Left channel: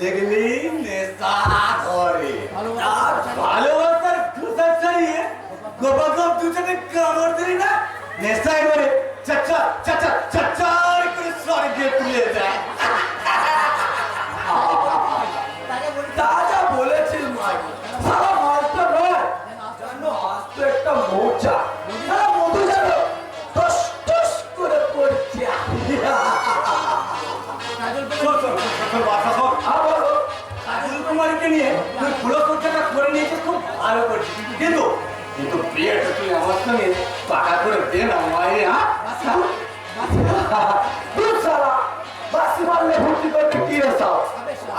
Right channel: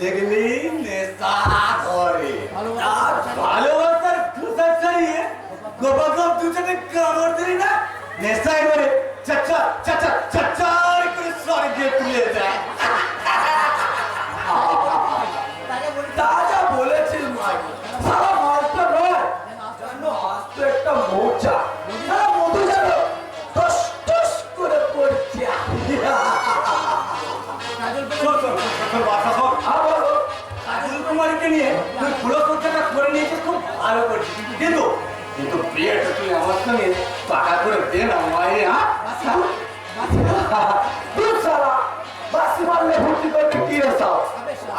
দেখলি নেশা ধরে ভালোবাসার খোসা ছাড়িয়ে গোপাগপ দুজনে কামড় দিলি না নেশায় ধরে চাচা চাচা চাচা করে স্বর্গে তুলে যায়। তাজা বলেছিস মাই সারা মাছটা নয় জানো আজ তো একটা মৌচা সারা মধু জানো টস টস করে পড়ছে। কাজল কুমারীকে নিয়ে তুই পুরো খরচাটা করে নিয়েছিস, খুব ভালো করছিস, কিন্তু কিন্তু বিয়েটা তুই আমার সঙ্গে পাকা করে দে না মায়ের। তুই সারা বাসি মারলে ভর্তি করতে কি রে সব?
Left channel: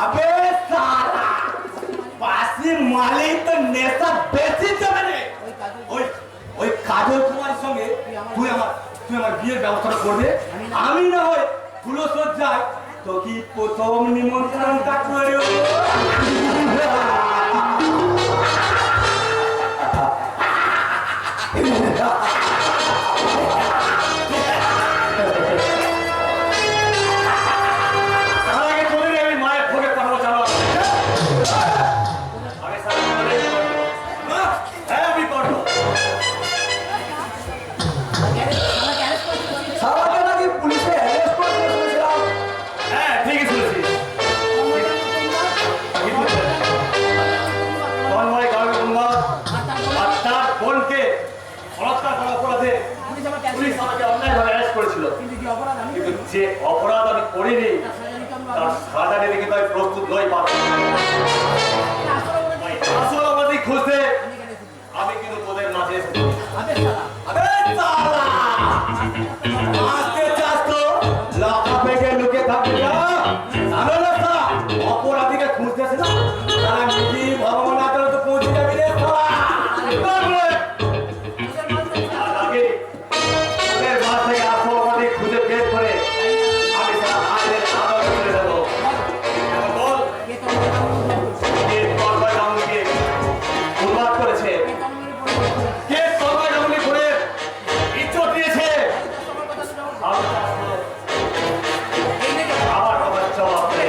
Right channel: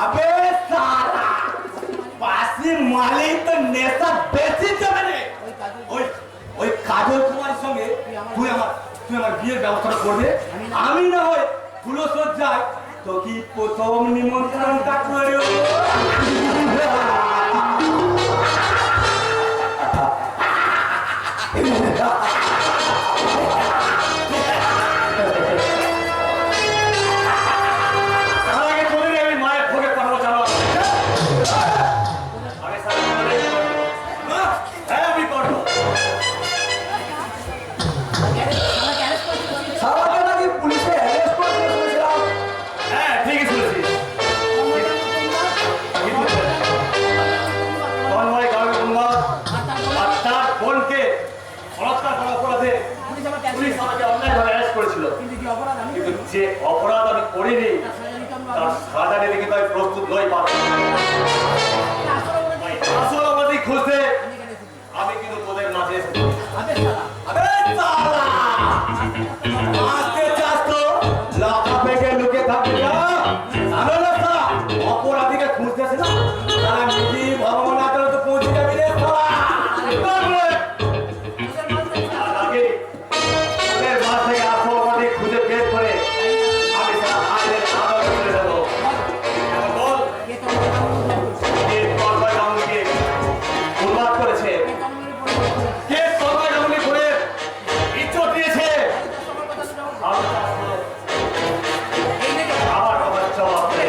আবে সারা বাসি মালেই তো নেশা বেশি যাবে রে। ওই ওই কাজল কুমারের সঙ্গে তুই আমার বিয়ের ব্যবস্থা করবে, আমি না হয় ফুলো সজ্জায় তো কি প্রথম নিমন্ত্রণটা করে। মায়ের ভোগে পাঠাবো জানো আমি করবো সারাকে নাকি পুলিশে অ্যারেস্ট করে দিয়েছিলাম। হ্যাঁ ঠিকই শুনেছিস। তার বোনকে বলাৎকার করার অপরাধে পুলিশ আমাকে অন্যায়ভাবে অ্যারেস্ট করেছিল, কিন্তু যে অপরাধ আমি করিনি তার সাজা নিতে কিন্তু আমি প্রস্তুত নই। আসল অপরাধী খুঁজতে আমি কিন্তু তোদের মাঝে এসেছি। অপরাধীকে খুঁজতেছে না তারা নিজে ভগবান আদালতে পৌঁছে যাবি রে। খুঁজে বের করে আমি তারা আইনের আদালতে চলে যাবো। বল উন্মাদ করেছে কে তরবারি গামুনি করে ইজ্জত দিয়েছে আবার আবার জবাব দে।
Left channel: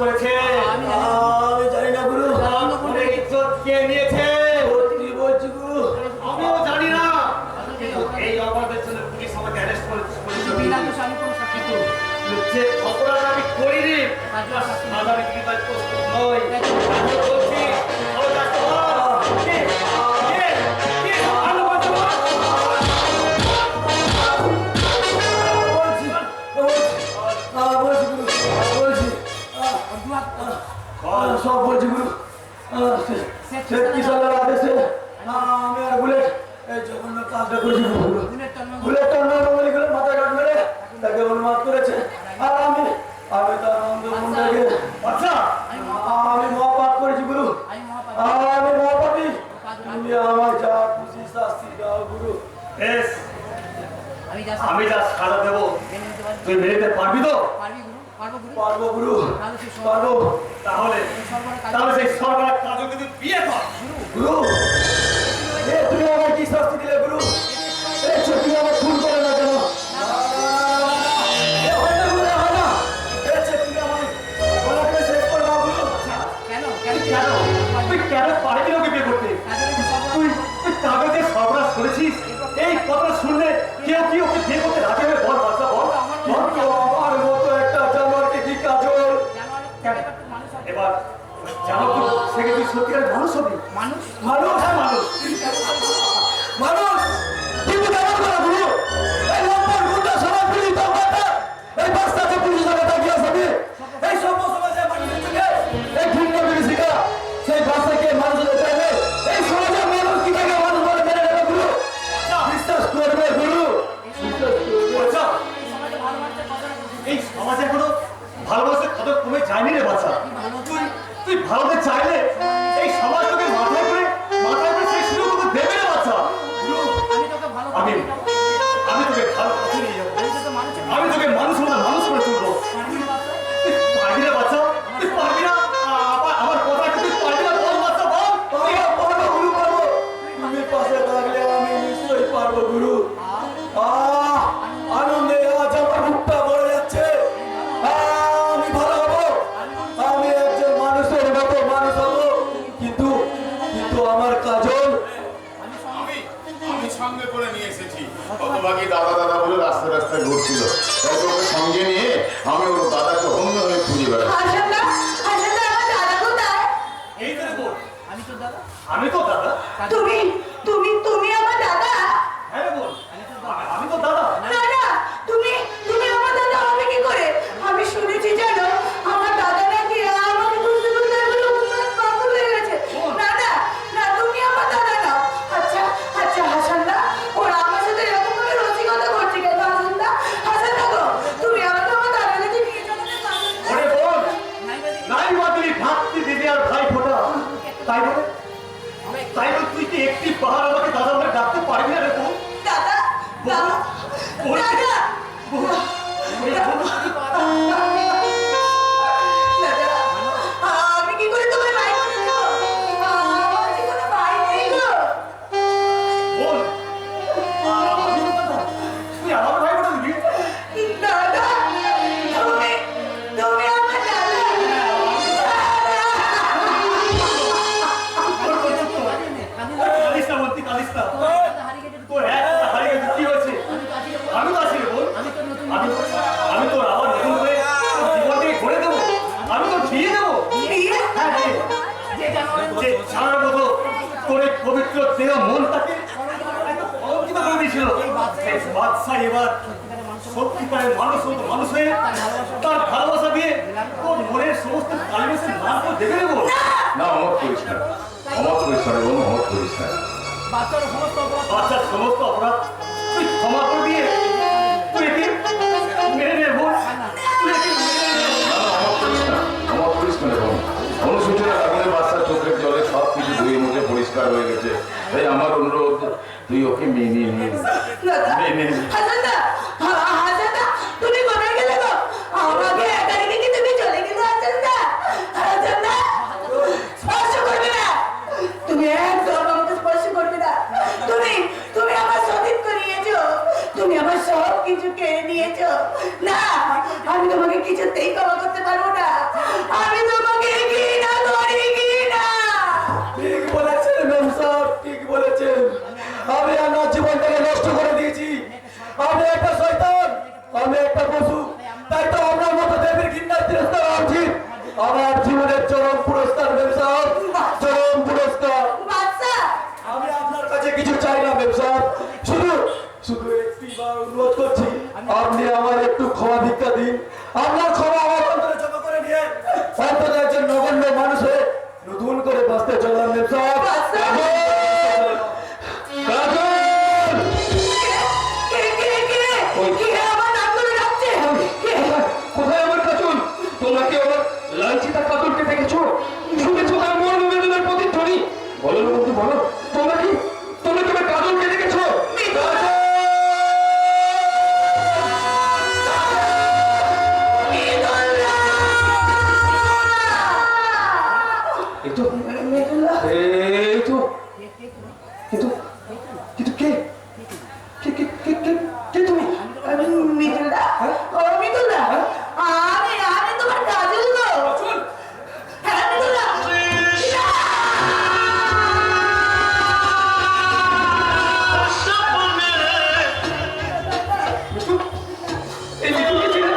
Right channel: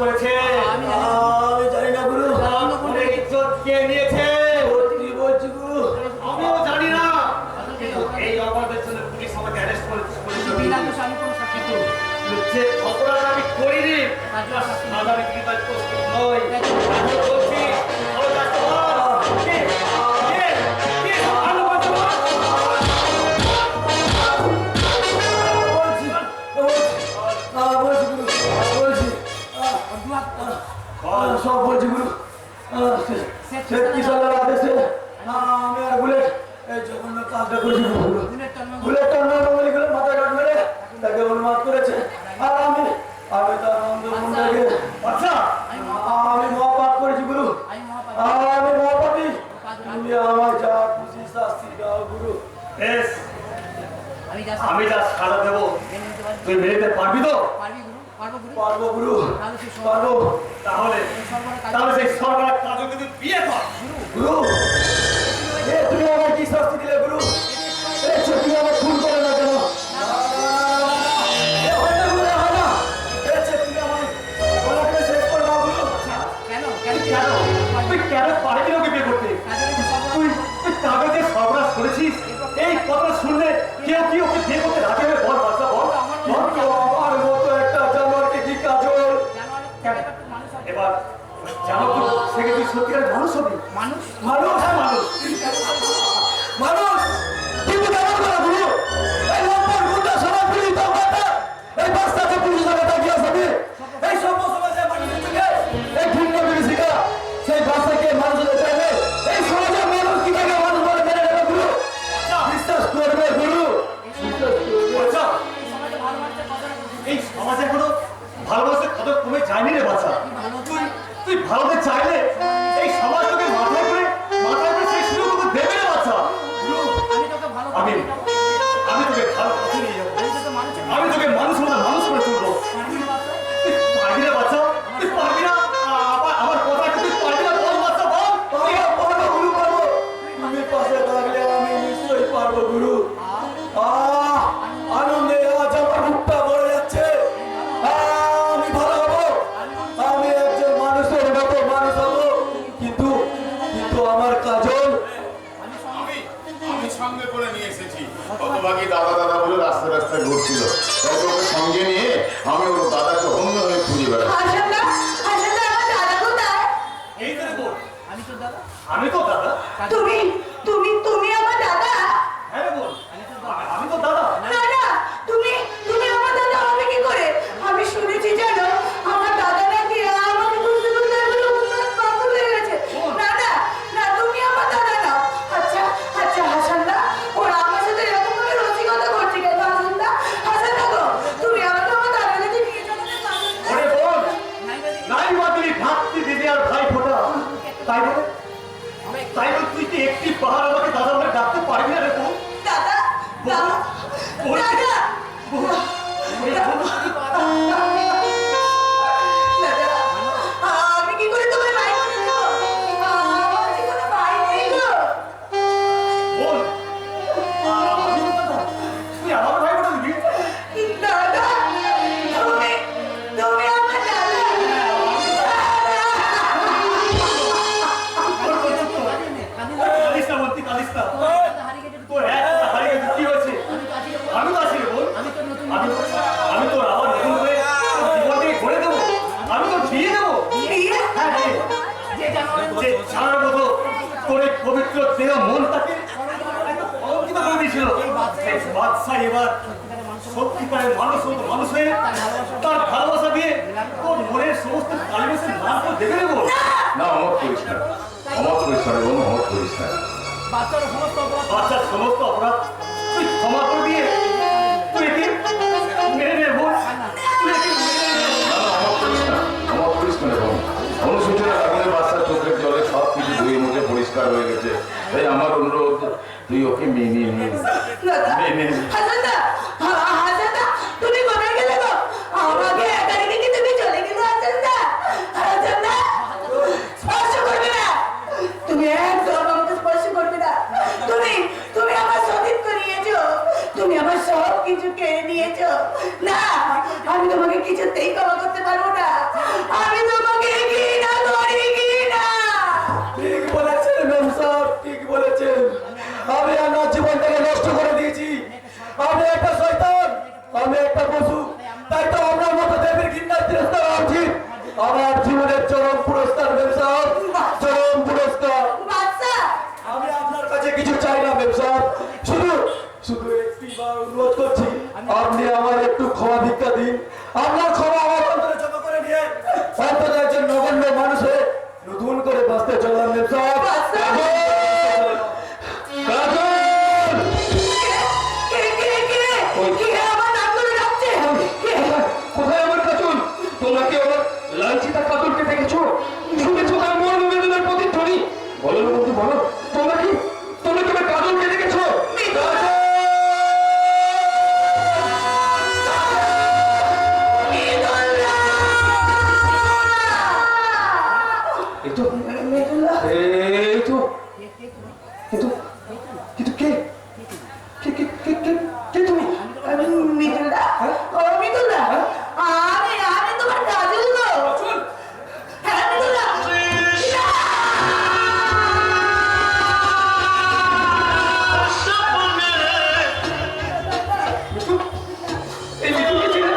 করেছে আমি জানি না গুরু। ইজ্জত কে নিয়েছে কি বলছি গুরু? আমিও জানি না, কিন্তু এই অপরাধের জন্য পুলিশ আমাকে অ্যারেস্ট করেছে। কিন্তু যে অপরাধ আমি করিনি সাজা নিতে কিন্তু আমি প্রস্তুত নই। বলছি সব বলছি গুরু। কিশোরের আদেশে আমি আর বুলেট এই জঘন্য কাজটা করেছি গুরু। বুলেট টর্নারি করে মাথায় কাট মেরে তাকে উন্মাদ করেছে। আর আমি তার নন্দ মুন্ডাকে আচ্ছা আমি মহাপাপ করেছি গুরু। আমি মহাপাপী। তুমি আমার যা খুশি শাস্তি দাও গুরু। বেশ, আমি যা সাজা দেবো তুই মেনে নিতে পারবি তো? পারবো গুরু, পারবো। তাহলে সেই সরকার কাজলকে তুই বিয়ে কর। গুরু তুমি আমার কি শাস্তি দিলে গুরু? তুমি আমার খুন করে না কেন? তুই কেন পারবি ওকে বিয়ে করতে? তুই কাগজে সর্বনাশ করেছিস, এই কথা শুনলে কেউ কি ওকে বিয়ে করতে রাজি হবে? বল বাচ্চা বল। আমার মতো একটা জানোয়ারকে কি কাজল? এবার জানো তো সেকে তুই সত্যিকারের মানুষ হবি। মানুষ হ্যাঁ মানুষ কিন্তু কেমন করে গুরু? এই লম্বর গুন্ডা সবাই পুলিশ এই বাচ্চাকে পুলিশ তাকিয়ে এই সমাজে এখনো ভালোবাসার কত কমে যায়নি রে বাচ্চা। তুই ভালোতে চাইলে এই সমাজ তোকে মাথায় করে সেই সুযোগ তোকে দেবে রে বাচ্চা। আমি আমি তোকে ভালো পথে নিয়ে যাবো, আমি তোকে মানুষ করে তুলবো। তুই পারবি না বাচ্চা, তুই পারবি না আমার কথা তুই পারবি না? বল বাচ্চা বল। পারবো গুরু, পারবো। তুমি পাশে থাকলে আমি নিশ্চয়ই পারবো গুরু। আনন্দে আজ আমার বুকটা ভরে যাচ্ছে। আমি ভালো হবো, আমি একজন মানুষের মতো মানুষ হবো। কিন্তু আমার কাজল আমি সঙ্গে করে নিয়ে এসেছি। কতভাগী দাদা দাদা বলে রাস্তায় ঘুরছিল, তাই ওকে সঙ্গে নিয়ে আমি ওর দাদাকে অন্য হয়ে খুঁজে বেড়াচ্ছি। এই তো বল, আমি তো দাদা। তুমি আমার দাদা? হ্যাঁ রে বল, আমি তো দাদা। না না, তুমি আমার দাদা হবে কি করে? আমি শুনেছি জানো, আমার দাদা নাকি আমাকে বুঝতে পাগল হয়ে গেছে। না না না, তুমি আমার দাদা না। আচ্ছা হাসান দা, ওরা আমার সাথে এরকম ভাবে রসিকতা করছে কেন? হাসান দা গো, তুমি আমাকে আমার দাদার কাছে নিয়ে চলো না। ওরে বল, নাই বাদলি ভাবতি দিদি আর ভাই ফোটা। তাই বলে তুই কি একটি পাহাড় আমাকে দাদা বলে ডাকতে পারবি না রে বল? দাদা দাদা বল, দাদা আমি কি করে তোমার ভাই বলে দেবো? আমার যে কোনো ভাই নেই গো। বল, আমি তো দাদা। তুই আমার ভাই ফোটা দিবি? দাদা তুমি আমার দাদা। কালিস না বলতি, কালিস না। তোর হারিয়ে গেছে, কি হয়েছে? আমি তো আছি রে বল। আমি তোর আবার নতুন করে জীবনটাকে ঘুরে দেবো, আমি তোর বিয়ে দেবো। হ্যাঁ বিয়ে। যে ছাড়ার মতো তোর এই পবিত্র দেহ মনটাকে অলঙ্কিত করে দিয়েছিল, সেই বাদশা এবার সত্যিকারের মানুষ হয়ে তার ভালোবাসা দিয়ে তোর মনের সমস্ত কালিমেসের নাম তো দেখে নেবো। না, অমত করিস না, এবং অমত করিস না। বাচ্চার সমস্ত অপরাধ তুই ক্ষমা করে দিয়ে তুই একে মেরে নে বোন, তুই একে মেরে নে। অমত করিস না এবং অনুসূচনা আগুনে বাচ্চার চোখের জলে সব কিছু ধুয়ে মুছে পরিষ্কার হয়ে গেছে। তাই আমার অনুরোধ, তুই ওকে মেনে নে। হাসান দা, তুমি কোথায় গেলে গো? আমাকে একা রেখে কি তুমি চলে গেলে? হাসান দা স্পর্শ করবে না, তুমি একদম আমাকে স্পর্শ করবে না। তুমি আমার সতীত্ব নিয়েছো, তুমি আমার সব কিছু কেড়ে নিয়েছো। না, আমি তোমাকে কিছুতেই ক্ষমা করতে পারবো না। আমি তোমাকে ঘৃণা করি, ঘৃণা। ঠিক বলেছেন ম্যাম সাহেব, ঠিক বলেছেন। আমি আমার জীবনটাকে নষ্ট করে দিয়েছি। আমি একটা শয়তান, আমি একটা পশু। তাই তো আপনার মতো দেবীর ঘৃণার তিরস্কার হওয়া উচিত। আমার জীবনের চরম পুরস্কার ম্যাম সাহেব, চরম পুরস্কার। বাচ্চা, আমি আপনার কাছে কিছু চাই না ম্যাম সাহেব, শুধু একটিবার অনুরোধ করছি, আপনি আমার একটু ক্ষমা ভিক্ষা দিন। আপনার ক্ষমা আমার অন্তরে জমা করে নিয়ে অন্তত একজন নগণ্য মানুষ হয়ে নতুন করে বাঁচতে চললাম ম্যাম সাহেব। বাচ্চা। কাজল! কে আমার নাম ধরে ডাকছে? কোথায় আমার কাজল? তোমরা কি আমার লাঞ্ছিতা কাজলকে দেখেছো? শুনেছো তার মর্ম বেদনার প্রতিধ্বনি? বলো না বন্ধু, বলো, তোমরা কি আমার কাজলকে দেখেছো? কাজল! এই তো কিন্তু কিন্তু কে কে কে কে কে কে তুমি? মিতুলদা, ও মিতুলদা, আমি তোমার কাজল গো। হ্যাঁ মিতুলদা। এই মিতুলকে চিনে?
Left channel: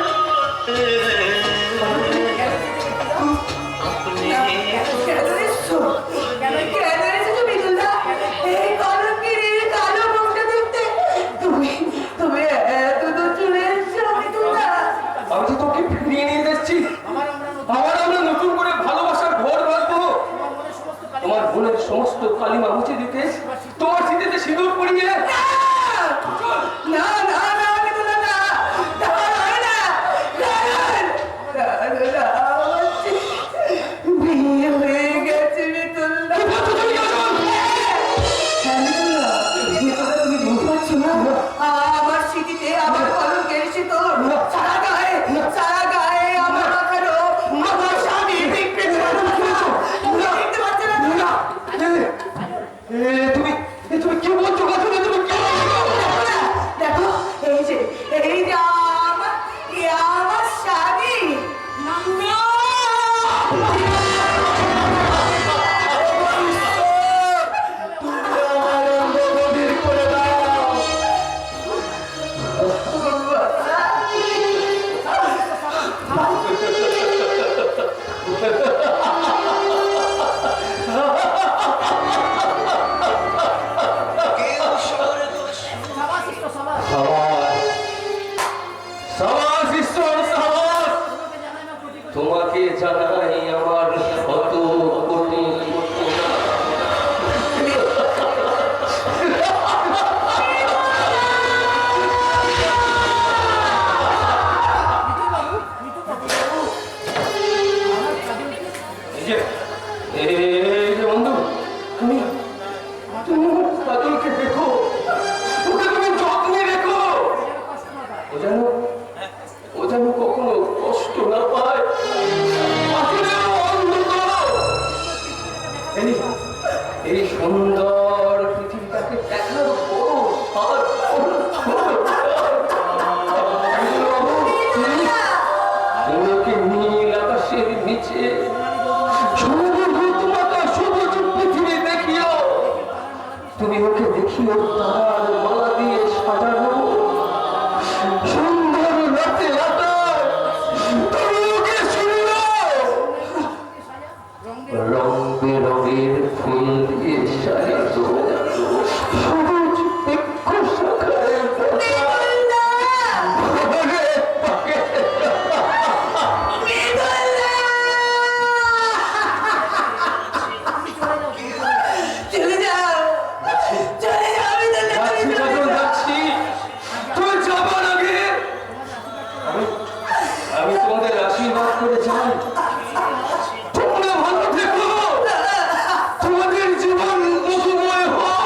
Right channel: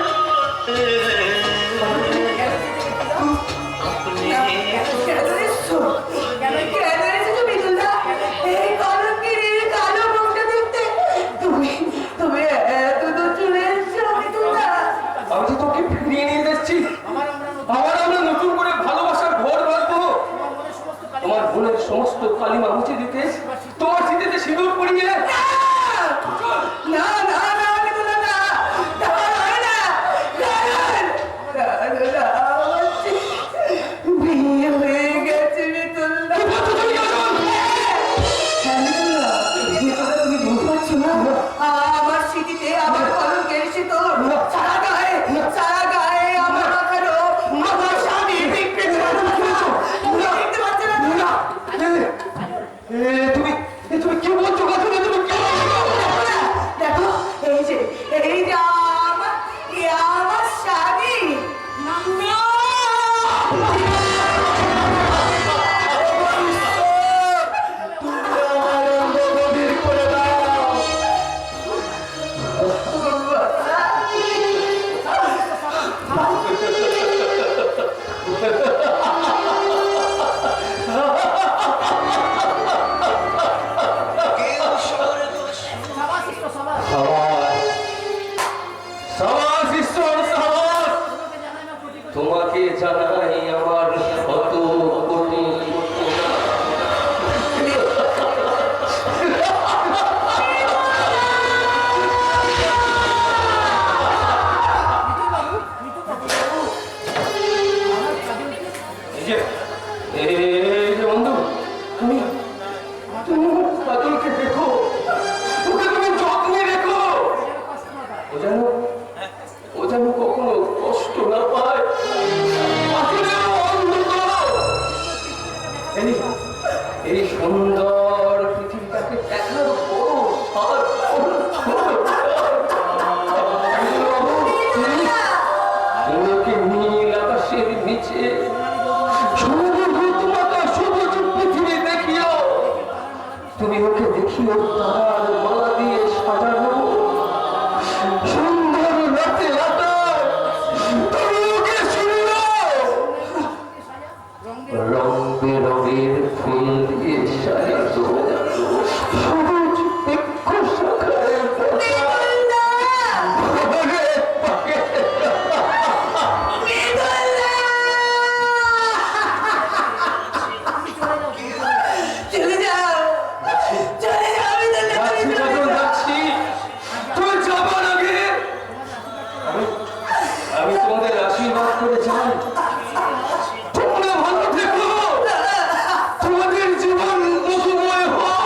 কেন এসছো মিতুলদা? এই কলঙ্কিনীর কালো মুখটা দেখতে তুমি এত দূর চলে এসছো মিতুলদা? আমি তো তোকে ফিরিয়ে নিয়ে যাচ্ছি। আমরা নতুন করে ভালোবাসার ঘর বাঁধবো। তোমার বোনের সমস্ত কালিমা মুছে দিতে, তোমার স্মৃতিতে সিঁদুর পরিয়ে। না মিতুলদা, না, হয় না। তোমাকে জানাই আমার কত কোটি বন্ধু, তুমি তুমি কাজলকে দেখো, ওকে তুমি যত্নে রেখো, ও যেন কখনো কষ্ট না পায়। এই সুন্দর পৃথিবীটাকে দেখার বড় নীল আকাশের নিচে তুমি ওকে দেখিও তার মালা দিয়ে সাজানো সুন্দর রাতে তুমি ওকে শুনলো রং বেরঙের ফুল দিয়ে সাজানো সবুজ বৃক্ষ শাখায় আমি তোমাদের আশীর্বাদ করে চাই তোমরা ভালো থেকো, তোমাদের জীবন মুখময় হোক।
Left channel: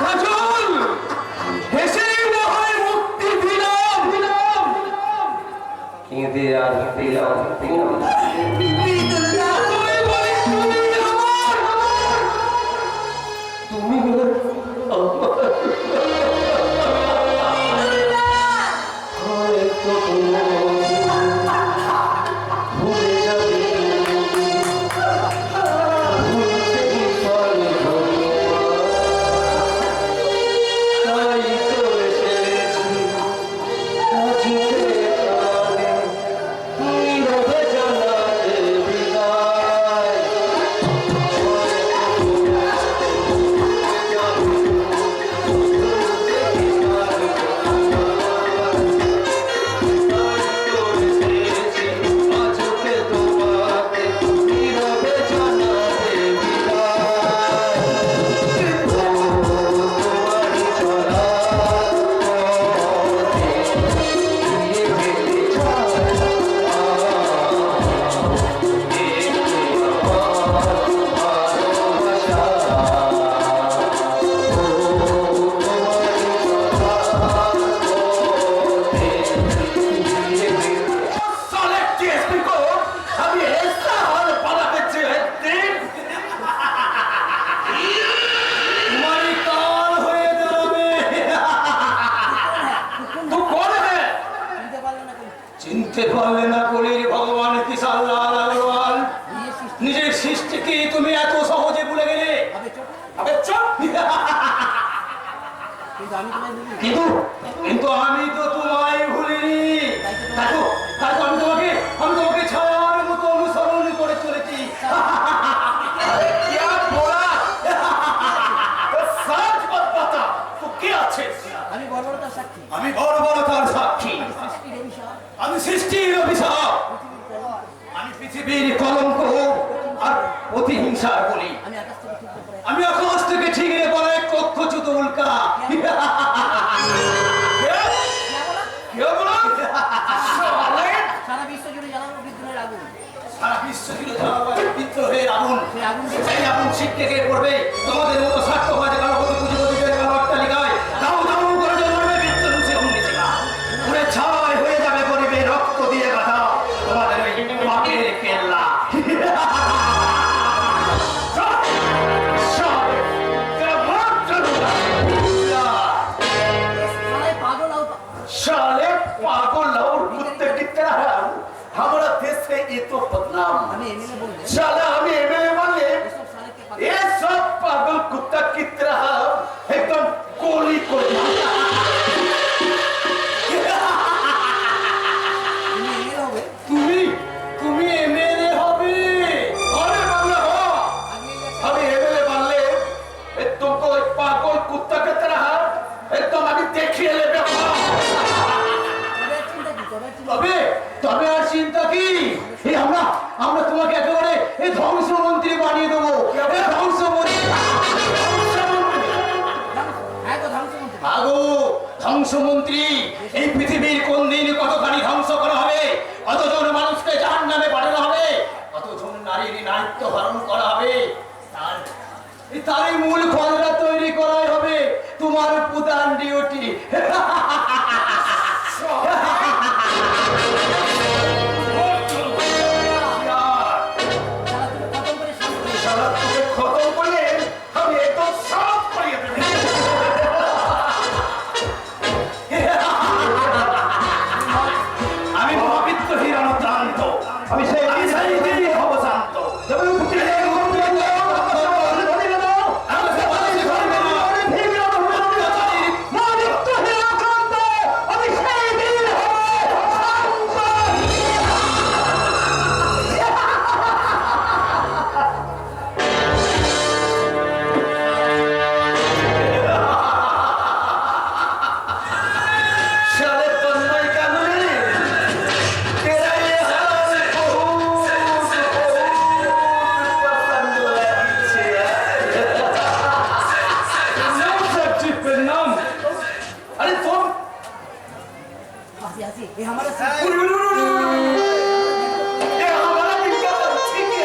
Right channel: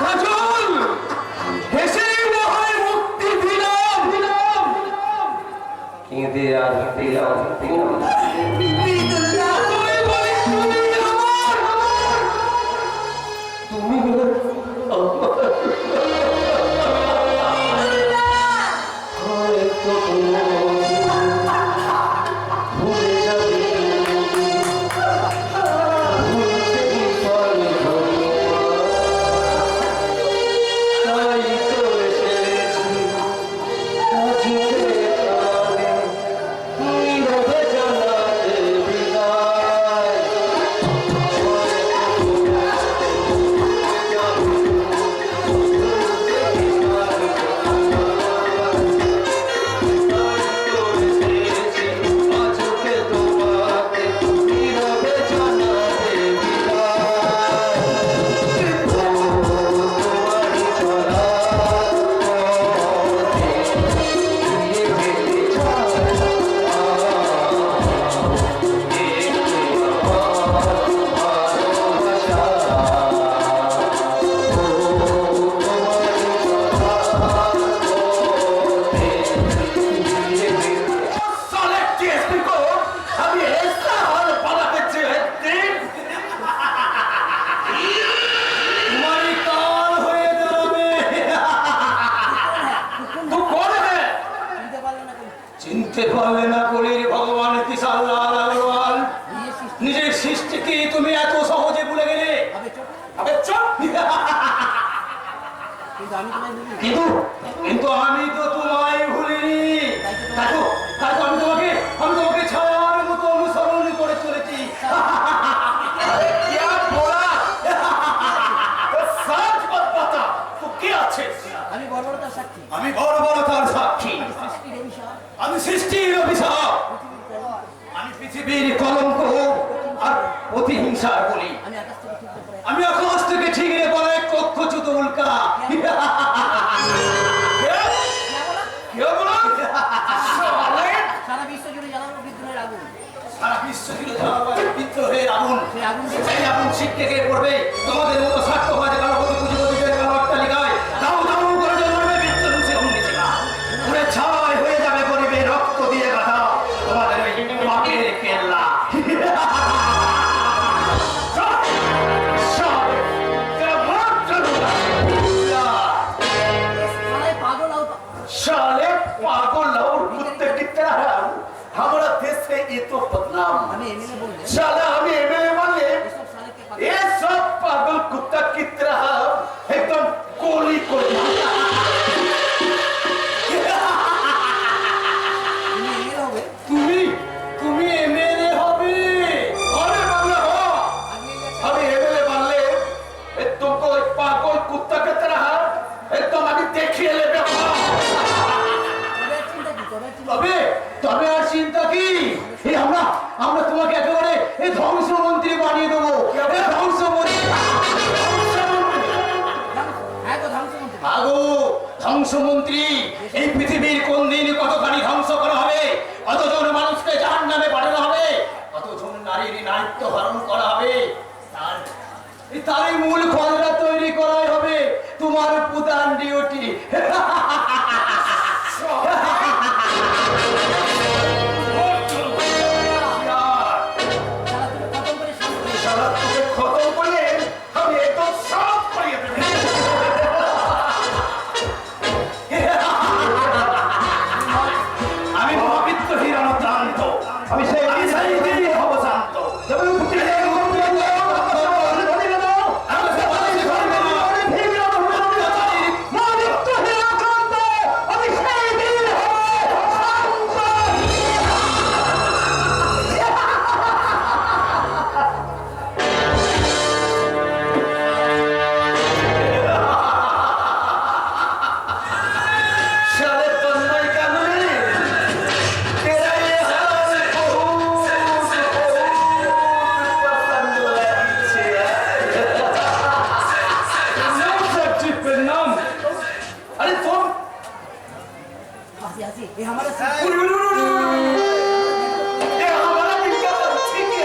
কাজল, হেসেই না হয় মুক্তি দিলাম, কেঁদে আর পেলাম তুমি হয়তো ভুলে যাবে, ভুলতে পারবো তাই তো এসেছি কাছে কানে নীরবে জানাতে বিদায়। চিনতে পারলে না বলে ভগবান কিসাল্লাহ নিজের সৃষ্টিকে তুমি এত সহজে ভুলে গেলে। কিন্তু আমি তো তোমায় ভুলিনি। আমি তোমাকে ছায়ার মতো অনুসরণ করে চলেছি। আমি বর্বরতার সাক্ষী, আমি সৃষ্টির অভিশাপ, আমি পৃথিবীর কলঙ্ক আর প্রতিহিংসার বলি। আমি আকাশ থেকে ঠিকরে পড়ে কক্ষচ্যুত উল্কা। সারা বিশ্ব জুড়ে জ্বালানো বিদ্রোহের আগুন, সারা বিশ্ব জুড়ে জ্বালানো বিদ্রোহের আগুন। সেই আগুন ছিটকে গিয়ে পড়বে তোমাদের মতো স্বার্থবাদী গণপতি পুঁজিপতিদের অট্টালিকায়। দাও দাও করে জ্বলবে বিদ্যুৎ অগ্নিশিখা, পুরে ছাই হয়ে যাবে গরিবের রক্ত দিয়ে গাঁথা তোমাদের ওই পাপের কেল্লা। साले पागल और कुत्ते की तरह है। हमारा देश है ये तो बदनाम। साला हमें एमएलए मान ले, ये सब पागल कुत्ता की तरह एकदम गोली को তুমি এমএলএ হবে। अरे बाबा हो, हमें एमएलए मान ले, तुमको एक पागल कुत्ता की तरह एकदम अभी देखिए ले। তবে তবে আর চিন্তা কি? এই আমরা আমরা তোমাকে একেবারে এই ধ্বংসমন্ত্রী বানিয়ে দেবো। এই ধ্বংসমন্ত্রী হ্যাঁ গো ধ্বংসমন্ত্রী। আগো ধ্বংসমন্ত্রী, এই পৃথিবীর কোন দিন কতখানি ধ্বংস করা হবে, কতজন মানুষকে জাহান্নামে পাঠানো হবে, কতজন নারীর নারীত্ব হরণ করা হবে, তারই মূল খররা তৈরি করাই হবে তোমার প্রধান ডিউটি। শালা তুমি খতম করে শান্ত হও। তোকে খতম করলে আমি একদম সব করিয়ে দেবো। আমি মহাবিত্ত হিরণক্রান্ত, আমি সেই দিনই হব শান্ত। শালে তন্ময় কাননে তেরা ये हाल बहुत पसंद লাগছে। নাম সবজি প্রণাম। আরে তোর हंसी हंसी ये हमारा ये हमारा बिल्ला ठीक है।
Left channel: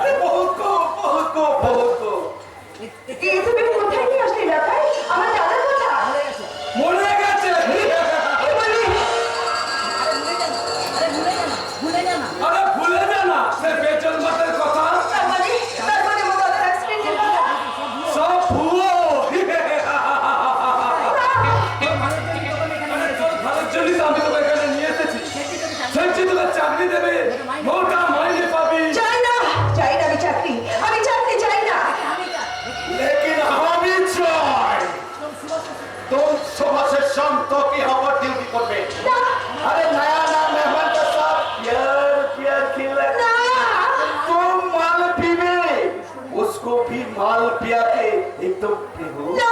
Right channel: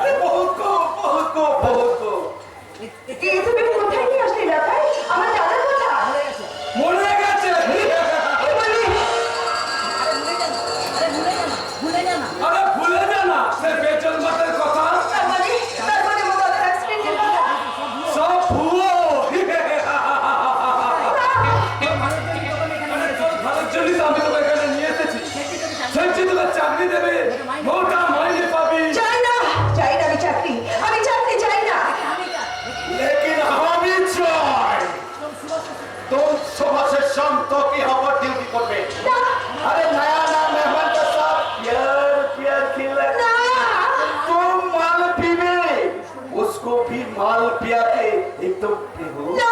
अरे बहुत को কি তুমি কোথায় নিয়ে আসলে লাটাই? আমার দাদার কথা মরে গেছে। কি বলি? ভুলে যানা আরে ভুলে যা না সে বেচন মাতের কথা, তার মানে আমার দাদার অ্যাক্সিডেন্ট হলো। সব ভুয়ো। ভালোর জন্যই তো আমি তোকে এখানে নিয়ে এসেছি। সেটি তোকে চাকরি দেবে, মোটা মাইনে পাবি। চাই না আমি চাকরি চাই না। लेकिन हमें चाय तुम सुबह से शाम तो की हवा ड्यूटी करबे। না अरे नया मेहमान के साथ प्यार खिला না तुम माल पीवे, उसको भी माल पिया के एकदम पिहो। না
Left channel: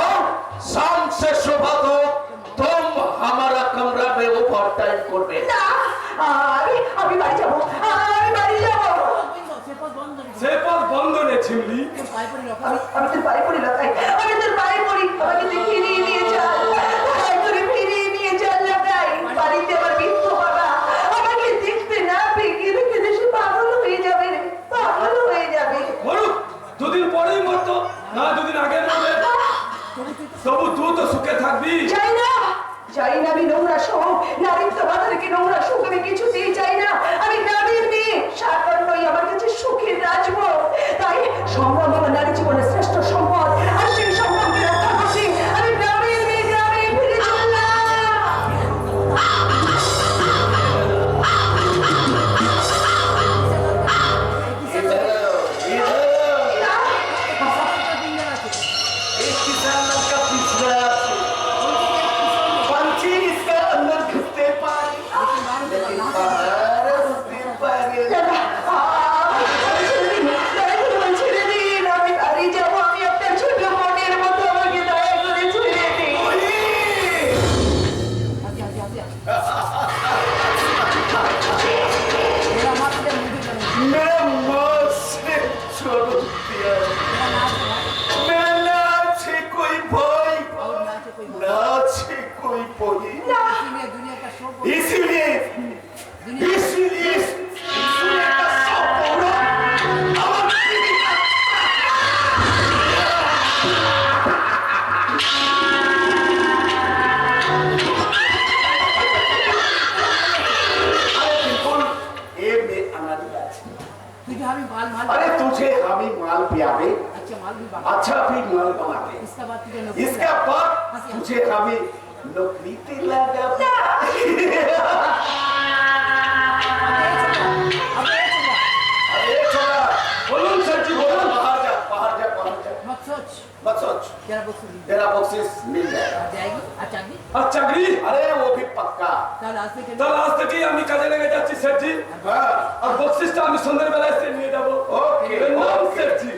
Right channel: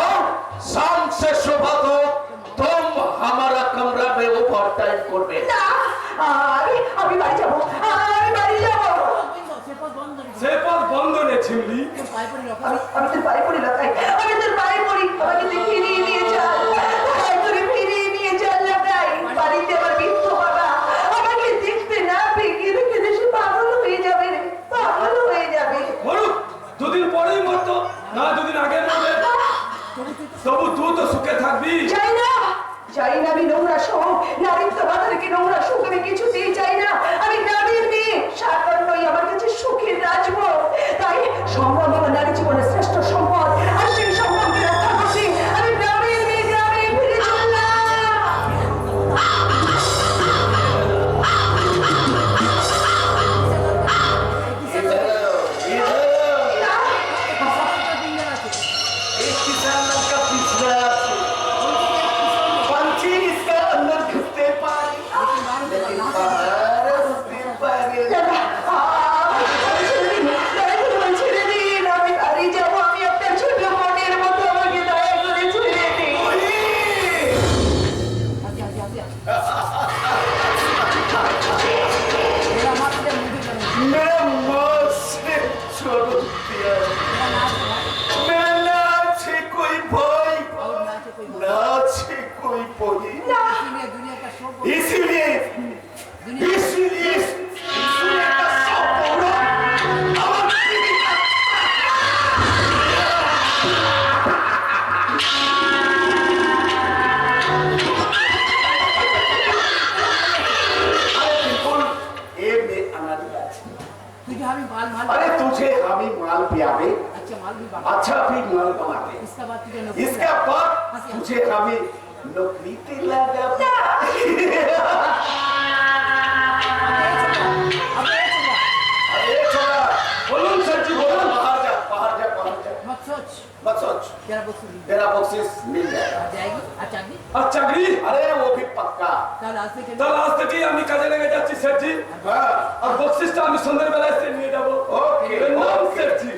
और शाम से सुबह तो तुम हमारा कमरा में ओवर टाइम करबे। না আমি বাড়ি যাবো। से पद बंद ने छिमली। আমি তোর পায়ে পড়ি লাটাই, আমি তোর পায়ে পড়ি, আমাকে তুই ফিরিয়ে নিয়ে চল, তোরে ফিরিয়ে নিয়ে চল লাটাই। বাড়িতে আমার বৃদ্ধ বাবা আমাকে দেখতে না পেয়ে কেঁদে দেশে পাগল হয়ে যাবে রে, পাগল হয়ে যাবে। মরুক, দুদিন পরেই মরতো, না দুদিন আগে মরবে, তবু তুই তো সুখে থাকবি। চাই না আমি নোংরা সুখ, নারীত্ব বাধাকে নোংরা সুখ আমি কিছুতেই চাই না। আমি গ্রামের মেয়ে, সাকান্নই আমার কাছে সুখের রাজভোগ। তাই সংগ্রাম আমার নারী জীবনের শ্রেষ্ঠ সম্পদ, আর সেই সম্পদকে রক্ষা করতে আমি গ্রামের মেয়ে গ্রামে ফিরে চললাম। एक किसान का पिछड़ा पंछी इसका अंदर घुसते पानी, लेकिन बाहर उसके पानी। ছেড়ে দিন, আমি বাড়ি যাবো। আমি আপনার ছোট মনের মতো, আমাকে দয়া করে ছেড়ে দিন। मेरा मौत से छोड़ दिया, मेरा नाम से कोई भय, नाम से कोई भय, दुनिया का शोक इसलिए का सब पूरा अरे तुझे हम ही माल पियावे, अच्छा भी माल बनाते, इसका बाद तुझे हम ही नौकरी पे लगा। अरे छोड़ा, बोलूं सच्ची बोलूं, बाहर जा मत सोच मत सोच, तेरा बख्शी तेरा बख्शिश मिल जाएगा। जाएगी अच्छा भी और चाकरी, अरे वो भी पक्का। তাহলে আজকে কেন তাহলে আজ থেকে আমি কাজে লেগে যাচ্ছি সেটজি, हाँ, আর বক্সিসটা আমি সন্ধ্যাবেলায় এসে নিয়ে যাবো। ओके এর নাম ओके। সেটজি।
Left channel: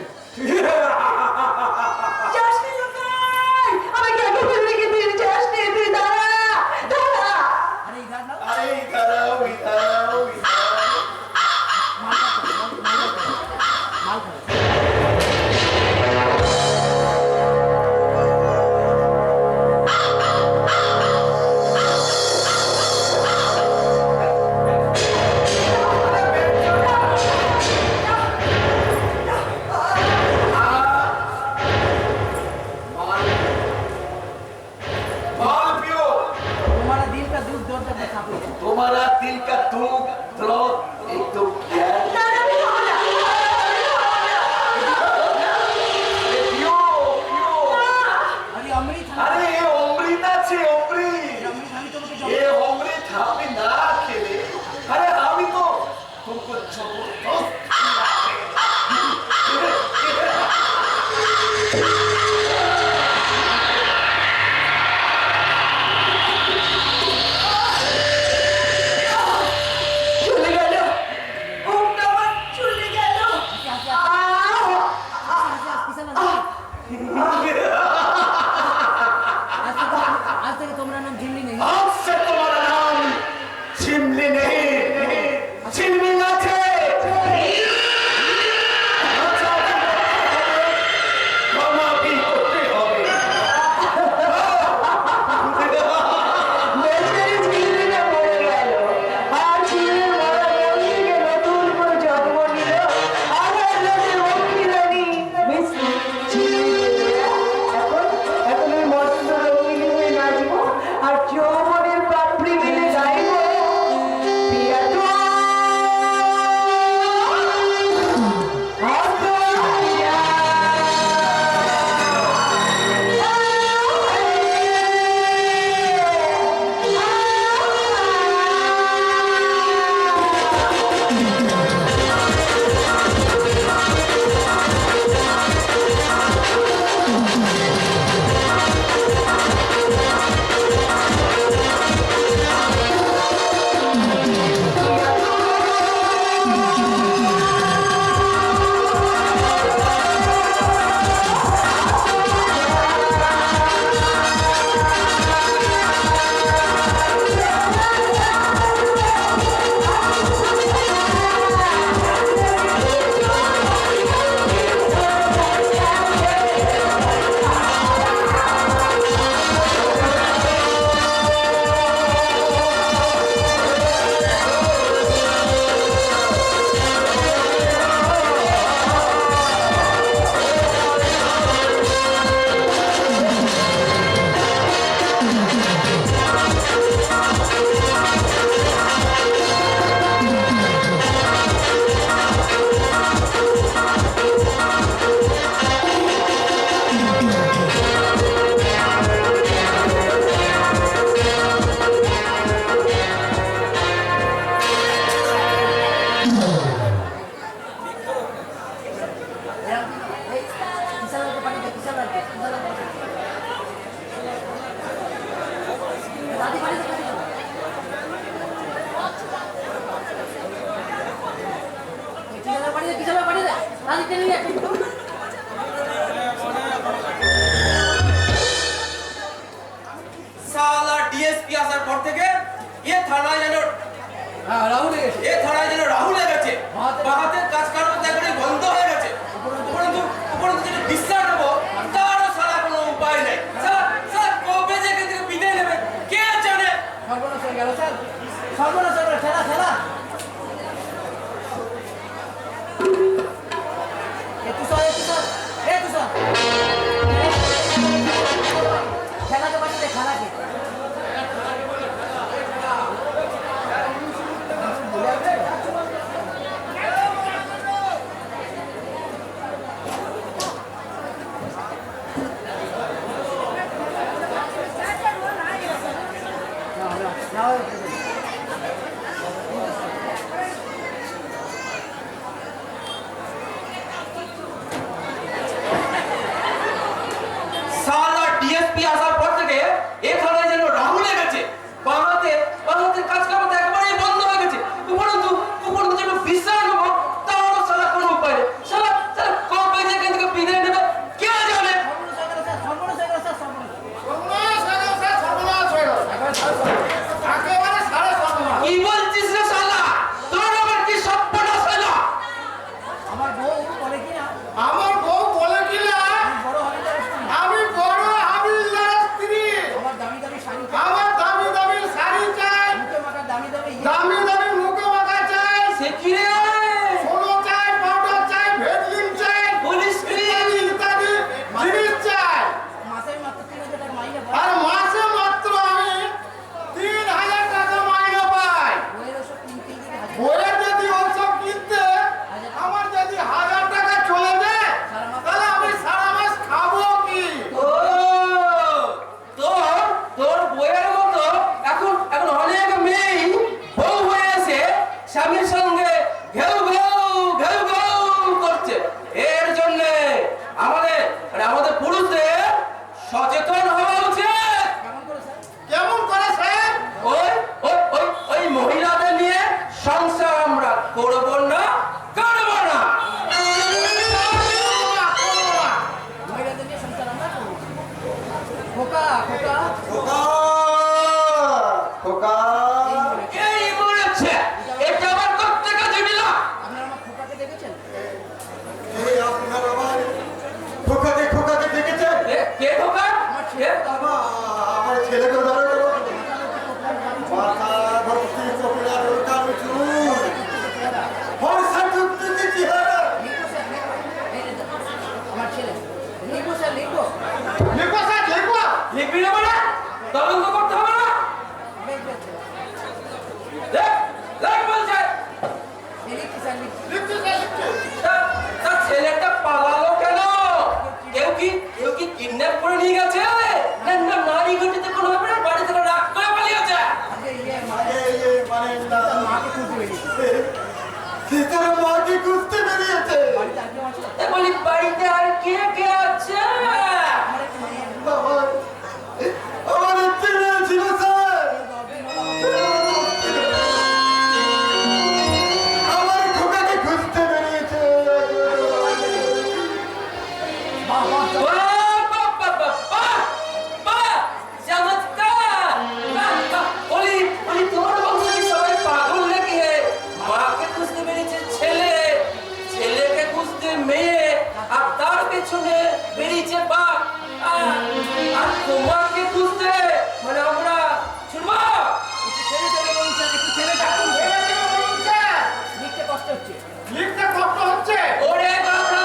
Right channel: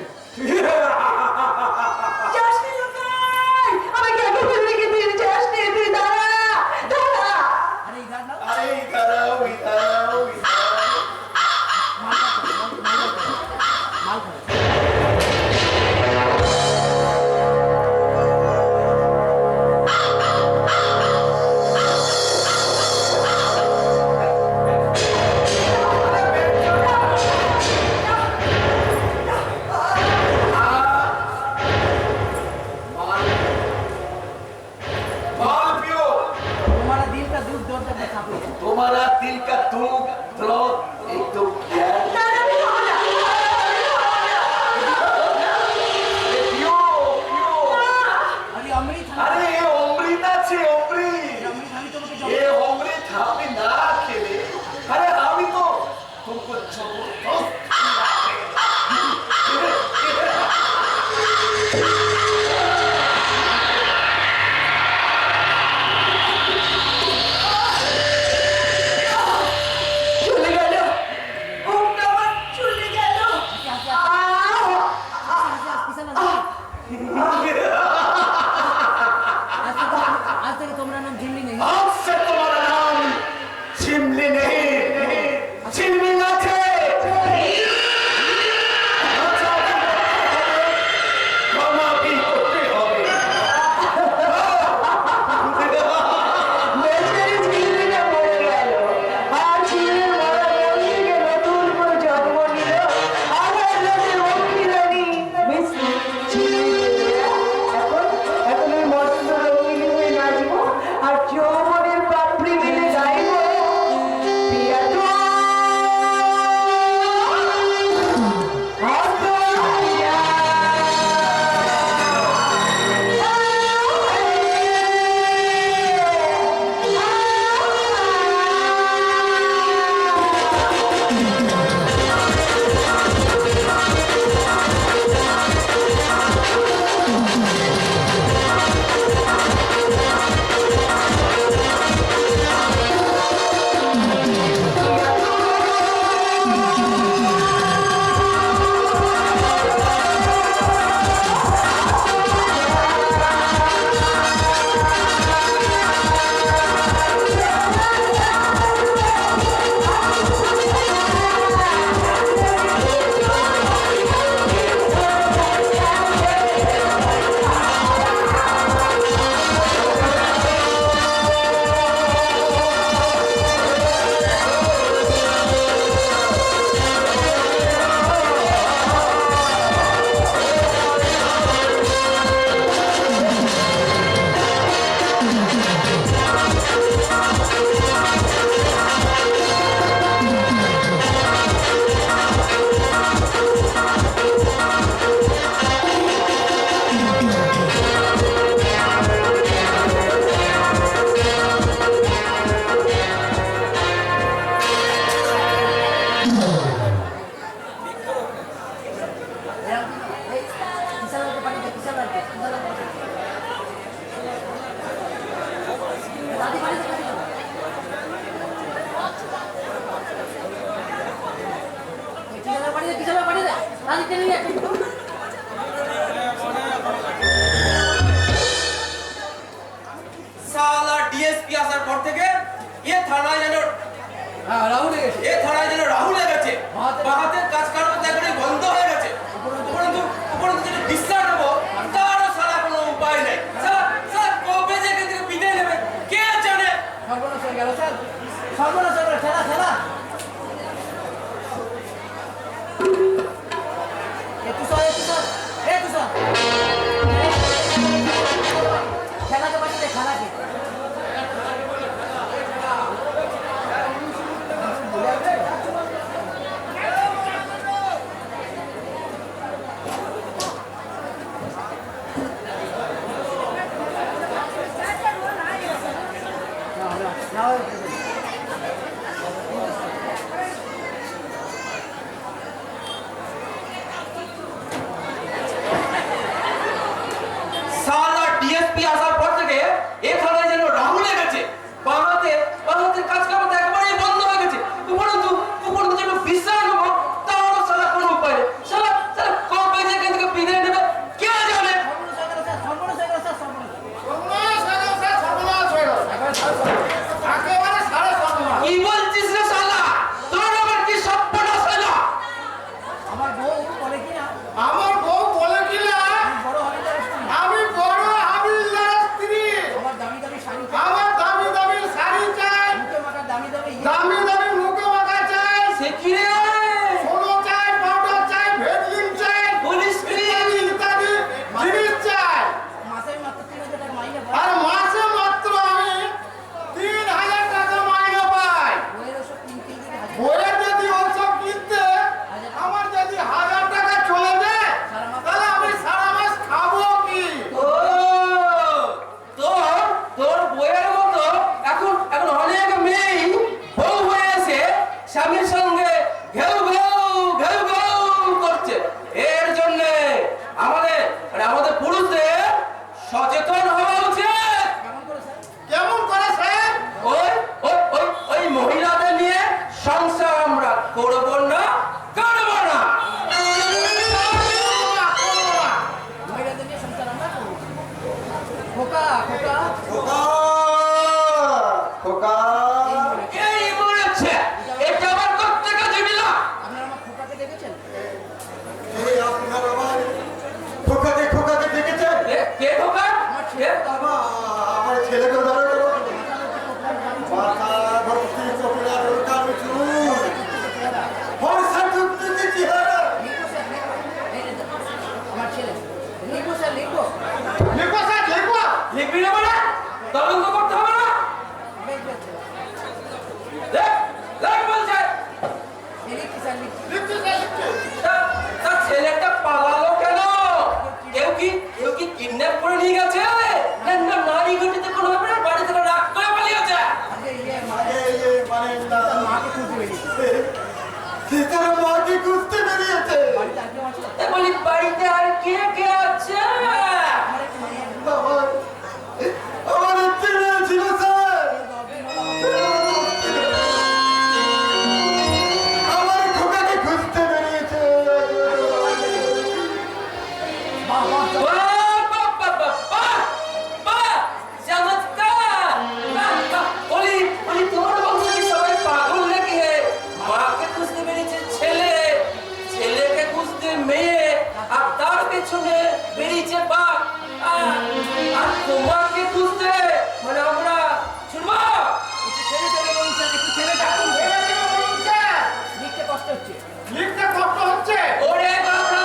যাসনি লোকা। আরে এ অমৃত আছে, অমৃত। এ অমৃত আপনি না খেলে, আরে আমি তো तुमको जबरदस्त চলে গেল, ঘুমটা আমার চলে গেল। आज तक तुम्हारा नाम झिल्ली नहीं। आज से तुम्हारा नाम चिमली नहीं, चिमली ना थे। मामा भी होते होंगे। বেচারি ঝিল্লিটা মরে গেল, আর ঝিল্লির মরা মন্দিরকে নতুন করে জন্ম নিল আমার লোকের অক্ষিরানী মিস ঝিল্লি। এখন ওই মস্ত রঙিন হয়ে নাচবো আর যৌবনের পাপড়ি মিলে গাইবো পিয়া তো সালা ডিএসপি আসার পর থেকে এ থানায় যেন हाँ राहुल है। এ থানায় যেন রাহুল গেছে, বাহাতের কাজ কারণ এখনই বন্ধ হয়ে গেছে। উপরন্তু যেটা বিশ্বাস নেবো তারও সারা কোনো উপায় নেই। স্যার কবে যে এখান থেকে বিদায় নেবে কে জানে। সর্বনাশ হয়ে গেল স্যার, সর্বনাশ হয়ে গেল। ঠেলা ঠেলা খেলাকে বাঁচাতে খেলাকে সালা ডিএসপি আসার পর থেকে এ থানায় যেন রাহুল গেছে, বাহাতের কাজ কারণ একেবারেই বন্ধ হয়ে গেছে। উপরন্তু যেন বিশ্বাস নেবো তারও সারা কোনো উপায় নেই। সারা কবে যে এখান থেকে বিদায় নেবে কে জানে। সর্বনাশ হয়ে গেল স্যার, সর্বনাশ হয়ে গেল স্যার, সর্বনাশ। সর্বনাশ হয়ে গেল, স্যার, সর্বনাশ হয়ে গেল। একেবারে খোকা খোকা খোকা খোকা এই মরেছে এটা আবার করতে কাজে দিলা আপনারা আমার খোকাকে দেখেছেন? এই আপনার আমার খোকাকে দেখেছেন? কে খোকা আমার ছেলে বাবা আমার ছেলেকে ধরো মাথা ভর্তি চোখের কালো চুল ফর্সা টুকটুকে চেহারা লিখো স্যার লিখো। আমার ছেলে লিখো স্যার লিখো। লিখো স্যার লিখো লিখবি না বলে তদন্ত করতে হবে না লিখবে স্যার। দেখ দেখ বলছে লিখছি স্যার লিখছি। তার ছেলেটা পালালো কেন কেউ কি কিডন্যাপ করে নিয়ে গেছে না না নারী ঘটিতে কোনো ব্যাপারে বাড়ি থেকে রাগ করে পালিয়েছে আগে ইয়ে আরে মানে না মাকে খুঁজতে বেরিয়েছে। সীতার মাকে খুঁজতে বেরিয়েছে বাড়িতে আর কেউ আছে? তা বলি বাড়িতে আর কে কে আছে আমার একটু মেয়ে আছে। বাবা আমার একটি মেয়ে ছিল স্যার আমার খোকাকে খুঁজতে বেরিয়েছে বাহ বাহ বাহ, বাহ, বাহ, বাহ, বাহ, বাহ, চমৎকার। বাহ, বাহ। বলি তোমার বংশ কি সবাই পাগল নাকি হে? মাকে খুঁজতে বেরিয়েছে ছেলেকে খুঁজতে মেয়ে আর তার পেছনে বেরিয়েছে বাপ আর তোমাকে খুঁজতে মানে আমরা শুনবো একটু ছেড়ে ছেড়ে বলুন স্যার, একটু ছেড়ে ডাকুন স্যার। লিখতে কষ্ট হচ্ছে। লিখতে কষ্ট হচ্ছে ওরে বাবা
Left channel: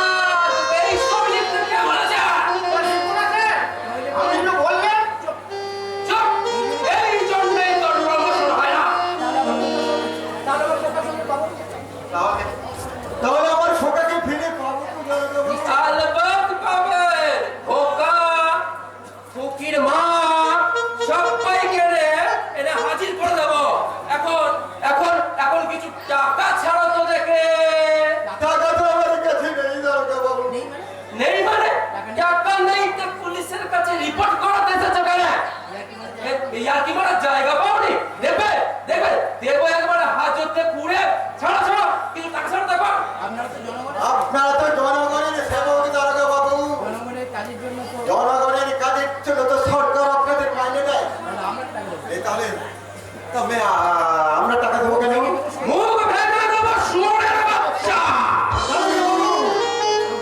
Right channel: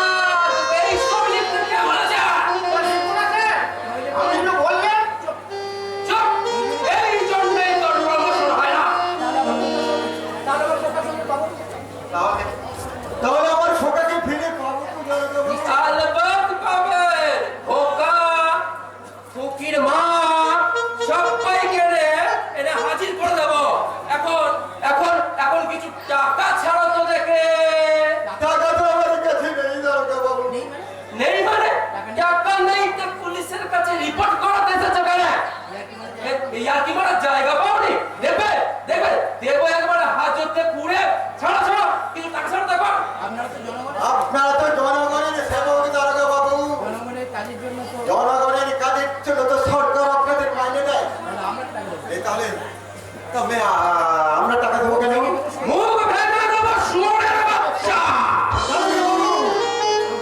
এই সব লিখতে কেমন আছে আমি তো বললাম চুপ এই জন্যে তোর প্রমোশন হয় না তাহলে আমার খোকার সঙ্গে পাবো। তাহলে আমার খোকাকে ফিরে পাবো তো জানাবো আলবাত পাবে খোকা ফকির মা সবাইকে এনে হাজির করে দেব এখন কিছু টাকা ছাড়ো তো দেখে টাকা তো আমার কাছে নেই দারোগা বাবু নেই মানে? নেই মানে টাকা নেই তো পুলিশের কাছে রিপোর্ট করাতে এসেছো কেন ইয়ার কি বড় জায়গা পাওনি দেবে দেবো একবার হাজতে পুড়ে ছাড়ো কিছু টাকা ছাড়ো দেখো আপনারা তো জনগণের আপনারা তো জনগণের সেবক দারোগা বাবু জনগণের কাজের জন্য তো জনগণের কাজের জন্য তো সরকার আপনাদের মাইনে দেয় তাহলে আমরা টাকা দেবো। এই তাহলে তবে আমরা টাকা দেবো কেন মুখ ভেঙে দেবো শুয়োরের বাচ্চা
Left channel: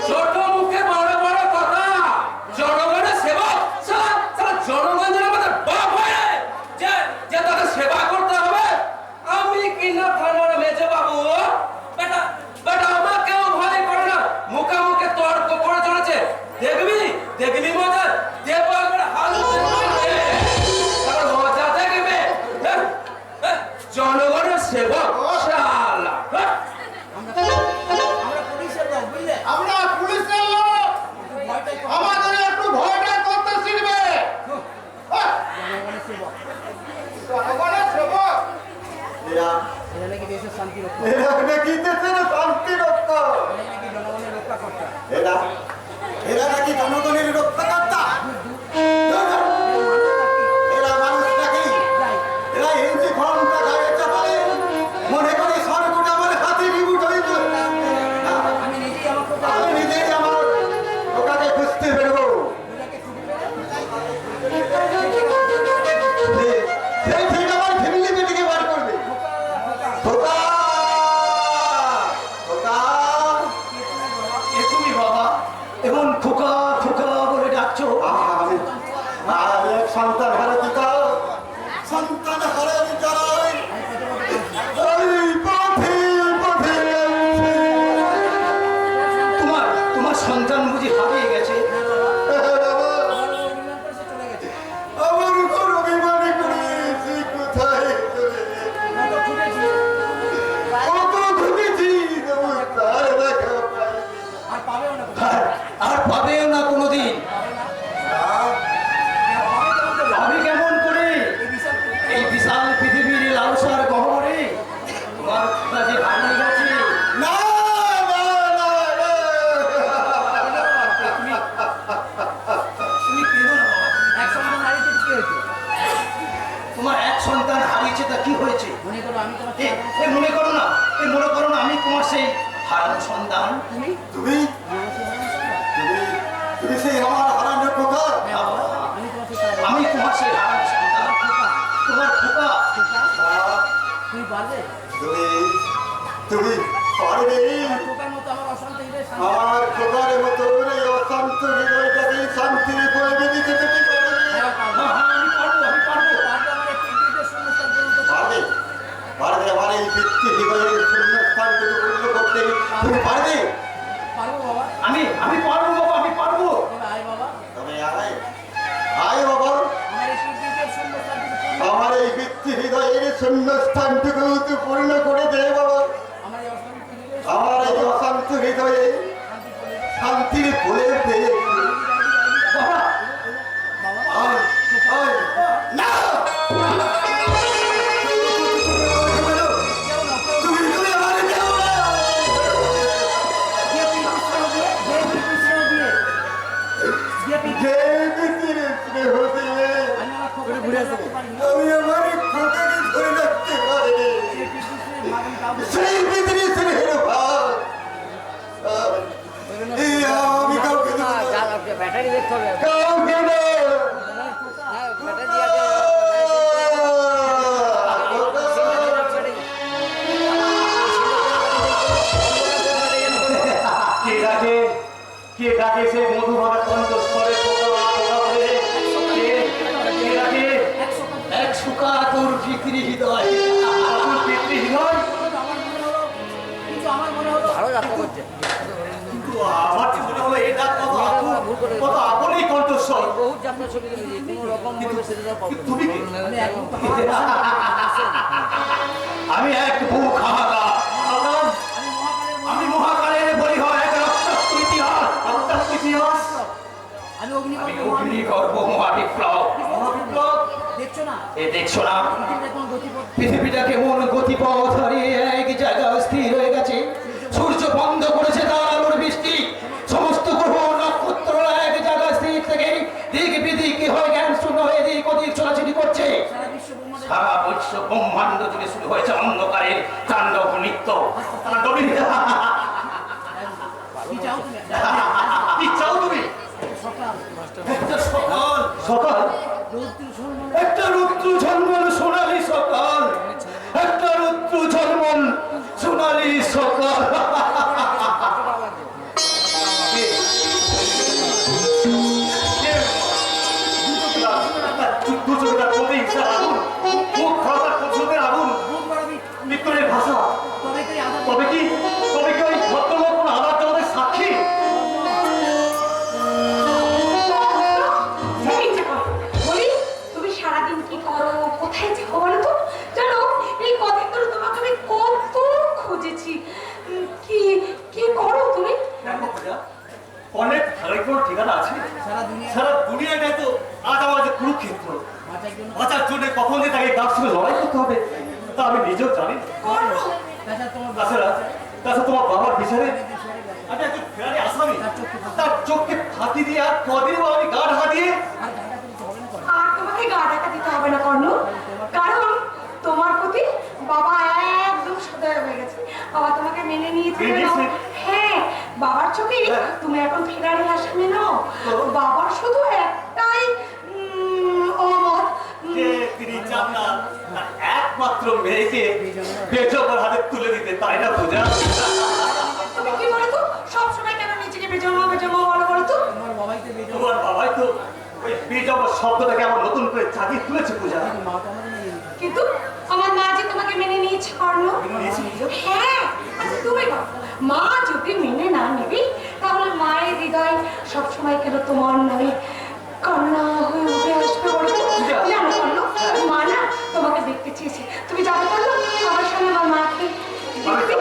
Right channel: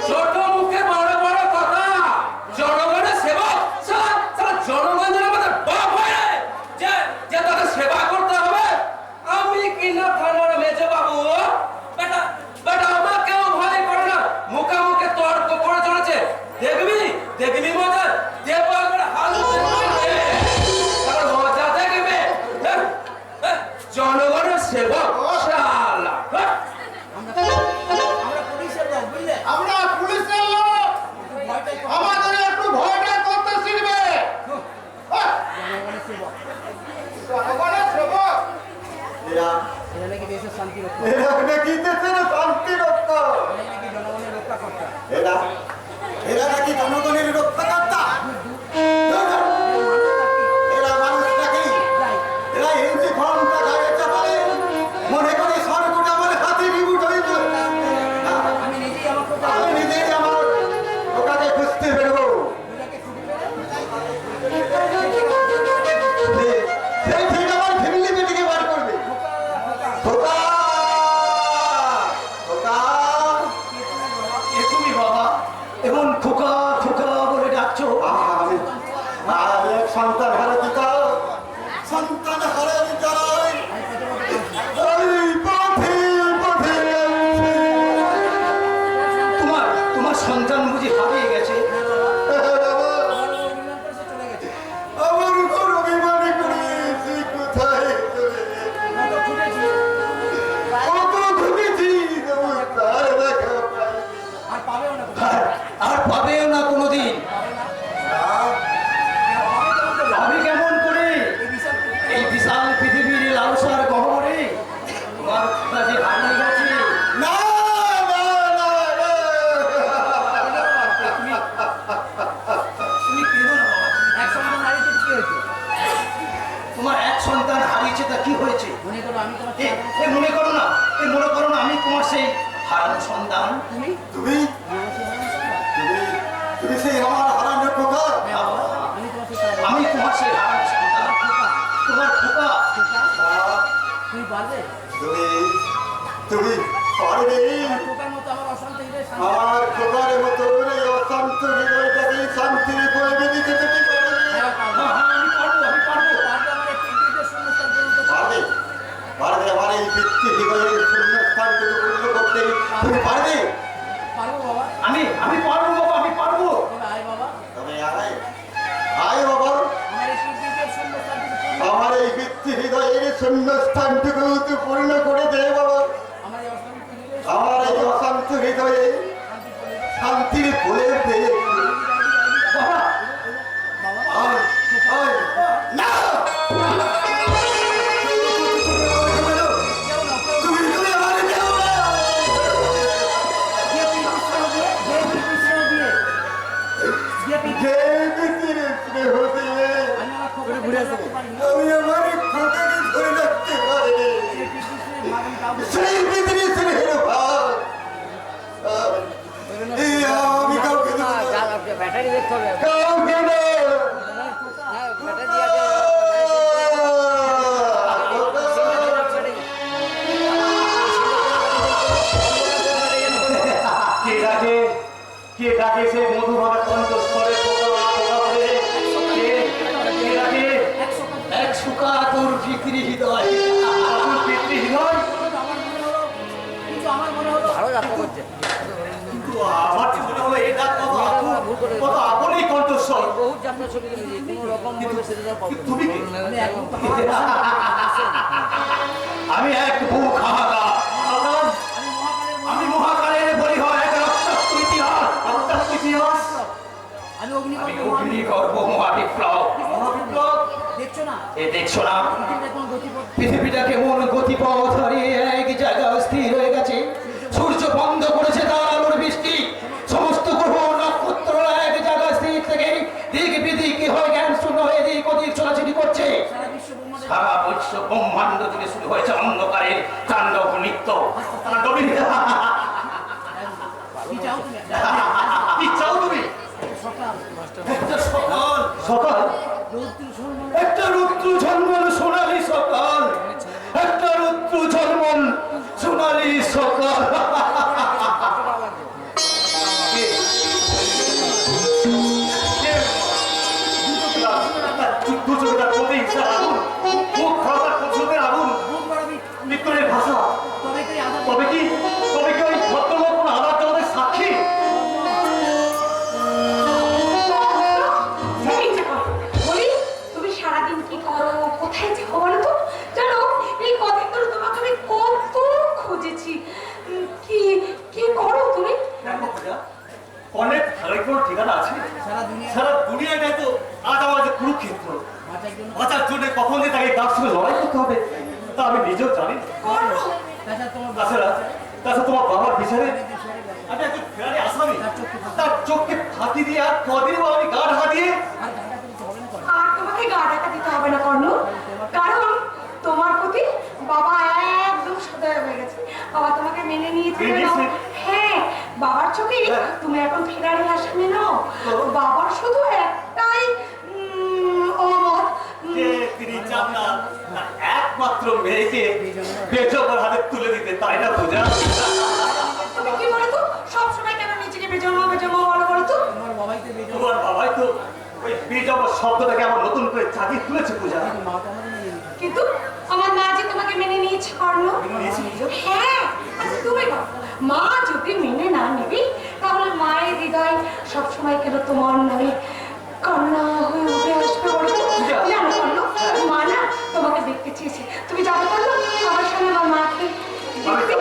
ছোট মুখে বড় বড় কথা জনগণের সেবক সারা জনগণ যেন আমাদের বাপ হয় যে তাদের সেবা করতে হবে আমি কিনা থানার মেজে বাবু বেটা আমাকেও ভয় করে না মুখে তর্ক করে চলেছে দেখবি মজা দেবো একবার হালুতে তারপর মজা দেখবে জনগণের সেবক শালা আমরা পুলিশের লোক বুঝলে আমরা পুলিশের লোক ভয়টাই কম। আমাদের একটু ভয়টা করতে শিখবে জনগণের সেবক জনগণের সেবক এরা এরা নাকি দেশের শান্তি রক্ষা এরা নাকি দেশের শান্তি রক্ষা এরা নাকি জনগণের রক্ষা করতে এরা নাকি জনগণের রক্ষাকর্তা এরা মানুষ নাকি এরা হিন্দি ফর্মটা গায়ে চাপালে মনে করি সরকার আমার হাতে রিবুট হয়ে যাবে আমি নিজেই আমার খোকা আমি নিজেই আমার ওটাকে খুঁজতে বেরোবো দুটাকে ছুটি পেলে সেই ঠিক আমার ফ্যামিলি মিটিংয়ে বার করবে খোকা খোকা এ তুমি বাবা এখন খোকা খোকা বলে ডাকছো আমি এক সন্তান হারা পিতা সন্তান হারা বিদ্যালয় এই পথে পথে তোমার সন্তান বুঝি হারিয়ে গেছে অভিমান করে সে চলে গেছে আমার উপর অভিমানে করেছি কোথায় চলে আমরা তো ছুটেছি কত ঘুরেছি তবু তার দেখা পাইনি। আর পাবেও না আর পাবেও না কোনোদিন আমি কেমন করে এই বিশাল এই বিশাল পৃথিবীর লালসার গহ্বরে তোমার কাছে হারিয়ে গেছে না না না না তুমি কেঁদো না বাবা এক সন্তান হারিয়েছে কি হয়েছে তোমার এক সন্তান হারিয়েছে তা কি হয়েছে মনে করো আমি তোমার এ মনে করো না আমি তোমার সেই হারানো সন্তান তুমি তুমি আমার সেই হারানো সন্তান। তুমি সেই আমার হারানো খোকা আমি তোমার সেই আমি তোমার সেই হারানো সন্তান, তোমার খোকা। তুই পারবে? তুমি পারবে? খোকার মতো আমার অশান্ত হৃদয় শান্তি আমার খোকার মতো এই অশান্ত হৃদয়টাকে শান্তির পরিবে দিতে তুমি পারবে? হ্যাঁ, পারবো। আমি পারবো, আমি পারবো। পারবো, আমার একটি হৃদয়ের শূন্যস্থান পূরণ করতে। পারবে? পারবে আমার এই বৃত্তি হৃদয়ের শূন্যস্থানটুকু পূর্ণ করতে তুমি পারবে? পারবো বাবা। আমি পারবো বাবা, আমি পারবো। তবে আয় বাবা, তবে আয় আয় বাবা, আমার এই হৃদয়ের শূন্যস্থানটুকু পূরণ করো। আমার এই বৃত্তি হৃদয়ের শূন্যস্থানটুকু তুই পূর্ণ করে দে বাবা। আমার এই অশান্ত হৃদয়ের আমার এই অশান্ত হৃদয়ে শান্তি করে দাও। শান্তির ফুলের দে বাবা, বাবা, আয় আয় না তুমি তুমি আমার কেউ না। দিয়ে তুই কৃষ্ণ দিয়ে, দিয়ে তুই কৃষ্ণ দিয়ে। দিয়ে তুই- যে ব্যক্তির স্নেহ দিয়ে আমি আমার খোকাকে ঘুরে আসতে পারি না। আমি আমার খোকাকে ধরে রাখতে পারি, সেই কৃষ্ণের ভাগ আমি কাউকে সেই পৃথিবীর স্নেহের ভাব এই আমি কাউকে দেব না। ব্যাটারি দেখতে হবে। কাউকে না। ব্যাটারি আছে। কে ডাকে সে মধুভাবে কণ্ঠস্বরে পোকা পোকা বলে? কে ডাকে? এক সুকা তোর ভিতরি হৃদয়, তোর ভিতরি হৃদয়। কিন্তু আমার মনে হলো ভালো যাত্রা করছে। কিন্তু আমার কি মনে হলো এই ডাক কত আপনই কণ্ঠস্বর। বহুত যাত্রা ছবি তুলেছি, কোনো রকম ভাবে সেটা তুমি কি? আমি একদম আমি এক বুক হাহাকার। আমি মহাকালের বলি হয় এক রক্তাক্ত ইতিহাস, রক্তাক্ত ইতিহাস। আমি আমি অগ্নিগর্ভ অগ্নিগর্ভ মহাবিপ্লব, মহাবিপ্লব। দেখছো না এ দেখছো না পৃথিবীতে কোন গতিপথ পৃথিবীটা কেমন গতিপথ হারিয়ে এক জায়গায় স্থির হয়ে গেছে। সূর্য বন্ধ করেছে তার আলোর বৃষ্টি, সমস্ত গ্রহ নক্ষত্র এক জায়গায় স্থির থেকে দিক বিদিক হয়ে জ্ঞান শূন্য হয়ে দিক ওদিক ছোটাছুটি করছে। সারা বিশ্ব ব্রহ্মাণ্ডে সারা বিশ্ব ব্রহ্মাণ্ড থেকে শুরু হয়েছে অন্ধকারের তাণ্ডব নৃত্য। তাণ্ডব নৃত্য। কি চাও তুমি? কি চাও তুমি? সকাল একটা সকাল, সকাল, রৌদ্র ঝলমলে একটা রুদ্র ঝলমল সোনালী সকাল, একটা রুদ্র ঝলমল সোনালী সকাল। দু চোখটা কবি হিংসার আগুন, মুখ খাওয়ার পছন্দের আগুন, বুক বাড়াবি, মৃত্যুরের ভাষা। তবে তুই আধার তবে কি ওই ভদ্রলোক কোন আবার জগতের সাক্ষী? বলি তুমি সারাদিন কি করো, কোথায় যাও বলো তো? জানো এই কদিন ধরে তোমাকে আমি কত খুঁজেছি। কি কি করো তুমি? অনেক ভালোই কোনো ঠিকানা আছে? সারা দুনিয়া সারা দুনিয়াটাই তো আজ আমার যে কুরুক্ষেত্র। বাঁচার জন্য বাঁচার জন্য কখন যে তাকে গাছ সঙ্গে লড়াই করতে হবে তা আমি নিজেও জানি না। করো। তাছাড়া তোমার তাছাড়া তোমার বাবার বিচারে আমি একজন ফেরারি আসামি, তার চোখকে ফাঁকি দিয়ে আর কদিন আমি গা ঢাকা দিয়ে আর গানটা কিন্তু হবে না করে। আর তোমাকে গা ঢাকা দিতে হবে না কর্ণ, কারণ তোমার প্রতি বাবা একদম সদয় হয়ে গেছে। বাবা তোমাকে মেনে নিয়েছে মেনে জানো? নিয়েছে? হ্যাঁ, বাবার চোখে তুমি এখন ফেরারি আসামি নও। বাবার শুধু একটাই অমত, যে তিনি চান না তার একমাত্র মেয়েকে বেজবার হাতে তুলে দিতে, তাই না পূজা? তুমি কি বলো তো সবসময় কেন নিজেকে বেজন্ম বলো বলো তো? তোমার বাবাই তো বেজে তোমার বাবাই তো ওই বেজব শব্দটাকে আমার নতুন করে চাকিয়ে তুলেছে পূজা। মা তো আমাদের মেনে নিতে কিন্তু আমার মা যে তোমাকে মেনে নিয়েছে কর্ণ। হ্যাঁ, আচ্ছা তুমি বলো, মা যদি মেনে না নেবে তাহলে মায়ের হৃদয় সবসময় কেন তোমার নামে কান্না হয়ে উঠে আসবে বলো তো? জানো কর্ণ, মা না তোমাকে দেখতে চেয়েছে। তুমি যাবে কর্ণ আমার সঙ্গে আমার মাকে দেখতে?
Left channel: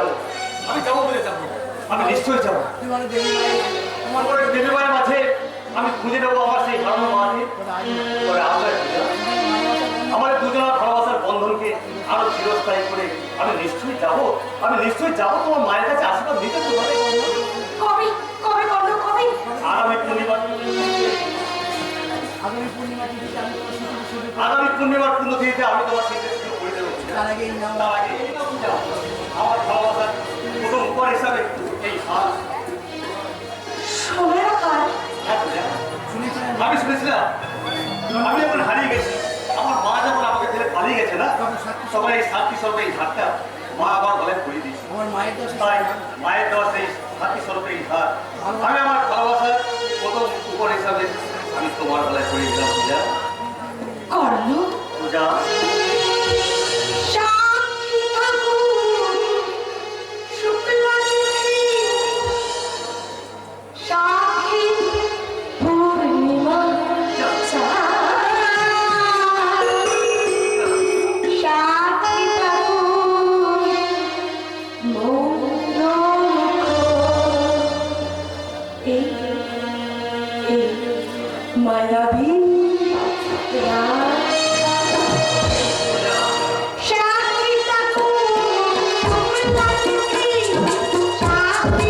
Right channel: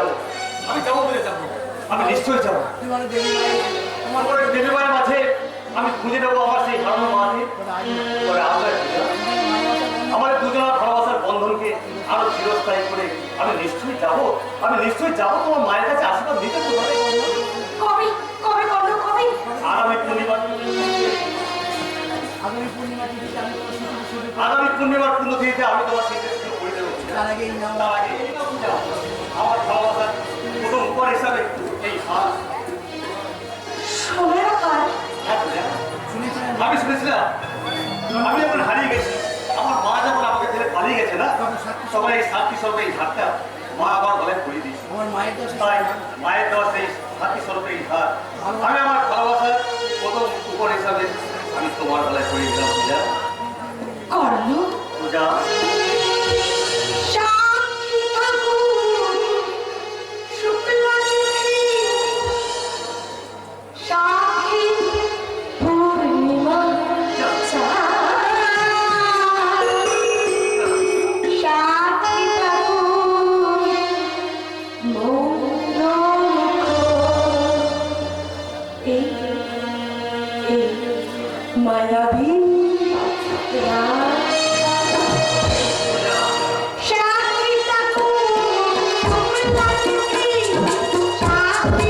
আমি যাবো বলে যাবো, আমি নিশ্চয়ই যাবো। তুই বলো দেবী মায়ের তোমার পরে দেবী মায়ের মাঝে আমি খুঁজে নেবো আমার সেই হারানো মাকে। পরে আসবে পূজা। আমাদের দুজনের ভালোবাসার বন্ধনকে আরো চিরস্থায়ী করে আমি নিশ্চয়ই যাবো তোমার মায়ের কাছে আশীর্বাদ নিতে। কবে কবে কর্ণ কবে? আগামী পূর্ণিমার আগামী পূর্ণিমা তিথিতে আমি তোমার স্মৃতি শুরু করব। আগামী পূর্ণিমার পুণ্যতিথিতে আমি তোমার স্মৃতি শুরু করে দেবো। তার আগে এই নাও তার আগে আমার ভালোবাসার প্রথম উপহার হিসাবে এই হার। সোনার কাল। হ্যাঁ পূজা, শুনেছিলেন আমি শুনেছিলাম আমি যখন হারিয়ে গেছি, আমার মা যখন আমাকে ছেড়ে পালিয়ে গেছে না, তখন এই সাক্ষী স্বরূপে এই ধারটা মা আমার গলায় পরিয়ে দিয়েছে। আমার মায়ের দোষ তাই মায়ের দেওয়া সেই সাক্ষী স্বরূপে এই ধার আমি আমার ভালোবাসার প্রথম উপর হিসাবে আমি তোমার গলায় পরিয়ে দিলাম। পূজা, করলো পূজা, সাক্ষী ঠাকুর শুক্লা তিথি সাক্ষী পূর্ণিমা সাক্ষী ঠাকুর মৌন এই মায়াবী সাক্ষী ঠাকুর শুক্লা তিথি সাক্ষী সাক্ষী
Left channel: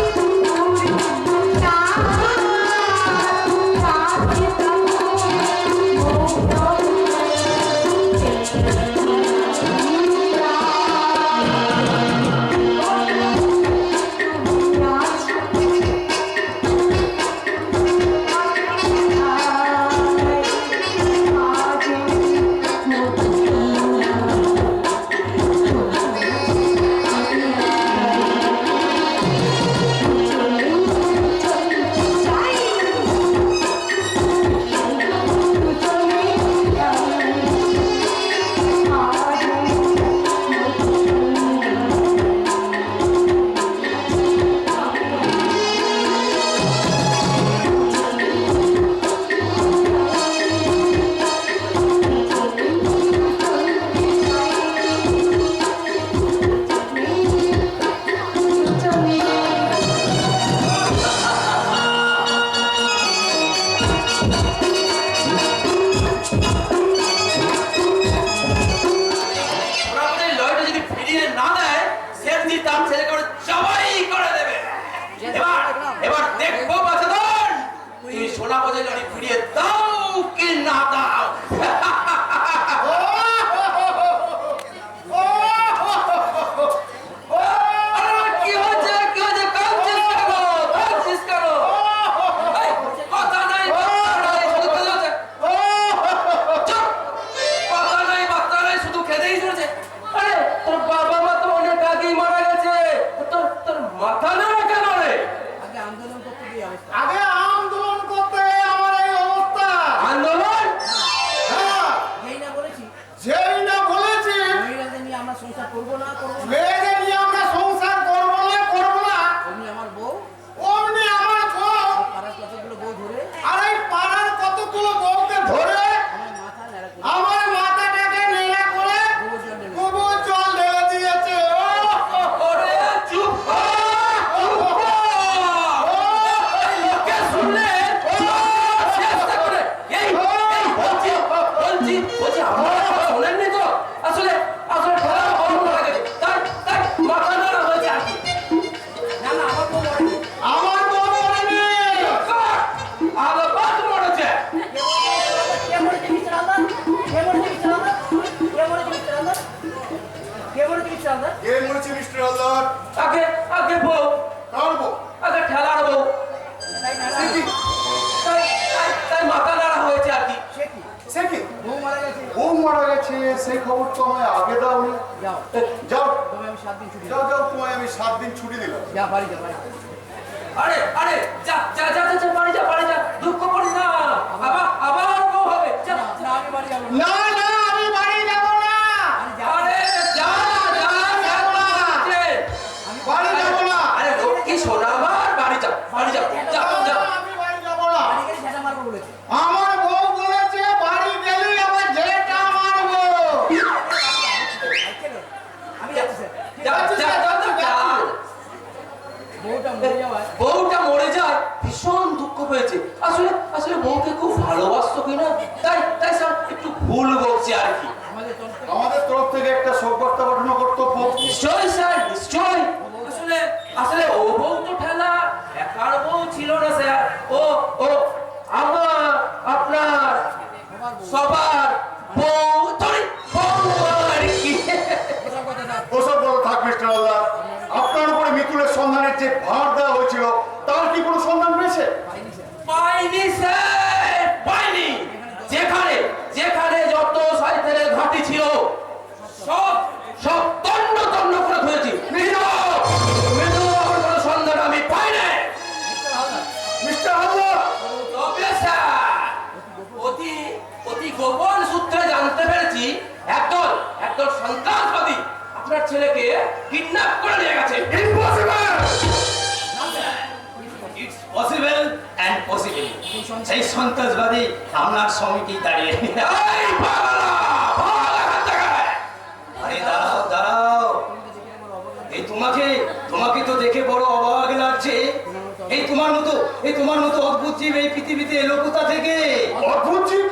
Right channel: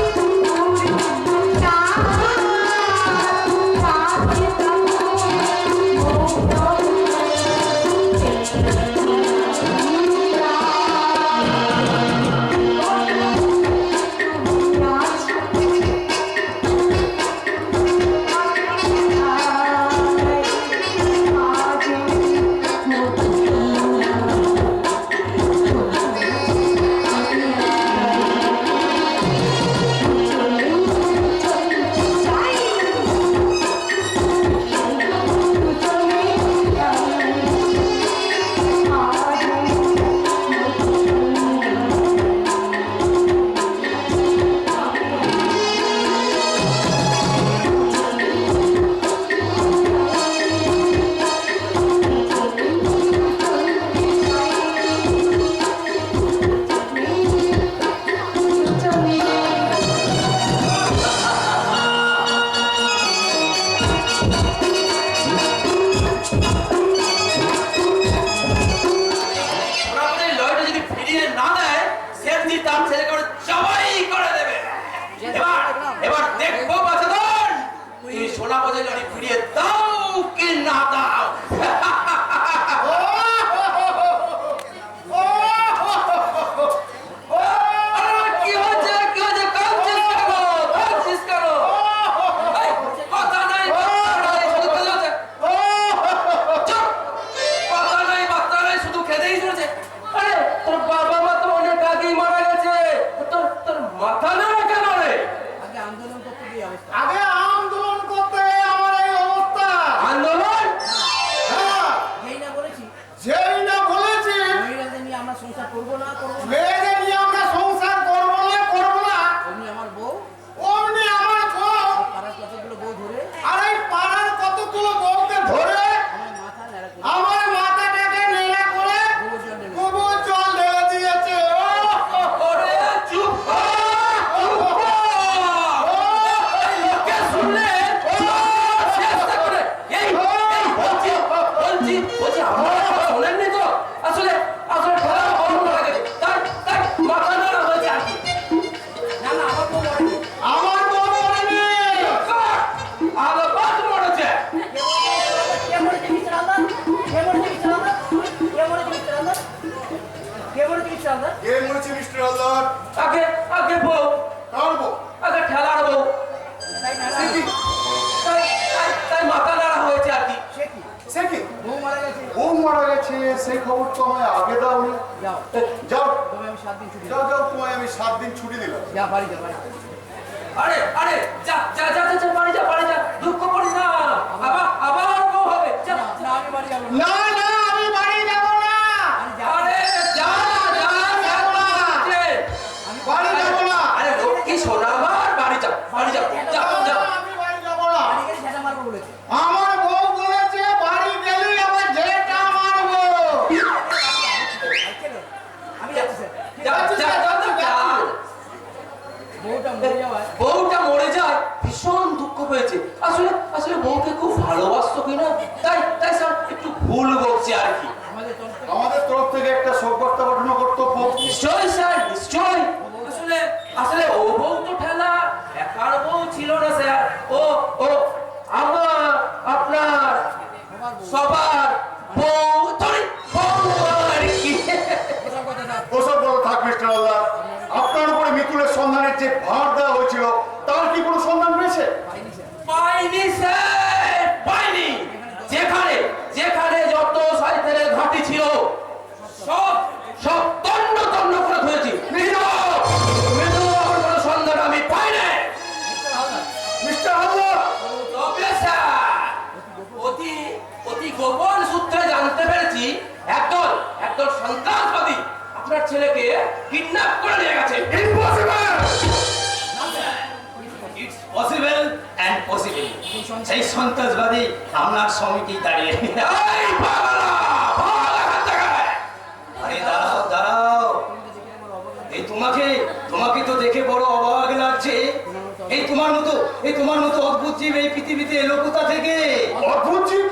ওরা আমাদের লয়টা যদি ফিরিয়ে না দেয়, সেমনি তার ছেলে করে জবাই করে দেবে। এবার দেখবো বাছাধন, তুমি সোনা বাজে লড়ি ফিরিয়ে দাও কি না দাও। আরে কি হচ্ছে, কি হচ্ছে? কাঁদছিস কেন? কাঁদছিস কেন? এই, কথা নাই, বার্তা নাই, শুধু কেঁদে যাচ্ছে। চুপ! কথা নাই, বার্তা নাই, শুধু কেঁদেই চলেছে। আরে, তোর বাবা মা তো অনেক আগেই মারা গেছে। তোর মাথা নাড়া কেন রে? আগে আন্দোলন করতে গিয়ে অবস্থা আগে আন্দোলন করতে আমার এই অবস্থা। আন্দোলন? হ্যাঁ, যেই না বলেছি যেই না বলেছি মহিলাদের নিয়ে আমরা সংসার করবো না মেয়েদের নিয়ে আমরা সংসার করবো না করবো না, অমনি আমার বউ অমনি আমার বউ পাড়ার কতগুলো বউ ধরে আর এই পাড়ার কতগুলো বউকে ধরে আমার মাথা নেড়া করে আমার মাথাটাকে নেড়া করে গোবর জল ঢেলে গোবর জল ঢেলে দিয়েছে। ওরে চুপ কর, চুপ কর। এই লোকে শুনলে চেষ্টা করে। এই বলছি আপনারা শোনেননি তো? আসলে খেলা বন্ধ হয়ে গেছে। তাই মাথা নাড়া হয়েছে আর কি। না না আমার বউ মরেনি আমার বউ মরেনি। আলাপাত মরেছে। কে মরেছে মিস্টার আন্দাজ কে মরেছে মিস্টার আন্দাজ কে মরেছে মিস্টার আন্দাজ কে মরেছে মিস্টার আন্দাজ কে মরেছে মিস্টার হালদার? আগে বউ, কার বউ? আগে ঠেলার বউ। তাই না তাই মাথা নাড়া হয়েছে আর কি। সে কি সে কি? বউ মারা গেছে বউ মারা গেছে, সেই খবর তো আমায় আগে দাওনি। যাও যাও তবে আমি 7 দিন ছুটি যাও যাও, তোমায় আমি 7 দিন ছুটি দিলাম। যা বাড়ি যা আরে যা বাড়ি যা, দুঃখ করিস না। আবার বউ হবে। যা। না আমি বাড়ি যাবো না না, আমি বাড়ি যাব না, আরে যা। বাড়ি যাব না, আরে লক্ষ্মী সোনা আমার বাড়ি যা। আমি বাড়ি যাব না। বাড়ি গেলে সেটা মারবো বলেছে আমার বউ বলেছে বাড়ি গেলেই আমার যেটা মারবো। আমি যাচ্ছি স্যার যা। বউটা মরে যাওয়ায় বউটা মরে যায়, ভীষণ দুঃখ পেয়েছে। আসলে বউকে খুব ভালোবাসতো কিনা, তাই স্যার একটু ভুল বলছে আর কি। আমাদের তরফ থেকে একটা শোকবার্তা পাঠানো কর্তব্য। নিশ্চয়ই স্যার, নিশ্চয়ই। আসলে ও বউ তো ঠেলা একার বউ ছিল না স্যার। ও আমার আপনার সবার বউ আর কি। ওসব বড় থাক মিস্টার হালদার। আপনার উপরে মিতুলের সন্ধানের যে ভার দেওয়া হয়েছিল, তার কি কোনো সন্ধান পেয়েছে? পাইনি স্যার, পাইনি। যেখানে ছেলেকে কিডন্যাপ করে নিয়ে গেছে। It's possible and possible. সেই সন্ত্রাসবাদী আপনার সমিতি দাঁড়িয়ে। এই পাগলা, ভাগ এখান থেকে। আরে দাঁড়াও দাঁড়াও, এই তোমাকে তো দেখে বড় অবাক লাগছে। এই তোমার মতো অদ্ভুত জীব এই পৃথিবীতে এলো কোথা থেকে? অদ্ভুত জীব?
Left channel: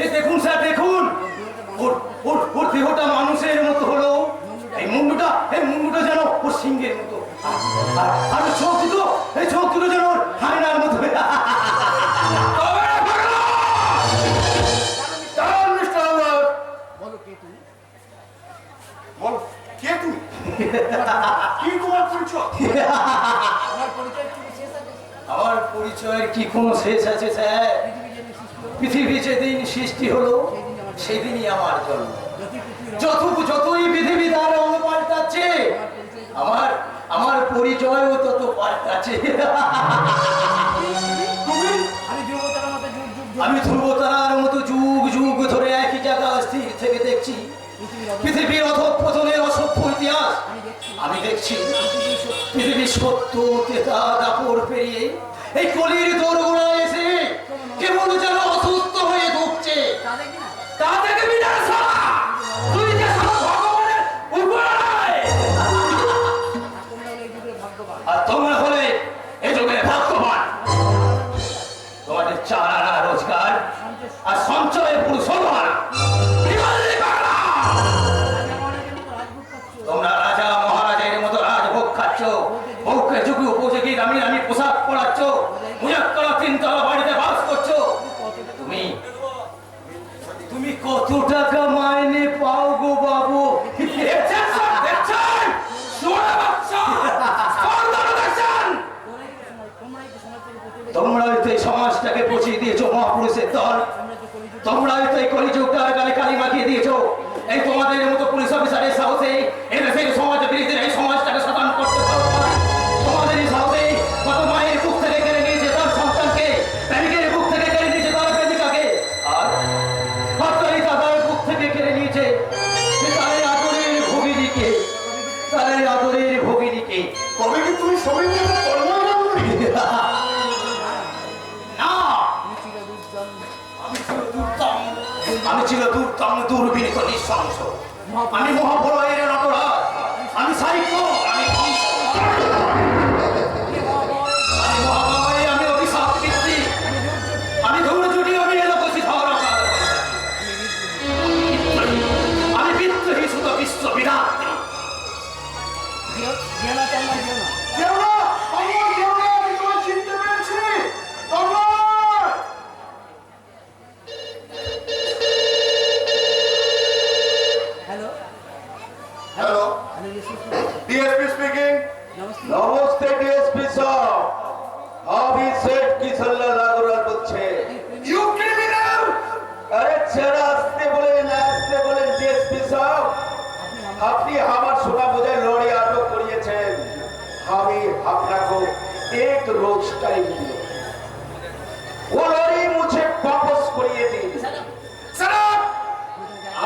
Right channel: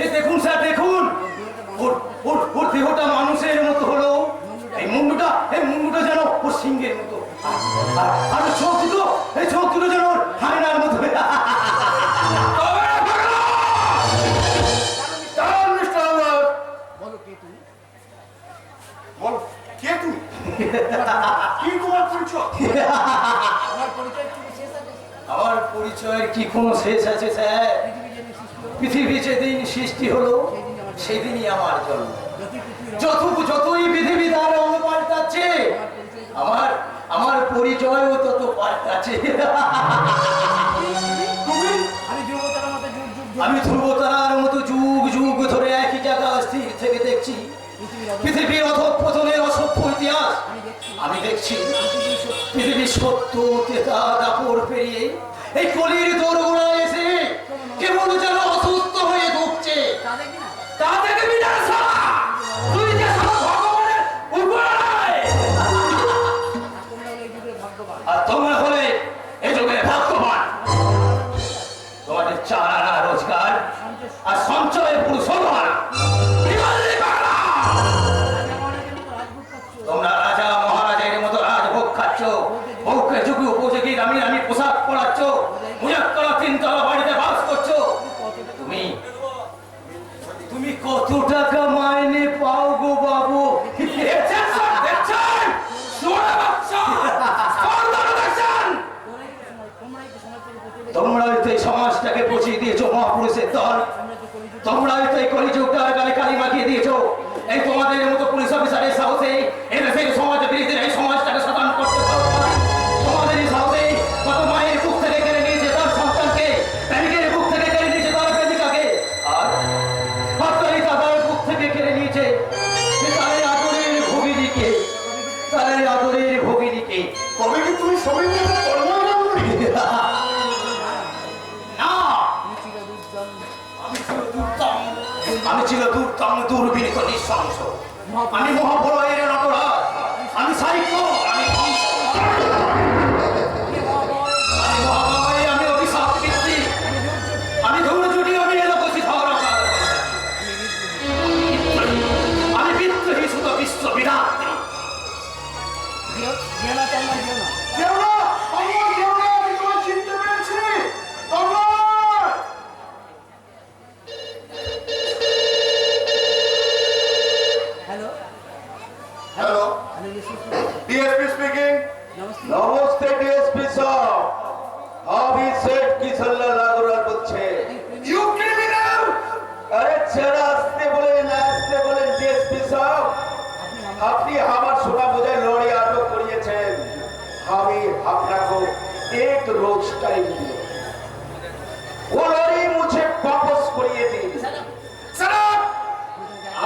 এই দেখুন স্যার, দেখুন ওর দেহটা মানুষের মতো হলো, এই মুন্ডুটা যেন ওর সিংহের মতো, আর চোখ দুটো যেন ওর হায়নার মতো। তবে না পাগলা! দাঁড়ান মিস্টার আলবার্ট। বল, কে তুমি? কি তোমার পরিচয়? আমার পরিচয়ের কি কোনো শেষ আছে স্যার? পৃথিবী যেদিন সৃষ্টি হলো সেদিনই আমার জন্ম। যতই পৃথিবী তার রঙ পাল্টাচ্ছে, আমার পরিচয়ও তত পাল্টাচ্ছে। আমি ধ্রুবতারার মতো যুগ যুগ ধরে একই জায়গা স্থির থেকে দেখছি পৃথিবীর অধঃপতনের অসভ্য ইতিহাস। আমি দেখছি পৃথিবীর সত্য তেতা দাপড় পেরিয়ে এই কলির দোরগোড়ায় এসে কেবল যেন অসুস্থ হয়ে ঢুকছে। তা দেখবি না শালা! তুই যে শালা ভগবানের উপরে! আর তোমরা হলে এ যুগে ভাগ্যবান। তোমাদের 4 আনা রোজগার আর সঞ্চয়ে পুরুষোত্তম। কি বললি পাগলা? তোমরা রাজা মহারাজের মতো রাজভোগ খাচ্ছ, বউকে যুগে উপযোগী দামি দামি পোশাক পরাচ্ছ, মুজাক্কলা 3 তলা বাড়িতে বাস করছো। তুমি কত টাকা মাইনে পাও গো বাবু? দেখছেন সব, দেখছেন? শুয়োরের বাচ্চা! সর্দার দেখছেন? তোমরাই তো এই সমাজটাকে পচিয়ে দিয়েছো মহাপুরুষের দল। তোমরাই তো এই কলিযুগটার গালে কালি মাখিয়ে দিয়েছো। এই তোমাদের মতো পুলিশ অফিসারের সাহসে এদেশের সমাজ বিরোধীরা এই সমাজটাকে সাধন করতে সাহস পায়। তোমাদের এই সাহসে কত মায়ের বুক থেকে কেড়ে নিয়েছে তার সন্তানকে, প্রেমিকের বুক থেকে কেড়ে নিয়েছে তার প্রেমিকাকে, আর হত্যারি দাদার বুক থেকে কেড়ে নিয়েছে তাদের আদরের ভগিনীকে, তবে কি তুমি সবাইকে কর্মগ্রাম করি? না, আমি ছিল দুর্দম দুর্বিনীত নিঃশংস। আমি মহাপ্রলয়ের নটরাজ, আমি সাহিত্য, আমি মহাময়, আমি অভিশাপ পিতৃ, আমি ধূমজুটি, আমি এলোকসি ঝগড়া, আমি বিদ্রোহী সুত বিশ্ব বিরাট। কেউ না, আমার কেউ না, আমি তোমায় চিনতে পেরেছি। তরবার! Hello hello, DSP speaking. নমস্তে ডিএসপি সাহেব, আমি সেট কিশোরলাল আগরওয়াল বলছি। You criminal! আরে ছেড়ে আসতে বলেন ডিএসপি সাহেব। আপনি আমার সোনা বোঝায় লড়ি আটক করিয়েছেন। আমি আপনাকে 1 रोज टाइम दिया, वो लड़ी मुझे वापस करिए दी। স্যার,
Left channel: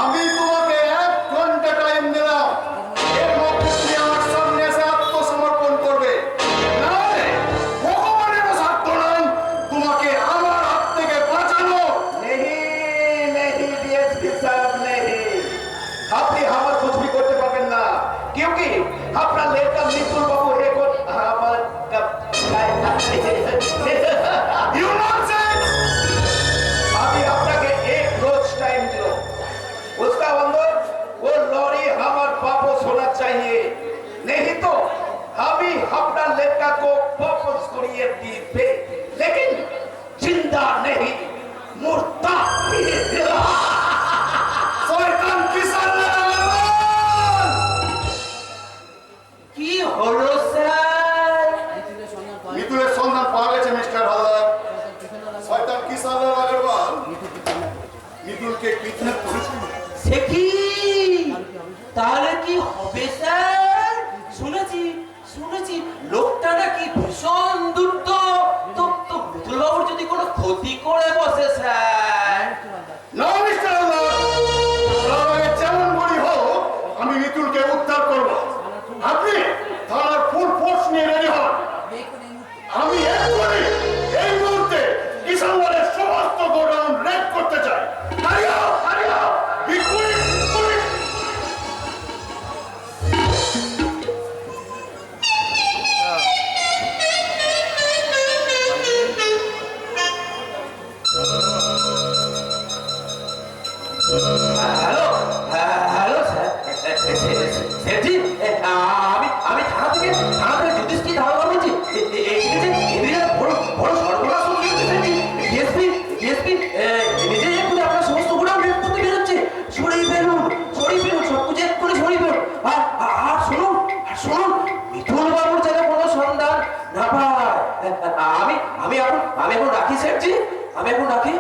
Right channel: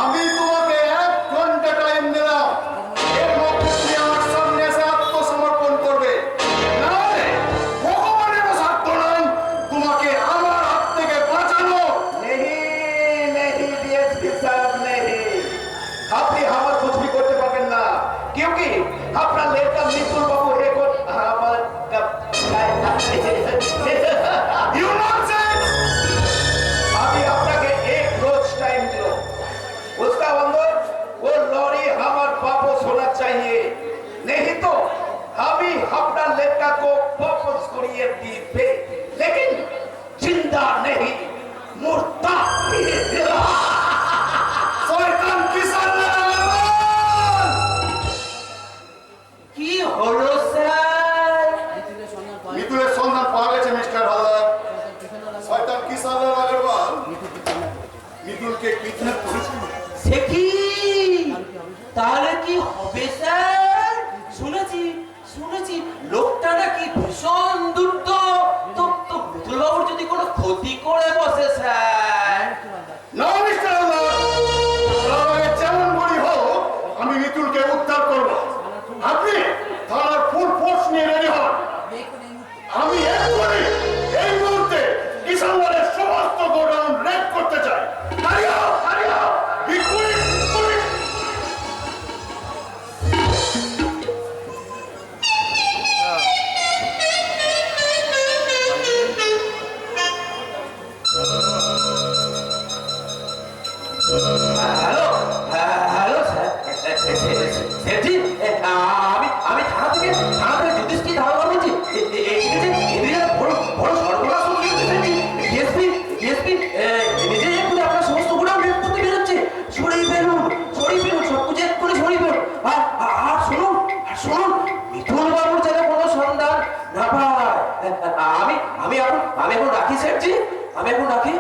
আমি তোমাকে 1 ঘন্টা টাইম দিলাম। এর মধ্যে তুমি আমার সামনে এসে আত্মসমর্পণ করবে, নাহলে ভগবানের সাধ্য নাই তোমাকে আমার হাত থেকে বাঁচানো। नहीं डीएसपी साहब नहीं, আপনি আমার कुछ भी করতে পারবেন না, क्योंकि আপনার লেখা মিতুল বাবু এখন আমার ইউ ননসেন্স! अभी আপনাকে 1 रोज टाइम दिलो, उसका अंदर वो लॉरी हमार वापस होना चाहिए, नहीं तो अभी अपना लेखा को वापस करिए दीपे, लेकिन जिंदा नहीं, मुर्दा। শয়তান কিসান লাগান! কি হলো স্যার? মিতুলের সন্ধান পাওয়া গেছে মিস্টার হালদার। শয়তান কিসান আগরওয়াল মিতুলকে কিডন্যাপ করেছিল। সে কি? তাহলে কি হবে স্যার? শুনেছি লোকটা নাকি ভীষণ দুষ্ট। তো মিতুল বাবুর যদি কোনো ক্ষতি করে বসে স্যার? না মিস্টার হালদার, যেমন হ্যালো হ্যালো স্যার সেটি আমি থানা থেকে যুধিষ্ঠির ধারণা বলছি এদিকে বড় বড় সর্বনাশ ডিএসপি নিজে করে আপনার সমস্ত গুলো রেড করতে বেরোচ্ছে সরিয়ে ফেলুন সব কিছু এক করে সরিয়ে ফেলুন আর শুনুন মিথুন বাবুর যেন কোনো সন্ধান না পায় আমি এখন রাখি স্যারজি আমি এখন রাখি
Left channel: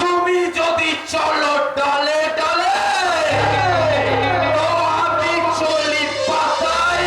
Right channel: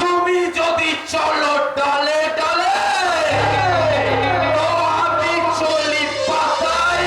তুমি যদি চলো ডালে ডালে তো আমি চলি পাতায়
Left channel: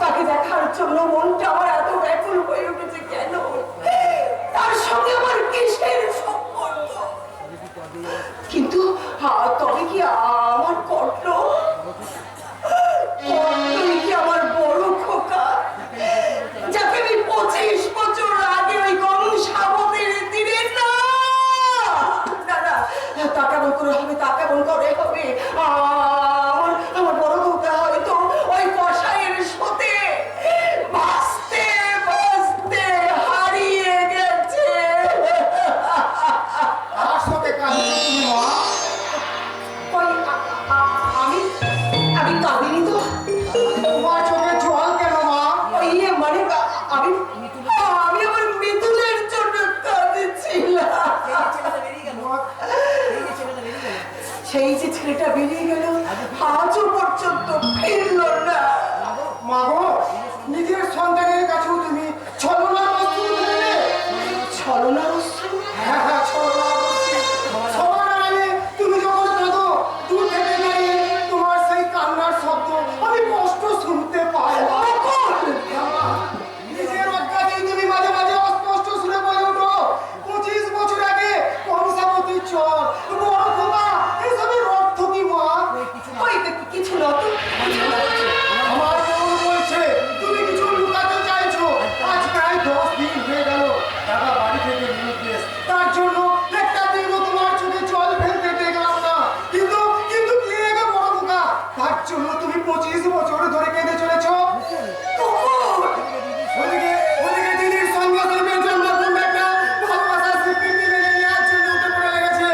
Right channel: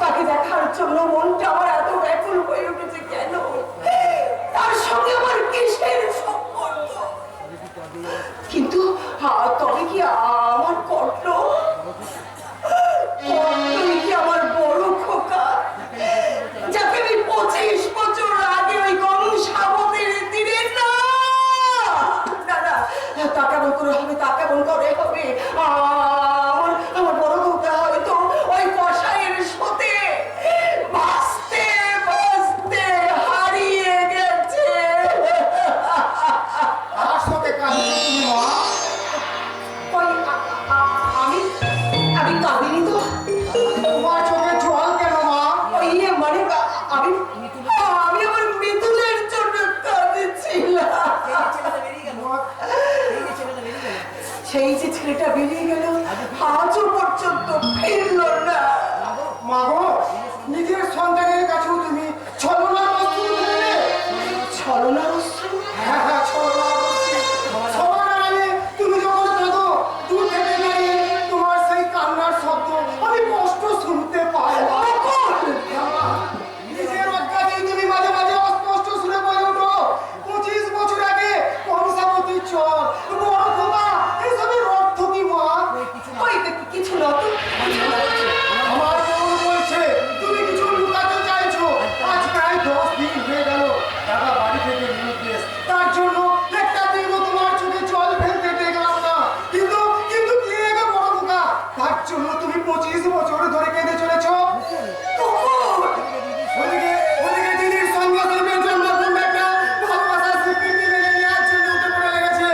তাকে দেখার জন্য মনটা আমার এত ব্যাকুল হয়ে উঠেছে কেন? তার সঙ্গে আমার কিসের সম্পর্ক? কিন্তু তবে কি আমার কর্তই কি আমার বড় খোকা, যাকে আমি 25 বছর আগে ওই কংসাবতীর তীরে না তা কেমন করে হবে আমার বড় খোকা হয়তো ওই কষাইয়ের সাথে বাঁচতে বাঁচতে হারিয়ে গেছে। কার সাথে কাঁদছো তুমি মা? আমি কাঁদিনি তো। তোমার চোখে জল কেন মা? মানে আমি আমার মিথুনের জন্য কাঁদছিলাম। সেই যে ছেলেটা বেরিয়ে গেল আজও পর্যন্ত ফিরল না। মা গো, নিজের সন্তানের কাছেও তুমি ছলনার অস্ত্র ধরলে। ছলনার অস্ত্র? হ্যাঁ ছলনার অস্ত্র। সবার আগে তুমি যখন কাঁদো, দূর থেকে দাঁড়িয়ে তোমার সেই কান্নার শব্দ আমি কষ্ট শুনতে পাই। নিজের অজ্ঞাতেই তুমি মাঝে মাঝে অস্পষ্ট শুনে বলে ওঠো 25 বছর আগে কংসাবতী চর বড় খোকা, এসবের অর্থ কি মা? কিছু না তো, আমার মন বলছে তুমি কিছু লুকাতে চাইছো। আজ প্রায় 10 দিন হয়ে গেল দাদা বাড়ি থেকে নির্দেশ, তার জন্য একটা দিনও তোমার চোখে জল ফেলতে দেখলাম না। কিন্তু কিন্তু কি রেগে বড় খোকা, তার জন্য তুমি 25 বছর ধরে কেঁদে চলেছো। ওদিকে দিদির সঙ্গে শিল্পের জন্য কোন একটা ভালোবাসার স্বীকৃতি মেনে নেওয়ার জন্য উঠে পড়ে লেগেছে।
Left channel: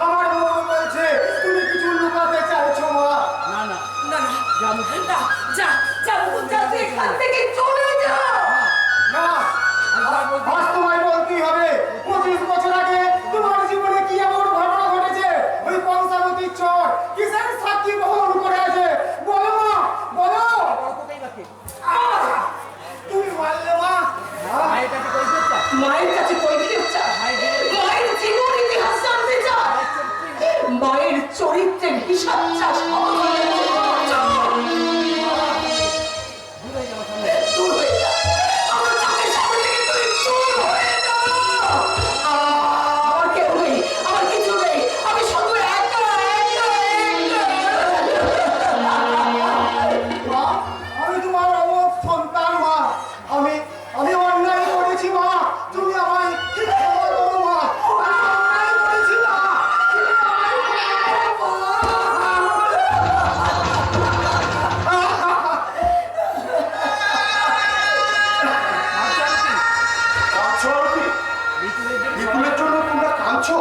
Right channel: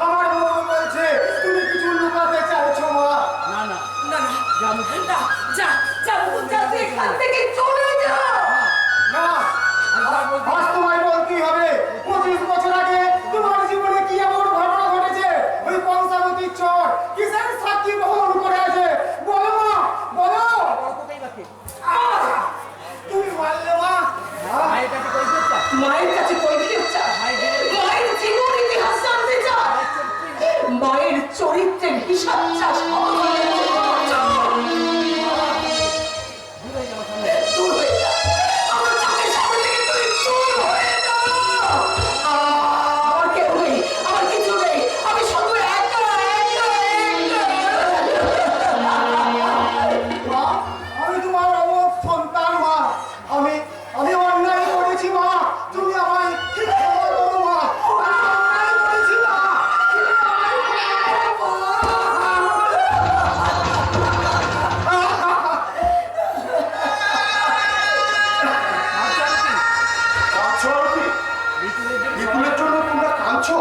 আমার মন বলছে তুমি কিছু লুকাতে চাইছো মা। তুই এখান থেকে চলে যা। না, আজ তোমায় বলতেই হবে 25 বছর আগে তোমার জীবনে কি এমন ঘটনা ঘটেছে? ওই কংসাবতীর চর কিসের সাক্ষী বহন করে আছে? বলো মা, বলো। তুমি মারলে মা? মায়ের কাছে কৈফিয়ত চা, মায়ের জীবন ইতিহাস জানতে চা, মায়ের চরিত্রের হিসাব চাস। দূর হয়ে যা, আমার চোখের সামনে থেকে তুই দূর হয়ে যা। আমার কেউ নেই, আমার কিছু নেই, আমি শুধু একা। মা, আমি তোমার অমর সন্তান মা। আমি অন্যায় করেছি মা, তুমি আমায় ক্ষমা করো মা। আমি অন্যায় করেছি মা, তুমি আমায় ক্ষমা মিতুলের জন্য তোমরা কাঁদছো?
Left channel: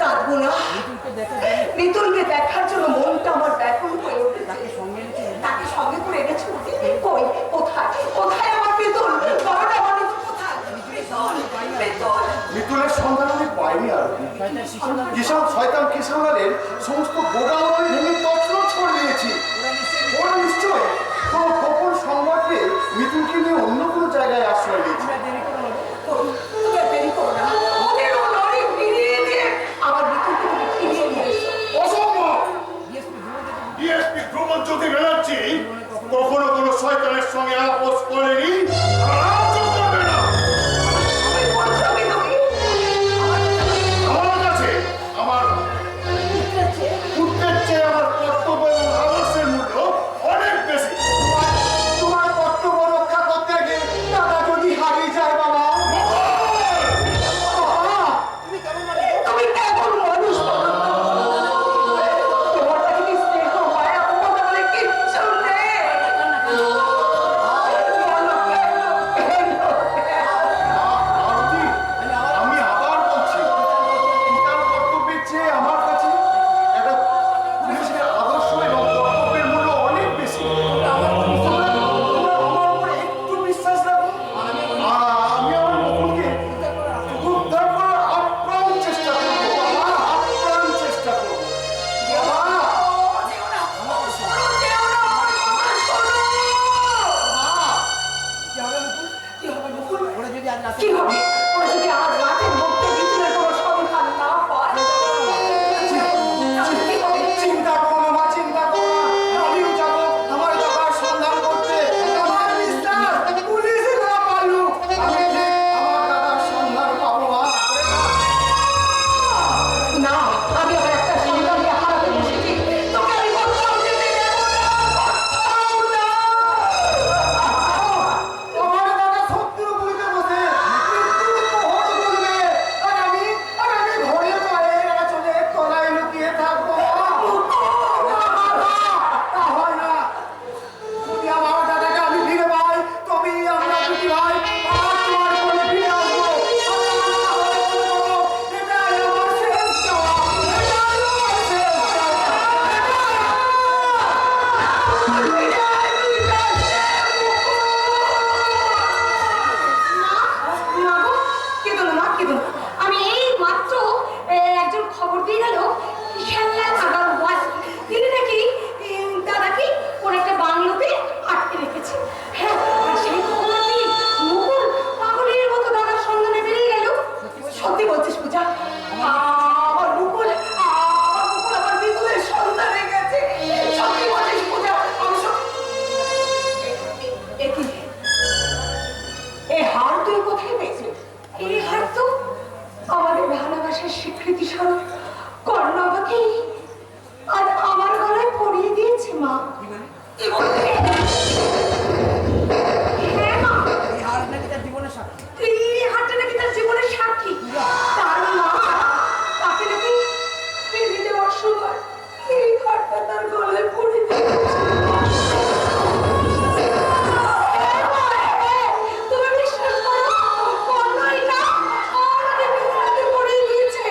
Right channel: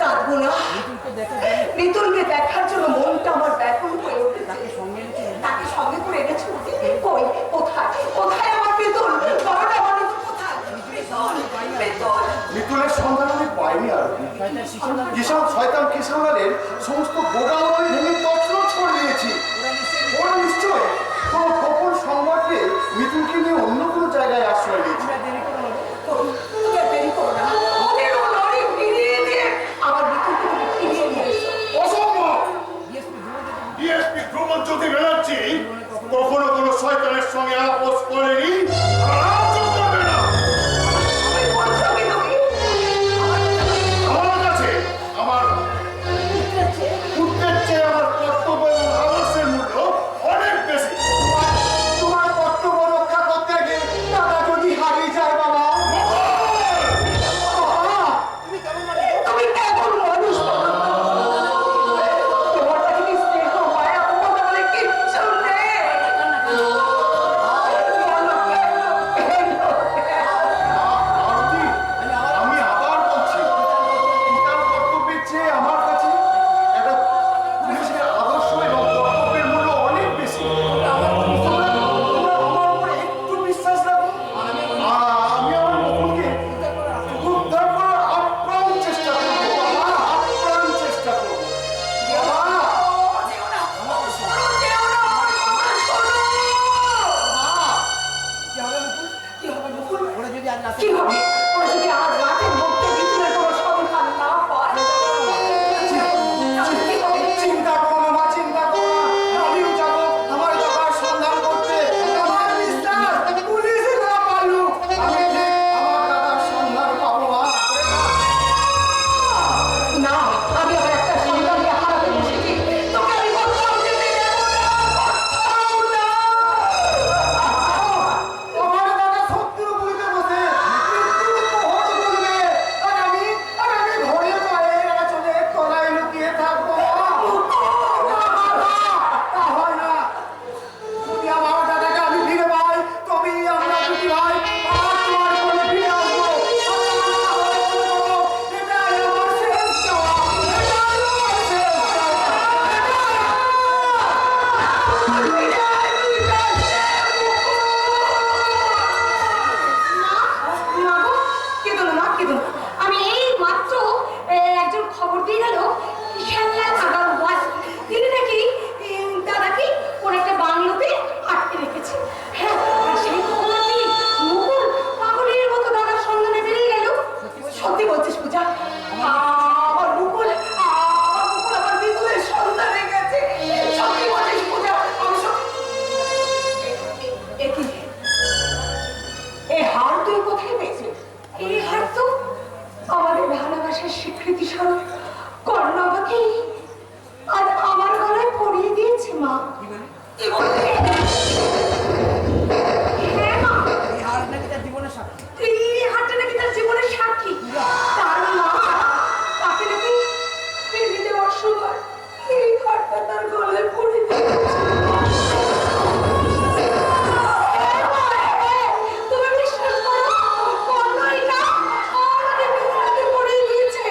কাঁদবো না, মিতুলকে দেখার জন্য মনটা আমার ব্যাকুল হয়ে উঠেছে। তাকে সঙ্গে করে এনেছো? কই, কোথায় আমার মিতুল? বড়টা আমার মিতুল কোথায়? মিতুল। মিতুলের সন্ধান আমি পাইনি আর কিষান শয়তান কিষানের সমস্ত গোডাউন ভেঙে তছনছ করে দিয়েছি। ওরা নিশ্চয় কোনো গোপন সংবাদকে মিতুলকে নিয়ে অন্য কোনো জায়গায় আশ্রয় নিয়েছে। তুমি আর দেরি করো না, ওদের লরি ফিরিয়ে দিয়ে আমার মিতুলকে তুমি ফিরিয়ে নিয়ে এসো। অসম্ভব! ডিএসপি ধ্রুবজ্যোতি ব্যানার্জি কখনো কোনো শয়তানের সঙ্গে আপোষ করেনি, আর আজও করবে না। বলছো কি তুমি? আমার কাছে আমার পুত্রের চেয়ে আমার কর্তব্য এবং আদর্শের মূল্য অনেক বেশি। তোমার কর্তব্য রক্ষা করতে গিয়ে দাদা যদি হারিয়ে যায় বাবা। তুমি কেমন মানুষ বলো তো? তোমার কাছে কি স্নেহ মায়া মমতা বলে কিচ্ছু নেই? আরতি, আমি আবার বলছি, পিতার কর্তব্যের চেয়ে আমার কাছে একটা পুলিশের আদর্শ এবং কর্তব্যের মূল্য অনেক বেশি। আমার উপরে একটু বিশ্বাস রাখো। আমি আমার মুকুলকে উদ্ধার করার আপ্রাণ চেষ্টা করবো বাবা, আপ্রাণ চেষ্টা করবো বাবা। ওরা যদি আজ রাতে কি হবে? ওরা যদি আজ রাতের মধ্যে বিদ্যুতের কোনো সন্ধান না পায়? তাহলে কি হবে? চিন্তা করো না মা, চিন্তা করো না। আমিও যাবো আমার দাদার সন্ধান করতে। আমার বিশ্বাস পুলিশ না পারলুক আমি ঠিক আমার দাদার সন্ধান পাবো মা। না, আমি আমার একটা সন্তানকে হারাতে বসেছি। তোকে আমি কোথাও যেতে দেব না, কোথাও না। আমার দাদা শত্রু বুঝতে বসে মৃত্যুর প্রহর করবে, আর আমি ঘরে পায়ে চলে তলায় লুকিয়ে থাকবো মা। না, তা হয় না। যদি আমার দাদাকে আমি ফিরে পাই তবে আমরা দুটি ভাই আবার তোমার কোলে ফিরে আসবো। আর তা না হলে মনে করো, এটাই আমার শেষ চাওয়া, এটাই আমার শেষ আমি এই মাত্র একজন খবর দিয়ে গেল শ্যামলা নাগাল ওয়াজ তিনি নাকি দাদাকে ওর একটা বাংলোতে আটকে রেখেছে। হ্যাঁ, আর সেই খবরটি মুকুল পাগলের মতো দাদার সন্ধানে বেরিয়ে গেল। সত্যি বলছিস পূজা? আমার মুকুল আমার বিপুলের সন্ধানে গেছে। সত্যি বলছিস পূজা? আমি একই এই হার তুই কোথায় পেয়েছিস? এই হার তো আমাদের ভালোবাসার স্বীকৃতি স্বরূপ কর্ণ আমাকে আজ আমার গলায় পরিয়ে দিয়েছে মা। কি বলতে? হ্যাঁ মা, এই হার নাকি তার জীবনের সাক্ষী। এই হারটা নাকি তার জীবনের সাক্ষী। তার মা তাকে নাকি ফিরিয়ে দেওয়ার সময় এই হারটা তার গলায় পরিয়ে দিয়েছে। তুমি বিশ্বাস করো, কর্ণই না আমাকে বিছানাতে পড়িয়ে দিয়েছে।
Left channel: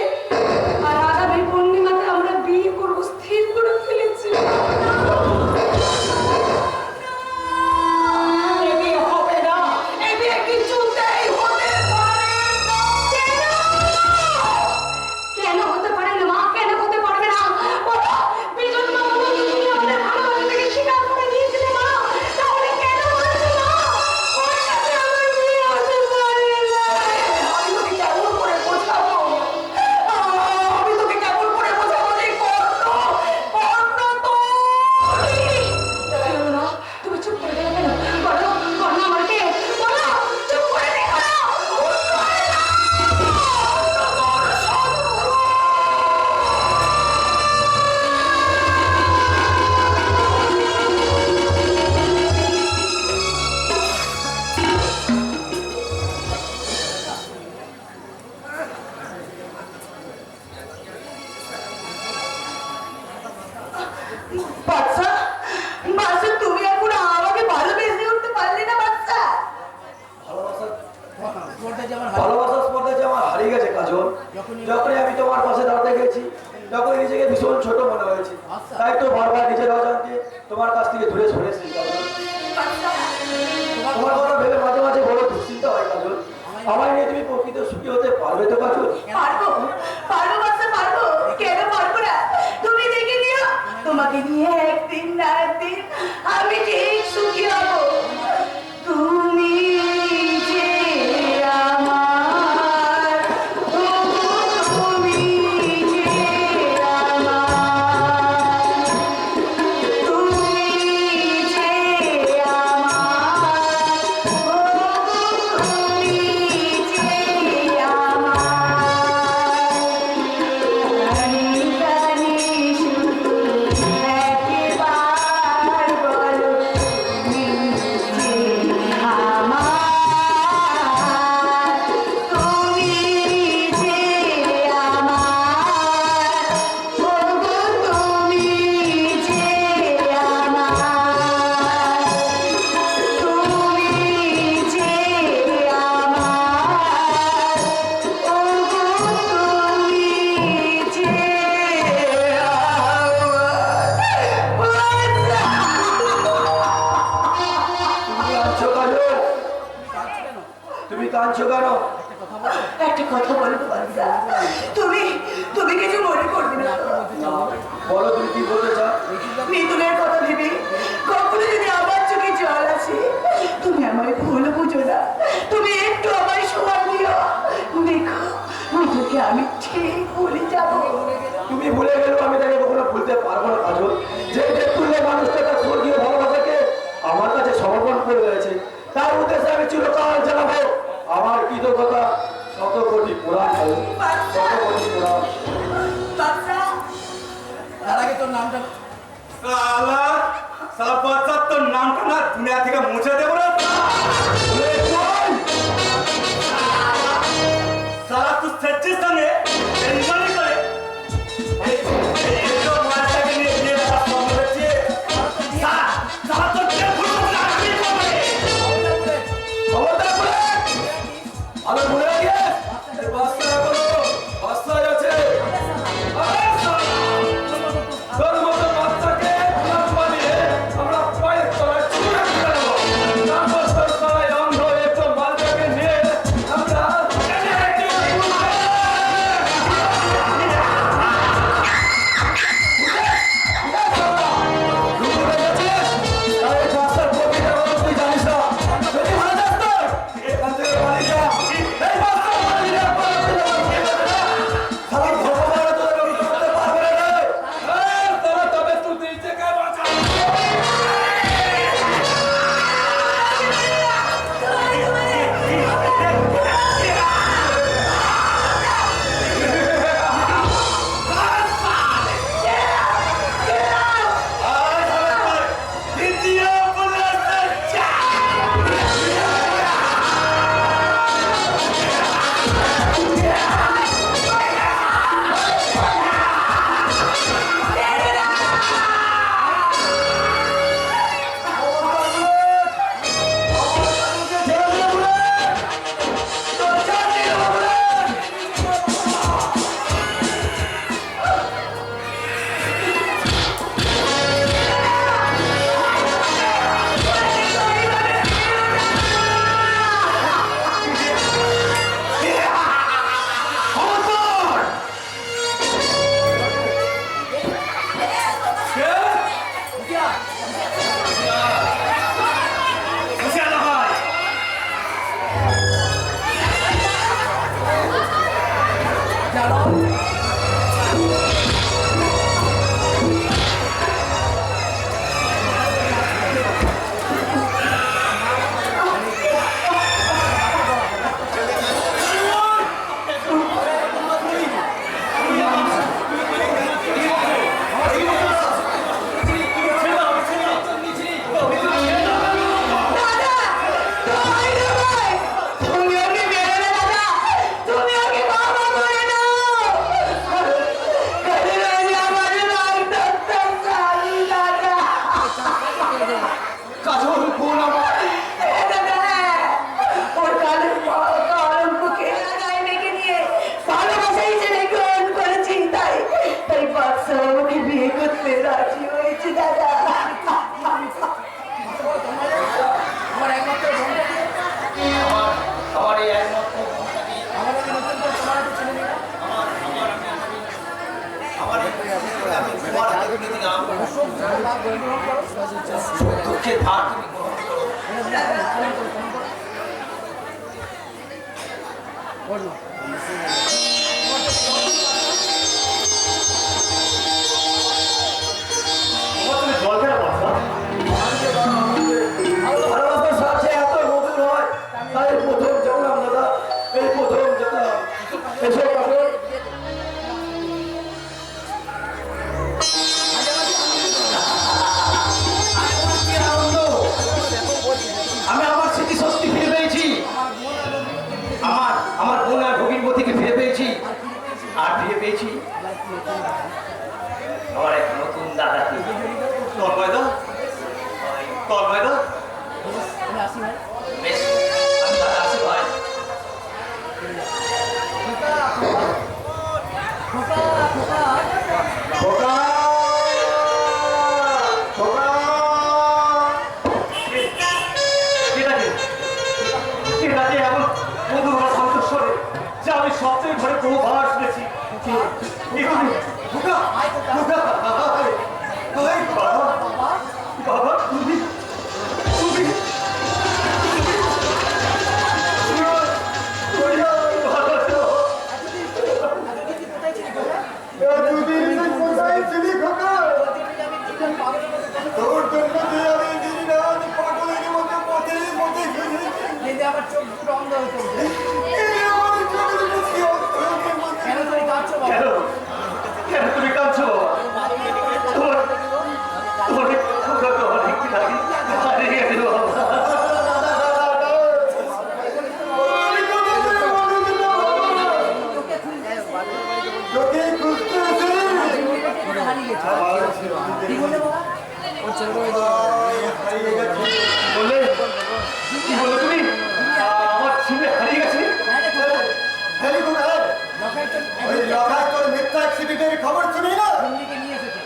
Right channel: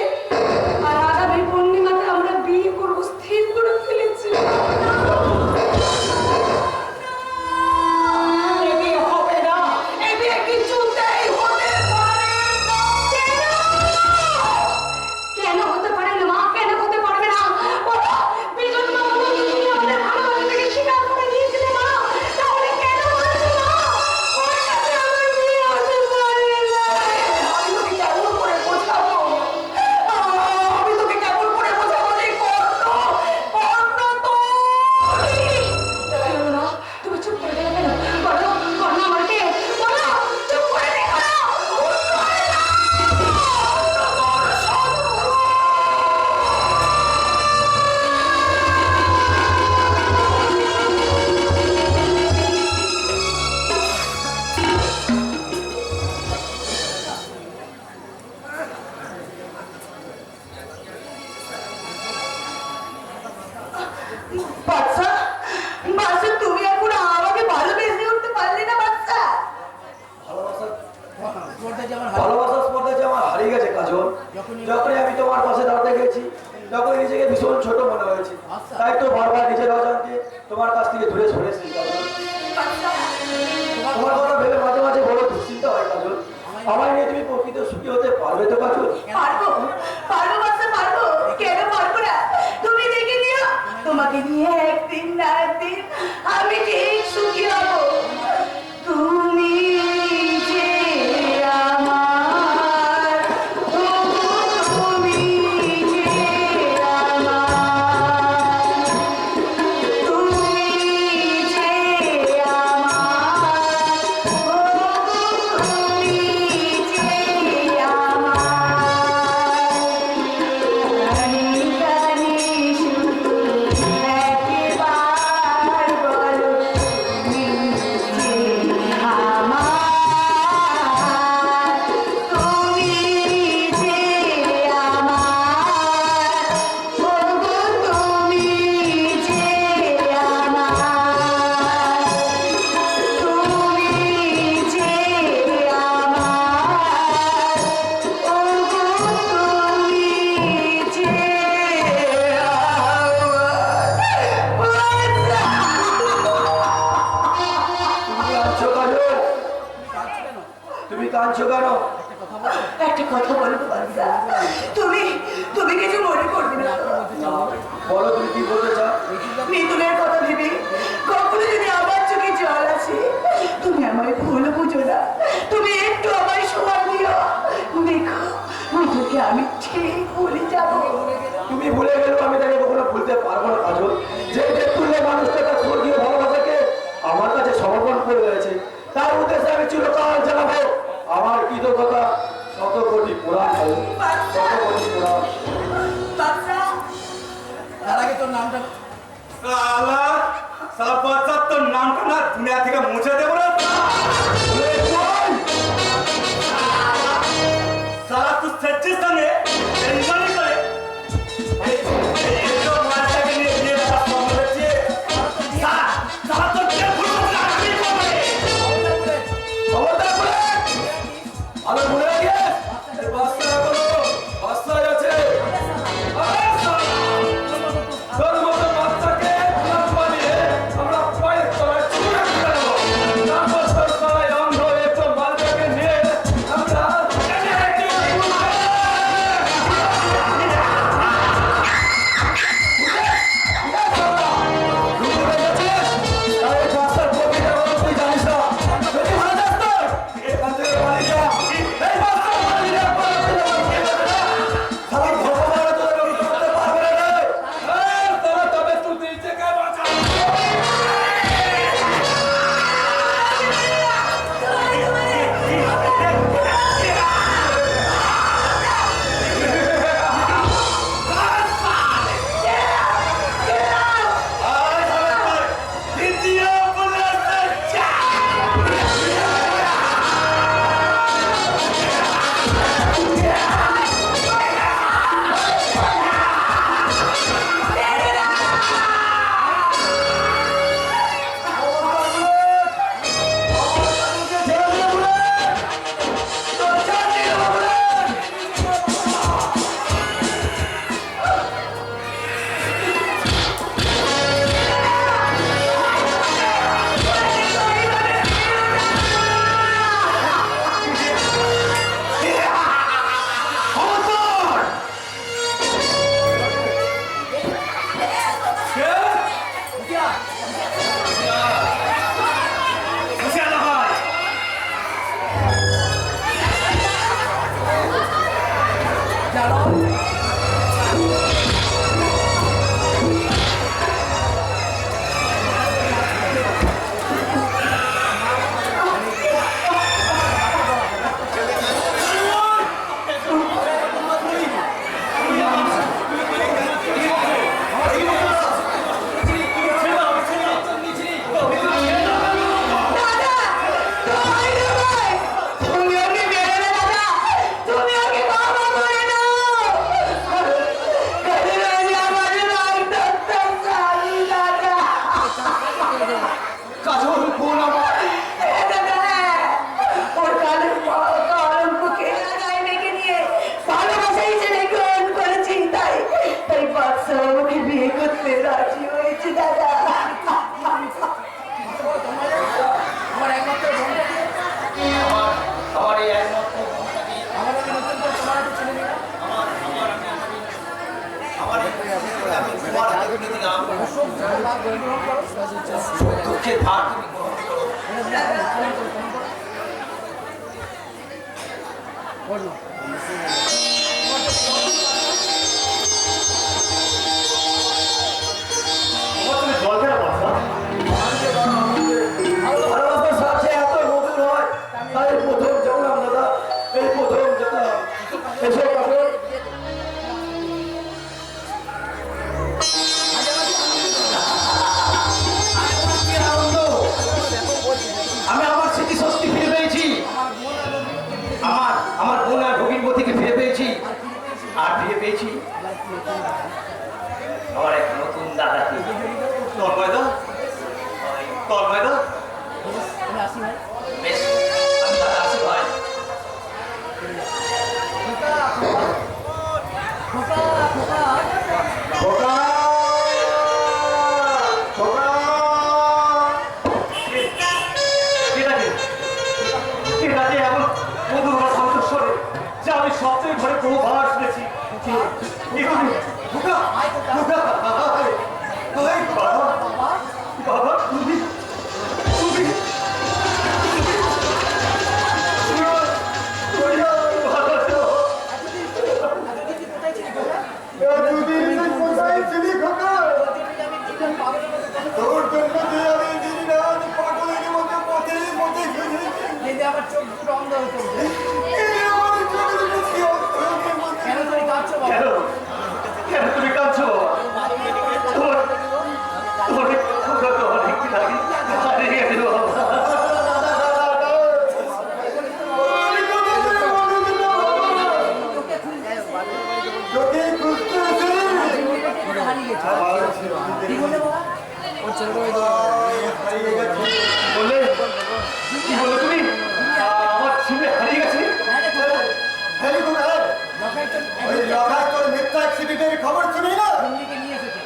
আর আগামী পূর্ণিমাতে আমরা বিয়ে করবো স্থির করে ফেলেছি। এ বিয়ে হবে না, এ বিয়ে কিছুতেই হতে পারে না। কেন হতে পারে না মা? কেন হতে পারবে না? বলো, বিজন মা বলো, তুমি আমাদের ভালোবাসাটাকে স্বীকার করে নিয়েছিলে মা, তাহলে কেন বলছো মা ওর সাথে আমার বিয়ে হতে পারে না? আমি তোকে কেমন করে বোঝাবো? আমি তোকে কেমন করে বোঝাবো যে কর্ণ তো কেন না? তুমি চুপ করে গেলে কেন? বলো, কর্ণ আমার কে? বলো, চুপ করে দেখো না। বাচ্চা, বাচ্চা তুমি এখন আমাকে ভালোবেসে উঠতে পারলে না বাচ্চা? স্পর্ধা যেমন হার ভালোবাসার স্পর্ধা যে আমার হারিয়ে গেছে কাজল। যখনই আমি তোমার পাশে দাঁড়াতে গেছি তখনই নিজেকে ভীষণ ছোট মনে হয়েছে। তাই তো বারবার নিজের অজান্তে তোমার কাছ থেকে দূরে সরেছি কাজল। বাচ্চা, তোমার কথা ভেবে মাঝে মাঝে বড় দুশ্চিন্তা হয় কাজল। আমায় নিয়ে তুমি প্রকৃত সুখী হতে পারবে তো কাজল? পারবো, পারবো বাচ্চা, পারবো। কেন পারবো না? তুমি দেখে নিও, তোমাকে নিয়ে একদিন না একদিন আমি ঠিক সুখী হব। তুমি যে আমার, তুমি যে আমার। কাঁদছো কেন? একটা কথা বলবো বাচ্চা, তুমি তুমি কিছু মনে করবে না তো? বলো তুমি কি বলতে চাও? মিতুলের কথা ভেবে কখনো যদি আমার চোখে জল আসে, তুমি আমায় ভুল বুঝো না, তুমি একটু আমায় সময় দিও। দেখো মিতুলকে আমি ঠিক ভুলে যাবো। তুমি ভুলে গেলেও আমি তাকে কখনো ভুলতে পারবো না কাজল। যে দেখলে মানুষটা তার স্বর্গীয় ভালোবাসাকে আমার কাছে সমর্পণ করে রয়েছে, তার উদ্দেশ্যে আমি চিরকাল জানাবো আমার কৃতজ্ঞতা। শত কোটি পুরাণ হবে, শত কোটি পুরাণ। বাচ্চা তার আগে তোর নামটা সালা সালা বাচ্চা তোর নামটা না দুনিয়া থেকে মুছে দেবো না সালা তুই সচ্চিস সঙ্গে টেনশনই করে এই তো মাছটাকে নিয়ে বিয়ে করার স্বপ্ন দেখছে সালা সালা তোর কে ভুল করছে আমি করবে খবরদার বলে আলো ভুলে গিয়ে এই বাচ্চারা বলো বাচ্চায় আছে। আরে শালা, তোর মতো বাচ্চাকে গোলাম বানিয়ে আমরা পায়ের তলায় ছুঁড়ে ফেলে দেবো। তারপর তোর তলায় অন্ধ একটু মালটাকে নিয়ে আমরা দুঃখের ভার তুমি জল খেলা বাচ্চা ভালোবাসার সাথে এত মধুর হয়, তাই প্রথম জানলাম দাদা, এই প্রথম জানলাম। এসো কাকু। আমি আমার স্মৃতিশক্তি ফিরে পেয়েছি, আমার বোন আর ভগিনবতীকে ফিরে পেয়েছি, আর ফিরে পেয়েছি আমার এক নতুন দাদাকে। তন্ময়দা তন্ময়দা আমি আসি ভাই বেশ, আমি দাদা আসি ভাই। খোকা খোকা খোকা, খোকা। ঠিক আছে, ঠিক আছে, এখন ঘরে বহুবার শুনেছি বাবা তুমি তুমি তোর জন্য যে আমি দিন রাত পাগলের মতো পথের মধ্যে কিন্তু আমার চোখ দুটো অন্ধ হয়ে চলছে। আমার চোখের মধ্যে অন্তরের মধ্যে কেন তুমি কাঁদছো বাবা? কেন কেন তুমি কাঁদছো তোমার অনেক খোকা তো অনেক লাগে হারিয়ে গেল হারিয়ে গেছে। কি বললে বাবা? বললে কি বললো তুমি আমার ছেলে হারিয়ে গেছে ওই লড়াই তোর মিথ্যা অ্যাক্সিডেন্টের খবর শুনি না দিল্লিকে নিয়ে এসেছে।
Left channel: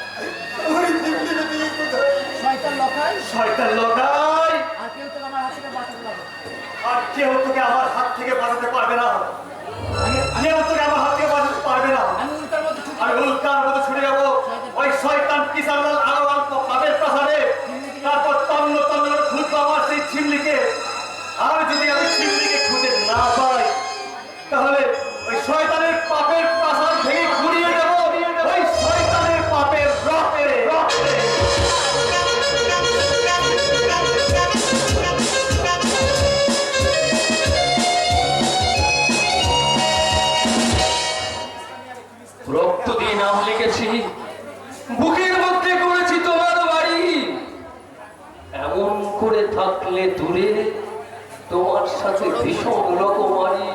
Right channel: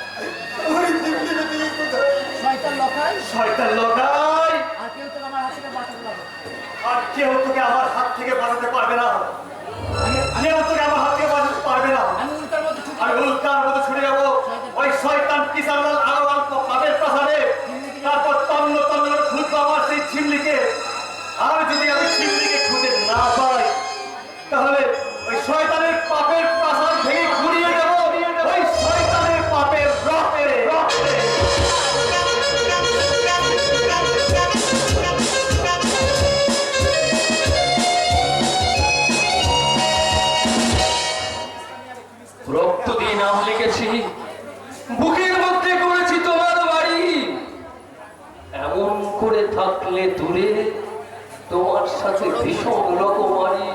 ওই দিল্লিতে তুই কোথায় শয়তান লখাই শয়তান লোকাই আর কেউ তো আমার হাত থেকে বাঁচাতে পারবে না। আর কেউ তোকে আমার হাত থেকে বাঁচাতে পারবে না কেউ তোকে আমার হাত থেকে বাঁচাতে পারবে না আমি উল্টার মধ্যে ছুটি আর উল্কার মতো ছুটে যাবো ওই শয়তান কিষানলাল আরোয়াল পাবের প্রাসাদে তারপর তন্ন তন্ন করে খুঁজবো আমার সেই ঝিমলিকে আর যদি আমি ঝিমলিকে খুঁজে না পাই তাহলে ওই শয়তানের পাপের প্রাসাদ ভেঙে ঘুরিয়ে দেবো ওই শয়তানের পাপের রক্তে রক্তে রক্ত দিয়ে নাম লিখেছি, বুকের মধ্যে করেছি তোমার বাড়ি। এমন করে থাকলে দূরে তোমার সাথে ভীষণ রকমারি।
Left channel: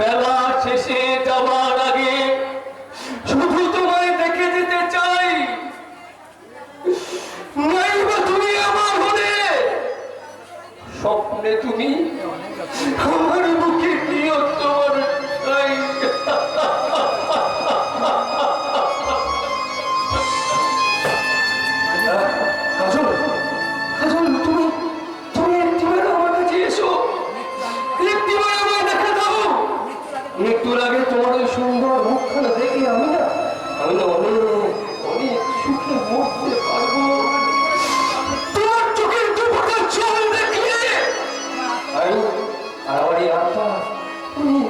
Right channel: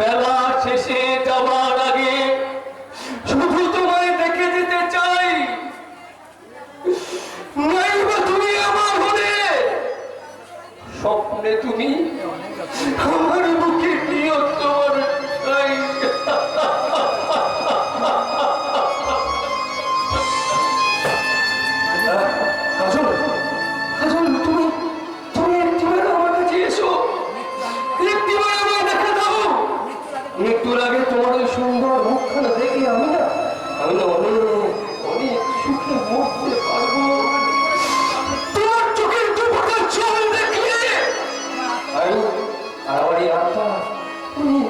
বেলা শেষে যাবার আগে শুধু তোমায় দেখে যেতে চাই। নাই বা তুমি আমার হলে স্বপ্নে তুমি আমার বুকে নিয়ে তোমার চাই। কাজল কাজল তুমি তুমি একটিবার আমার কাছে এসো, একটিবার আমায় দেখা দাও। একটু আগে তোমার ওই সুন্দর মুখখানা দেখে আমি না অনেক অনেক সুখে মরতে পারবো। তোমার চোখের দুপোটা জল দেখলে আমি আর আমার এই আত্মা অনেক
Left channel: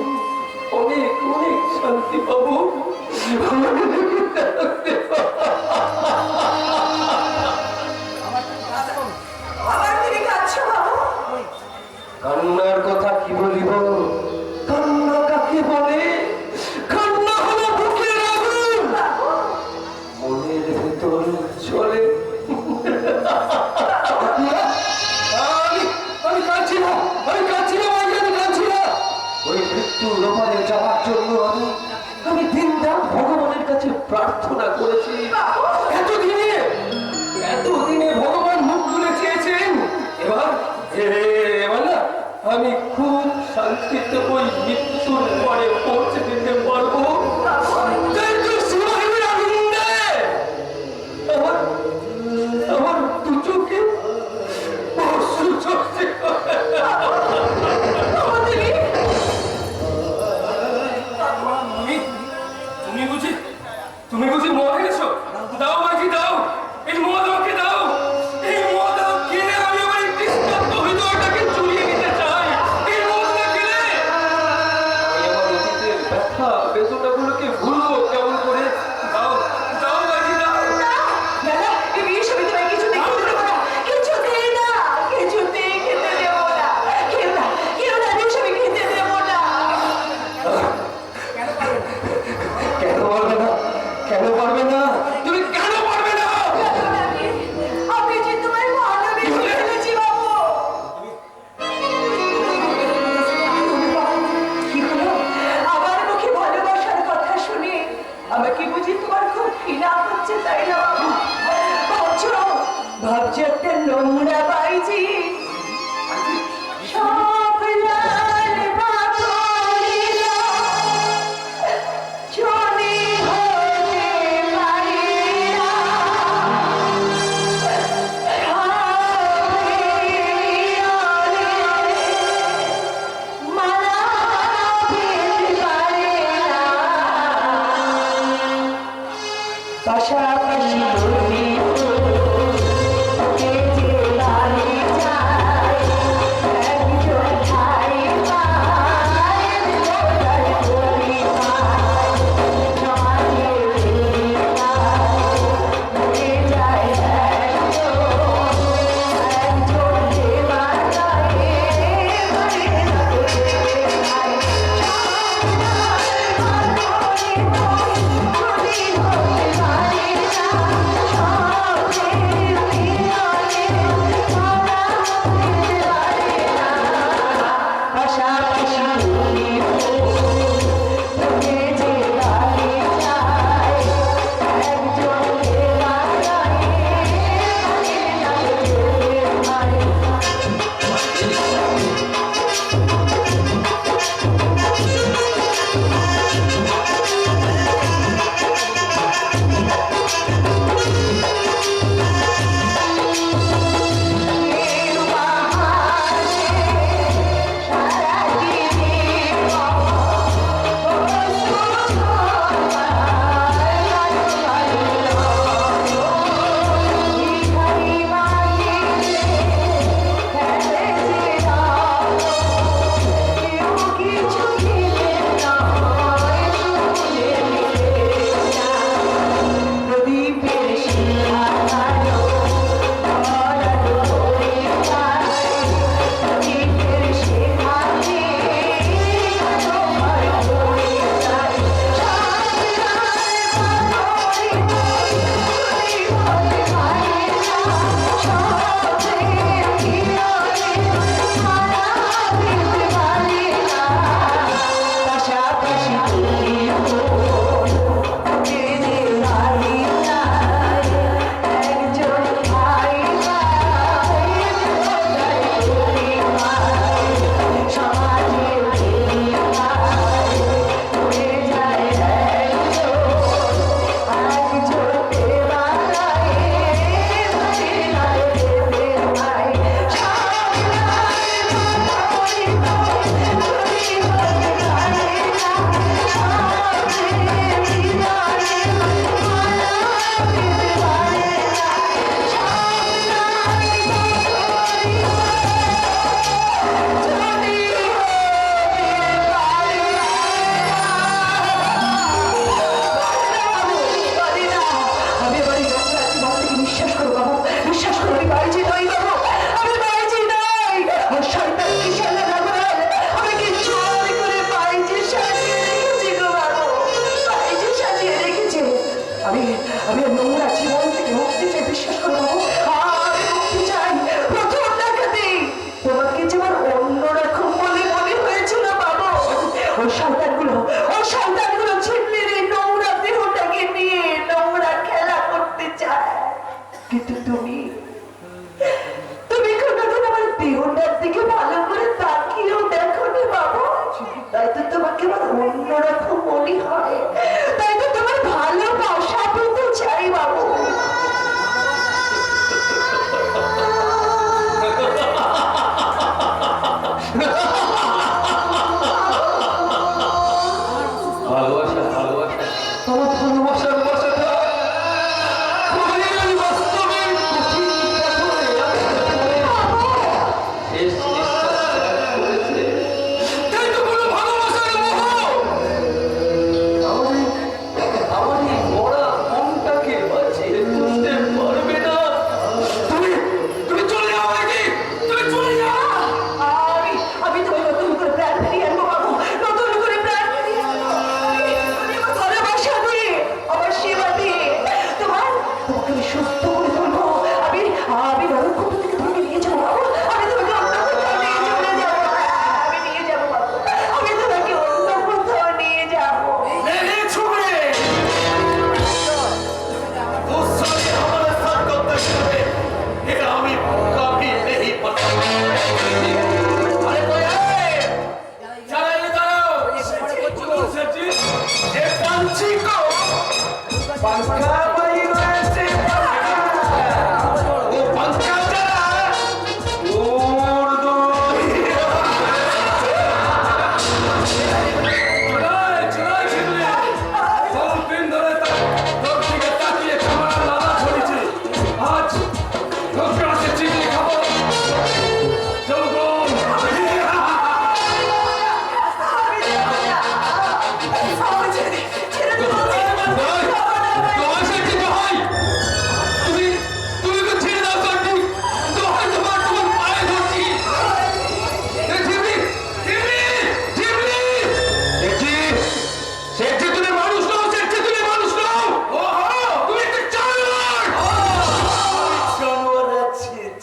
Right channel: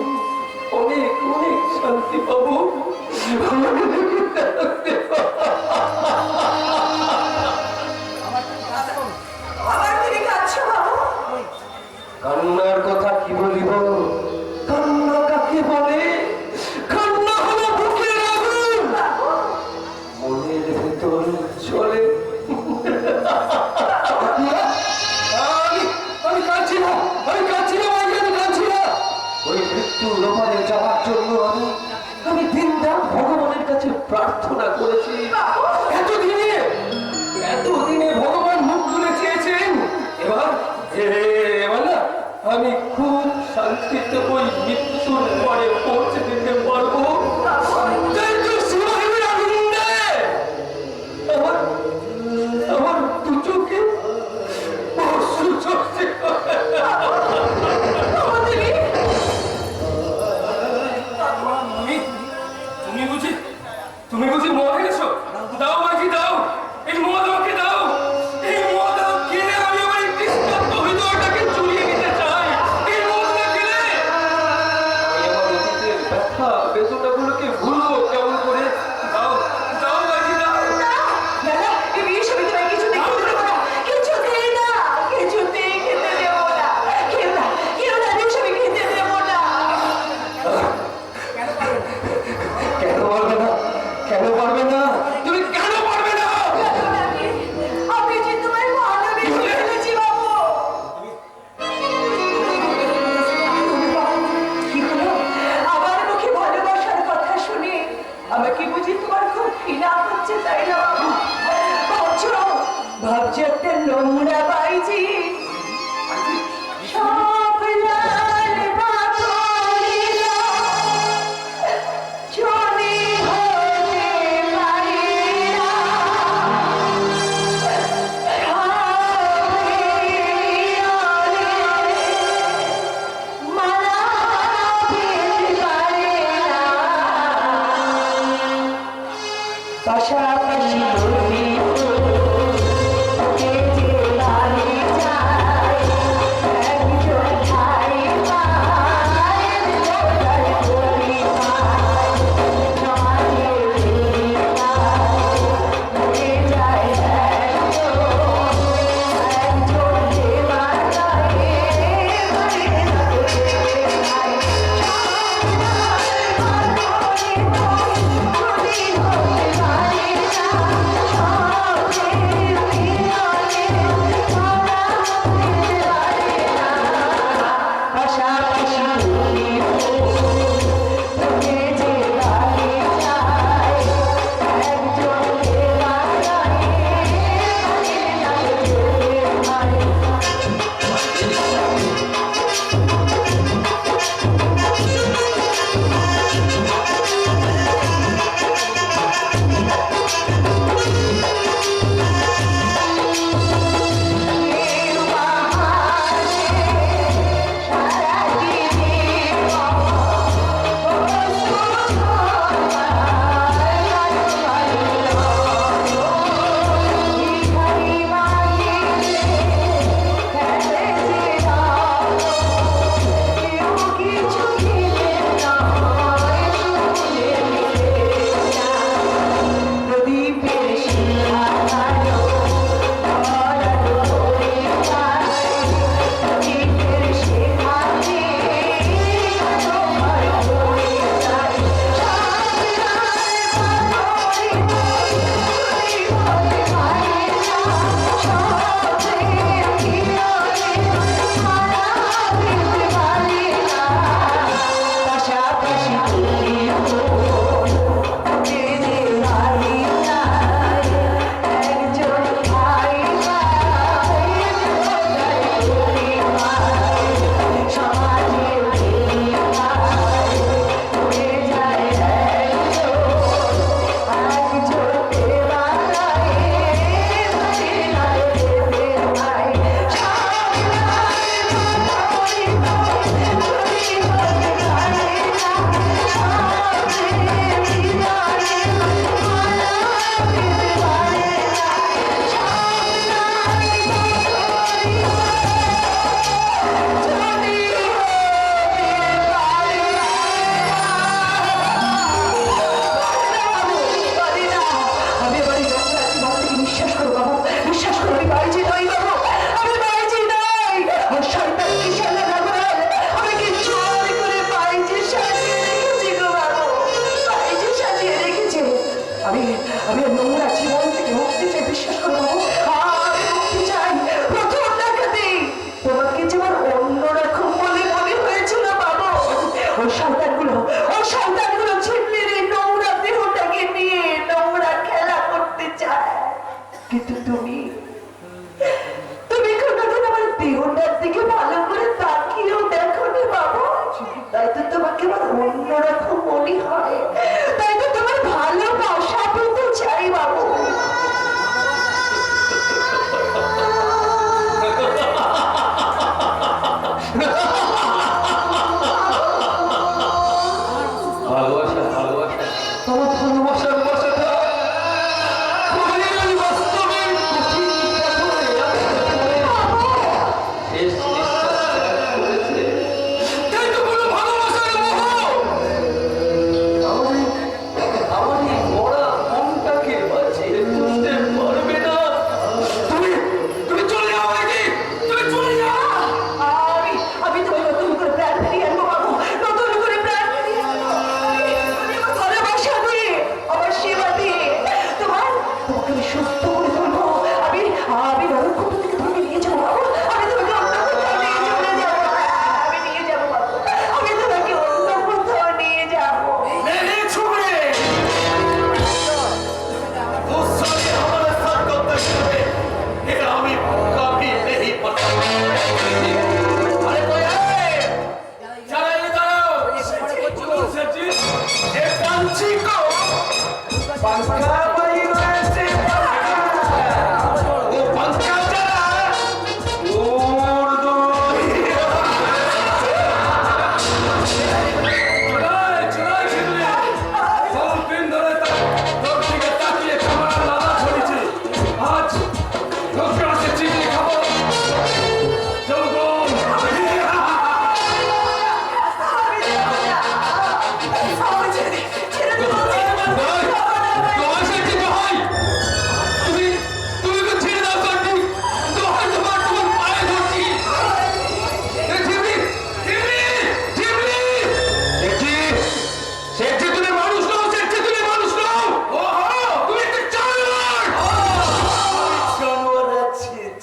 অনেক অনেক শান্তি পাবো। আবার তুমি কাঁদছো বাবু? কান্নার কথা কি বলিব, কান্না কাকে বলে? কান্না হলো বুকের আগুন, মনের ভেতর চলে। আমি কাঁদছি না, আমি কাঁদছি না, আমি কাঁদছি না। ওই মৃত্যুর ওপারে যাওয়ার জন্য আমি দিন রাত ভগবানের কাছে প্রার্থনা করেছি। এতদিনে ভগবান মুখ তুলে চেয়েছেন। এবার এবার না আমি খুব শান্তিতে ওই মৃত্যুর পরে পৌঁছে দিতে পারবো। তাই তো শিবাহিনীর আনন্দে আমার দু চোখে অশ্রু ঝরছে। তুমি বুঝি মরে গেছো? দাও বাকি দাও, এই মদ আমাকে দাও, এই মদ কিনে আমি আমার এই নিস্তব্ধ হৃদয়টাকে চুরিয়ে নিতে চাই। এই মদ না কিনে আমি আমার অতীতের ব্যথা বেদনাগুলোকে ভুলবো কেমন করে? দাও দাও বাকি দাও। না, এই সবই তোমায় কিছুতেই খেতে দেবো না। কিছুতেই না, কিছুতেই খেতে দেবো না। কেউ না, এই সবই খেতে দেবো না। কেন পারবে না? কেন পারবে না? তুমি কেন পারবে না? কেন নাকি? আমি যে তোমায় ভালোবেসে ফেলেছি বাবু। কি হলো? আমার মুখে ভালোবাসার কথা শুনে আমাকে বুঝি তোমার খুব ঘৃণা হচ্ছে, তাই না বাবু? ভাবছো একটা নোংরা বাইজি সব লাল বাতরিরা চলে হতে পারে না। মালা পেতে পারে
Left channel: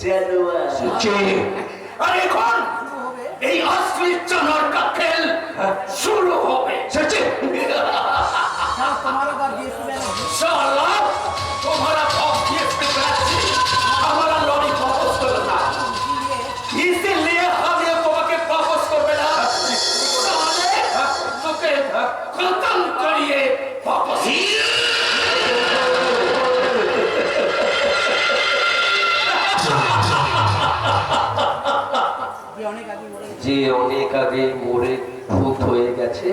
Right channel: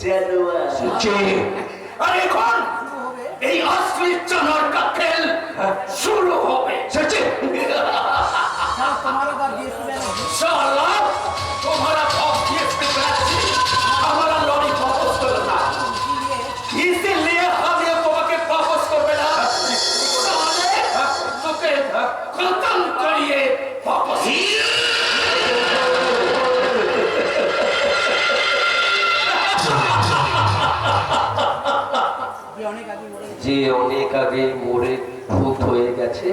জানোয়ার। আর এখন এই असली चनर का खेल शुरू हो गए। तुम्हारा बात ये सुना साला तुम्हारा हमारा लॉरी वापस करना, इसीलिए हम ये तुम्हें वापस कर देना। साले तुके खत्म करिए वापस। যে অনেক আগে মরে ভূত হয়ে গেছে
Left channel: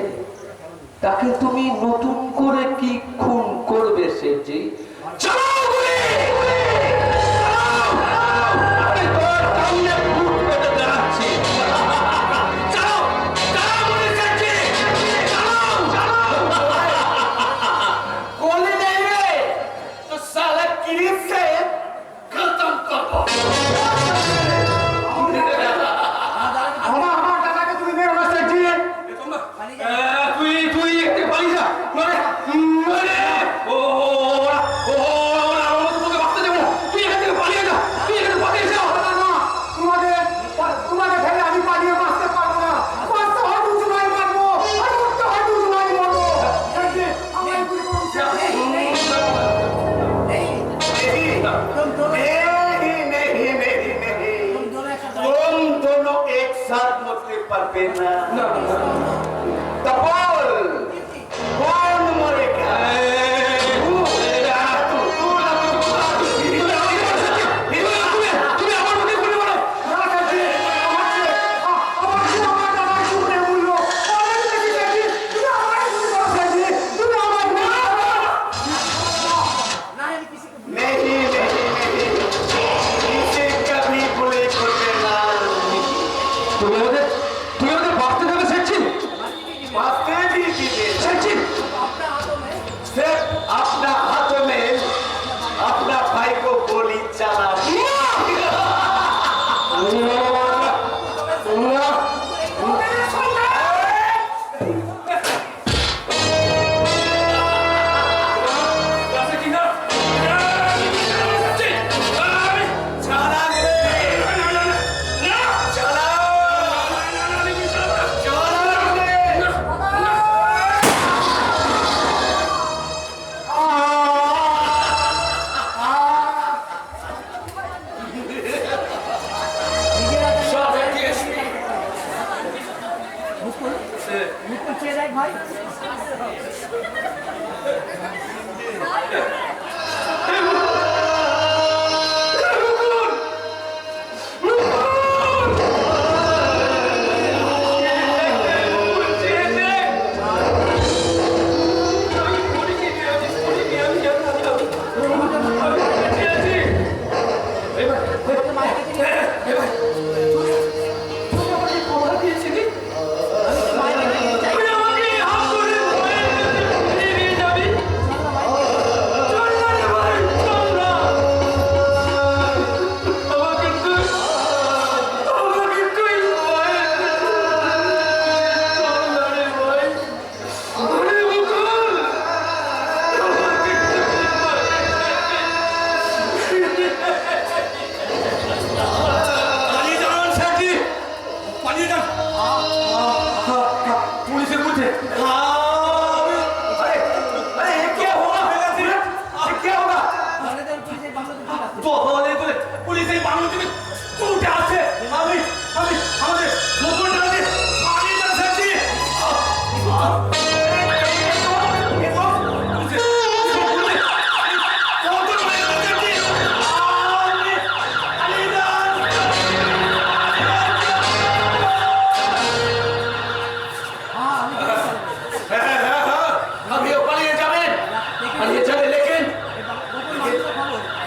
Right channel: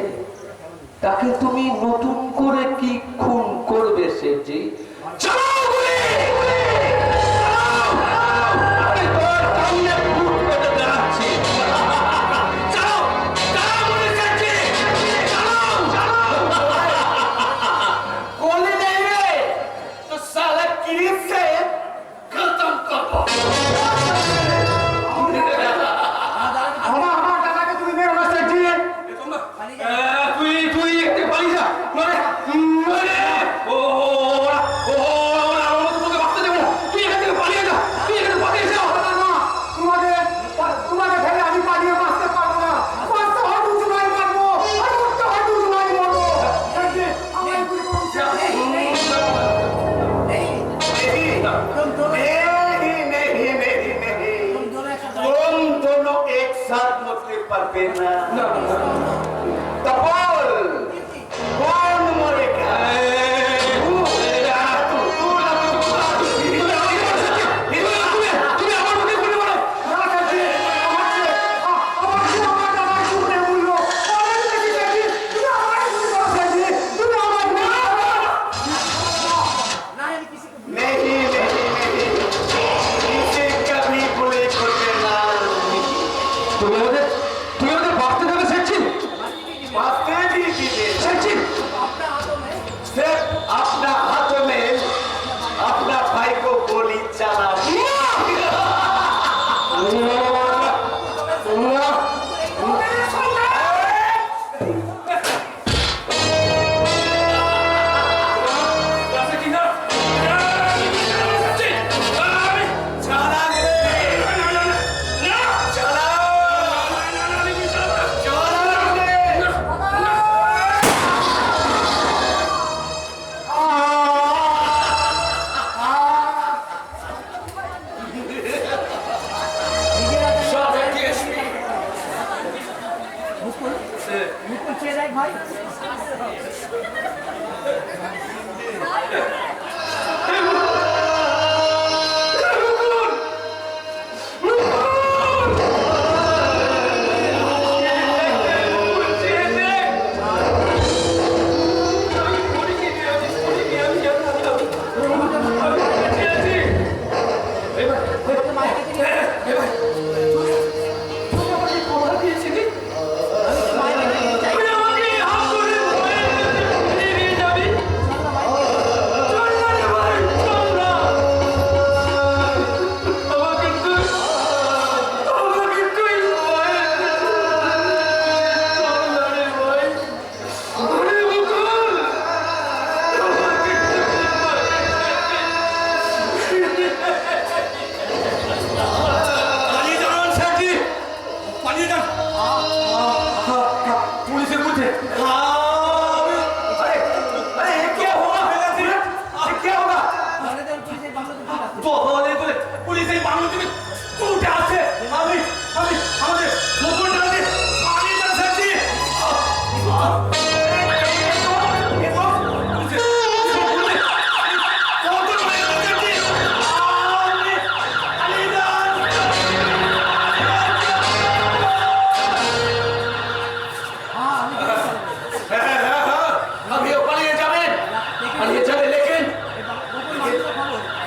তাকে তুমি নতুন করে কি খুন করবে সেজি? चलो बोले আমি তোর সামনে ভূত করে দাঁড়াচ্ছি। गोली नहीं रे तो साला किरीट से खत्म कर दो। हमारा दादा तुम्हें मेरे रास्ते दिए। তুই একটু পালিয়ে যা। মানে আমার তোকে বাঁচতে দেবো না। তুই এখান থেকে পালিয়ে যা। তুই এখানে পালিয়ে যা। তোমাকে ফেলে আমি পালিয়ে বাঁচতে পারবো না। বাঁচতে হয় দুজন মারি মারবো, আর উঠতে হয় দুজন মারি মারবো। আমার গুলি तुम दोनों एक साथ मरते पारबे ना। तपोल कौन मरेगा? তুই ওদের বাঁচতে দেবে সেছি? সেছি सिर्फ अपना हाथों में अपना भाई को गोली चला। मुझको चेहरा भाई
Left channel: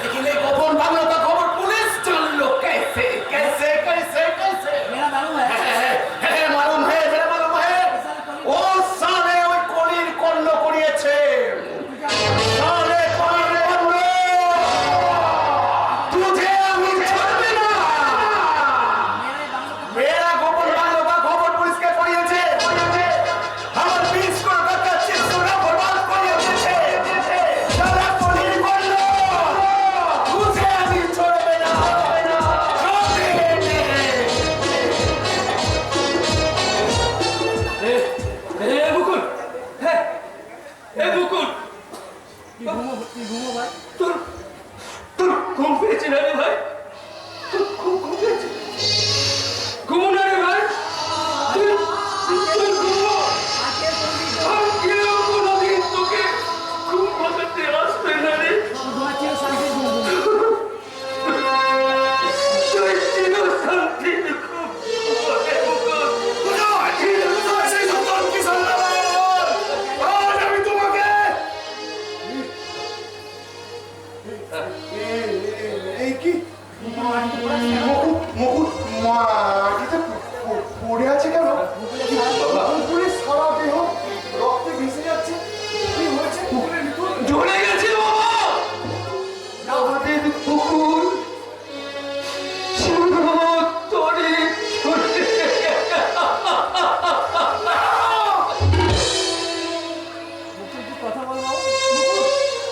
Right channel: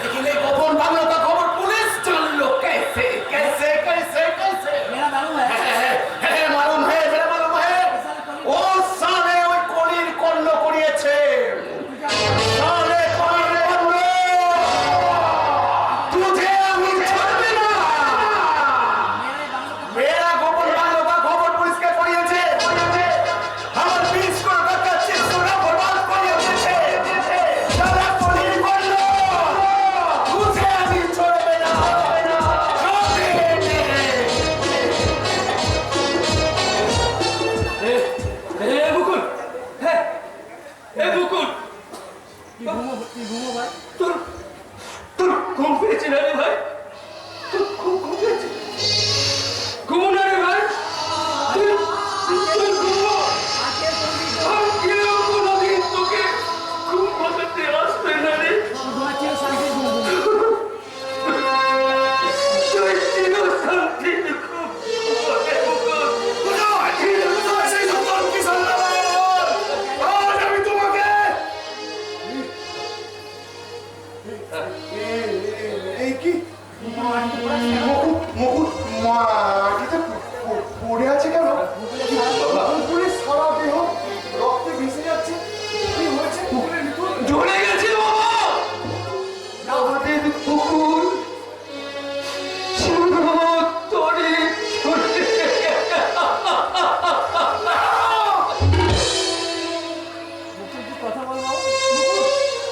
लेकिन एक गोपन बांग्ला का खबर पुलिस जान लो कैसे कैसे মাটিতে পড়ে আছে কেন? মুকুট মাটিতে পড়ে আছে কেন? মুকুলের সারা দেহ রক্তে ভেসে যাচ্ছে। কি হয়েছে মুকুলের ভিতর? ঝরে গেছে বাবা আমাদের পুকুর চিরতরে ঝরে মুকুল, তুই কথা বল বাবা।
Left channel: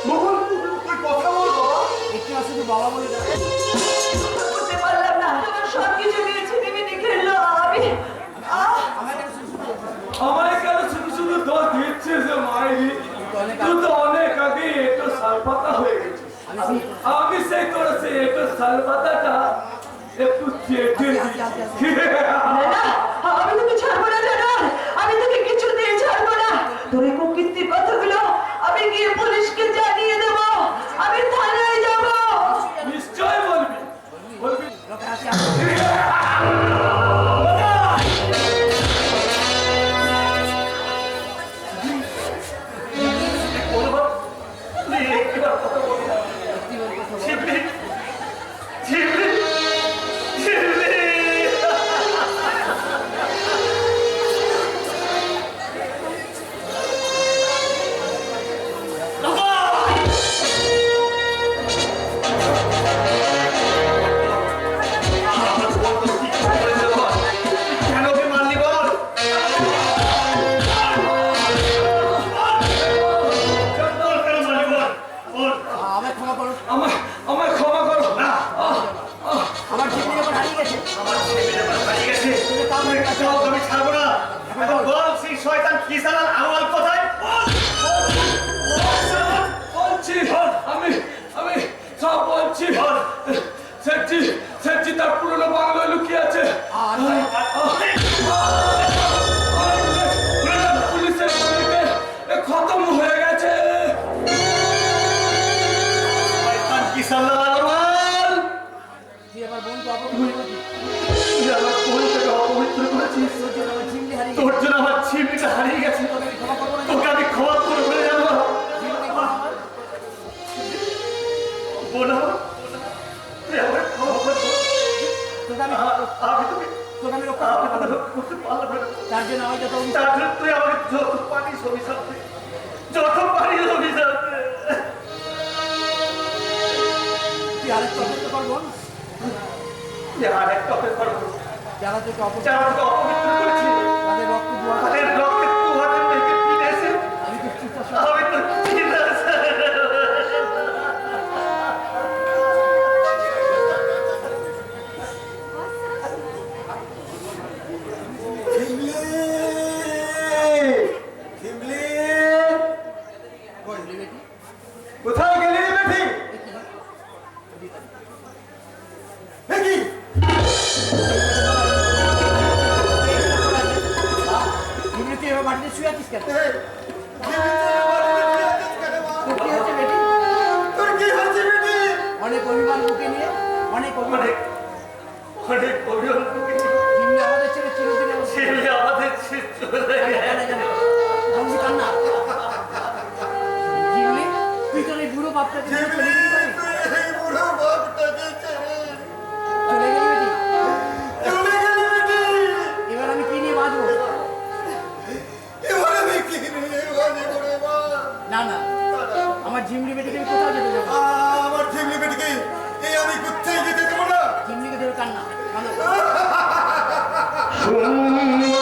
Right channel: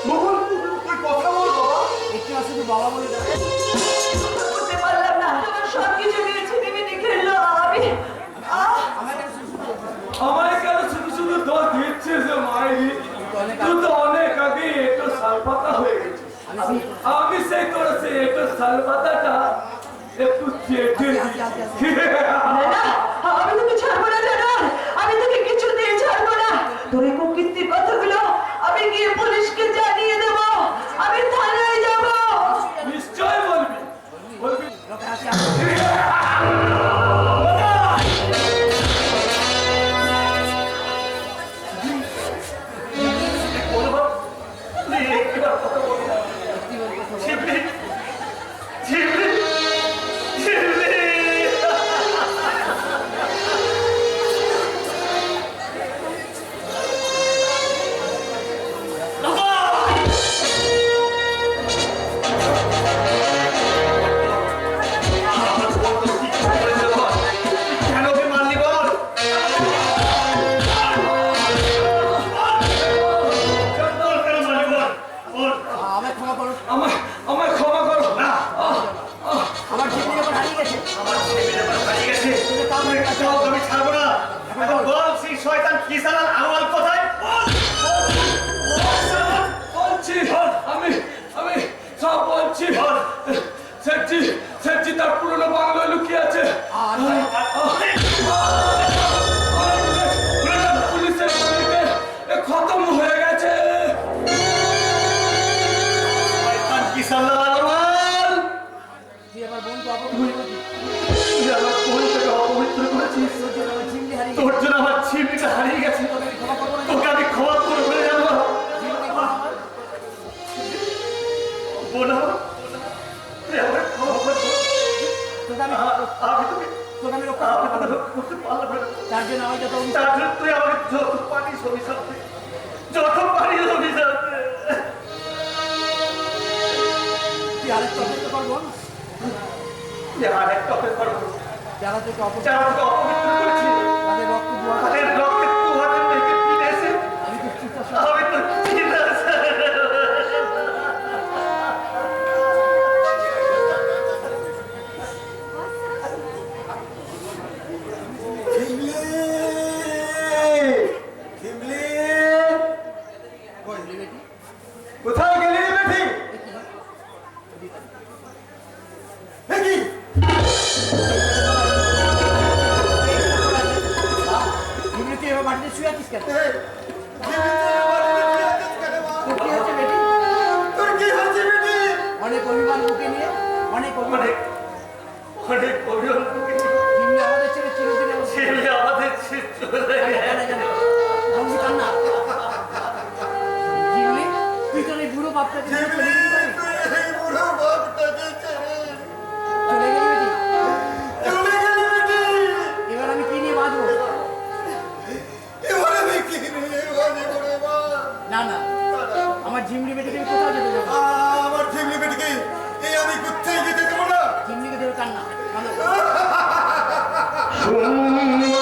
মুকুল তুই কথা বল বাবা। একটু আর শুধু বাবা বলে ডাক। বুঝতে পারলাম না, তোমার সবকিছু নিয়ে ছিনিমিনি খেললো। আমার কাছে শুধু শুধু বলছিস। আমায় কেন শুধু শুধু দোষ দিচ্ছে যে মায়েরি তুই তো অনেক আগে একটু সালপাতা হয়ে গেছিস আমি সেই করেছি একটু সালপাতাটা একটু চেটে দিচ্ছি। না, আমি তোকে ছাড়বো না জানো, আমি তোকে কিছুতেই ছাড়বো না। তোর এই কুকীর্তির কথাগুলো আমি গিয়ে পুলিশকে জানিয়ে দেবো, আমি থানায় যাবো। নিশ্চয় বলবি বলবি লোকে আসি আসি। কেন ওকে মারলি বল? বল কেন মারলি বল? বল। আমায় ক্ষমা করো। আমায় ক্ষমা করো না, আমার জীবনে যখন হারিয়ে গেছে আমার ছেলে যখন হারিয়ে গেছে, তুমি কাম তুই একটা চাও আমি ছাড়বো না। এখন বল সেই শয়তান কিসালাল আওয়াল কোথায়? বল। বলছি আমি আমি সব বলছি বল। সেটি তার পুরনো বাংলায় লুকিয়ে আছে পুলিশের গুলিতে খতম হয়ে গেছে শয়তান কিসালাল আওয়াল। তুই আমার বোনকে অপমান করেছিস। তুই আমার বোনটাকে অপবিত্র করেছিস। তোর জন্য আমার ঝিমলি হারিয়ে তোর গেছে। জন্য আমার ছিমনিটা হারিয়ে গেছে। তোকে আমি ক্ষমা করবো না। তোকে আমি ক্ষমা করে ফেলে যাবো। ঝিমলি ক্ষমা আমার। বোন আমার, তুই আমাকে ক্ষমা করে দে। তোকে আমি আমি তোকে তোকে আমি রক্ষা করতে পারবো না। করতে পারলাম না। তার জন্য আমার যত অভিযোগ তার জন্য তুই আমাকে যত পারিস অভিশাপ দে। যত পারিস অভিশাপ দে। তুই আরেকটু অপেক্ষা করবো তুই আর একটা অপেক্ষা করবো। যারা তোকে অপমান যারা তোকে অপবিত্র করেছে, তাদের রক্ত দোয়া তাদের রক্তে তু হাতে মেখে পিনেছে। আমি তো চুপচাপ আমি তো চিনেছে। কোথায় গেলি রে বেটি কি ঝিমলি তুই এবার মাটিতে শুয়ে আছিস কেন? তোর কি হয়েছে বেটি? তোর কি হয়েছে বেটি অনেক অভিমান বুকে নিয়ে অনেক অভিমান অনেক অনেক অভিযোগ ঝিমলি আমাদের ছেলে চিরদিনের মতো ছেলে আমাদের ছেড়ে চলে গেছে। ঝিমলি কান্না। ঝিমলি তুই তোর এই বুড়ো বাপটাকে ছেড়ে চলে গেলি বাড়ি? বুড়ো বাপটাকে ছেড়ে চলে গেলি বেটি? চলে গেলি বেটি এবার আমি কি নিয়ে বাঁচবো? এবার আমি কি নিয়ে বাজে করে মা না না আমার ঝিমলি বেটিকে আমি কোথাও যেতে দেবো না। আমার ফ্যামিলি বেটিকে এই আমি কোথায় যেতে দেবো না ঝিমলিকে ধরে কান্না কান্না সুন্দর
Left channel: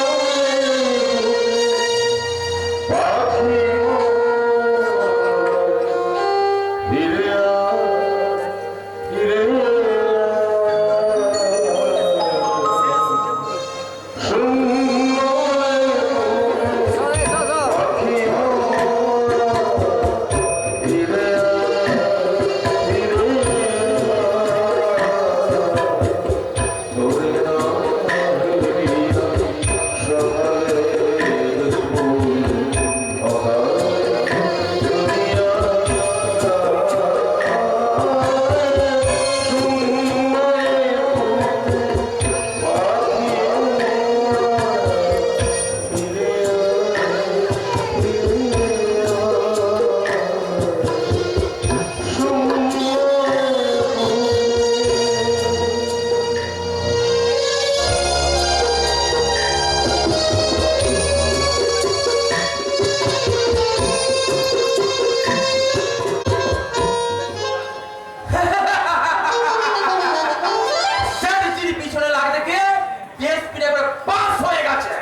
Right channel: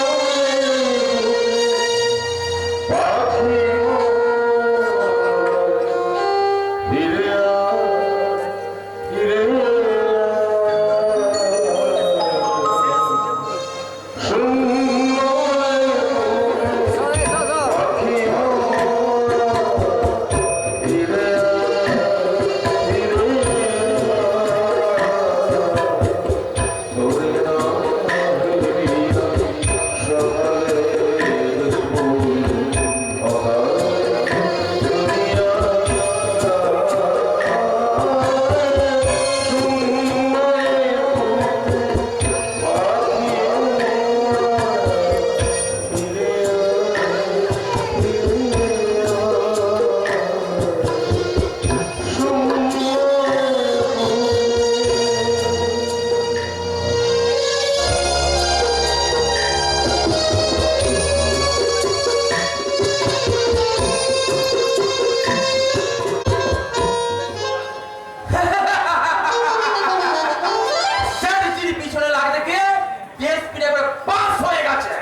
বিএসপি এবার পাস হয়ে গেছে।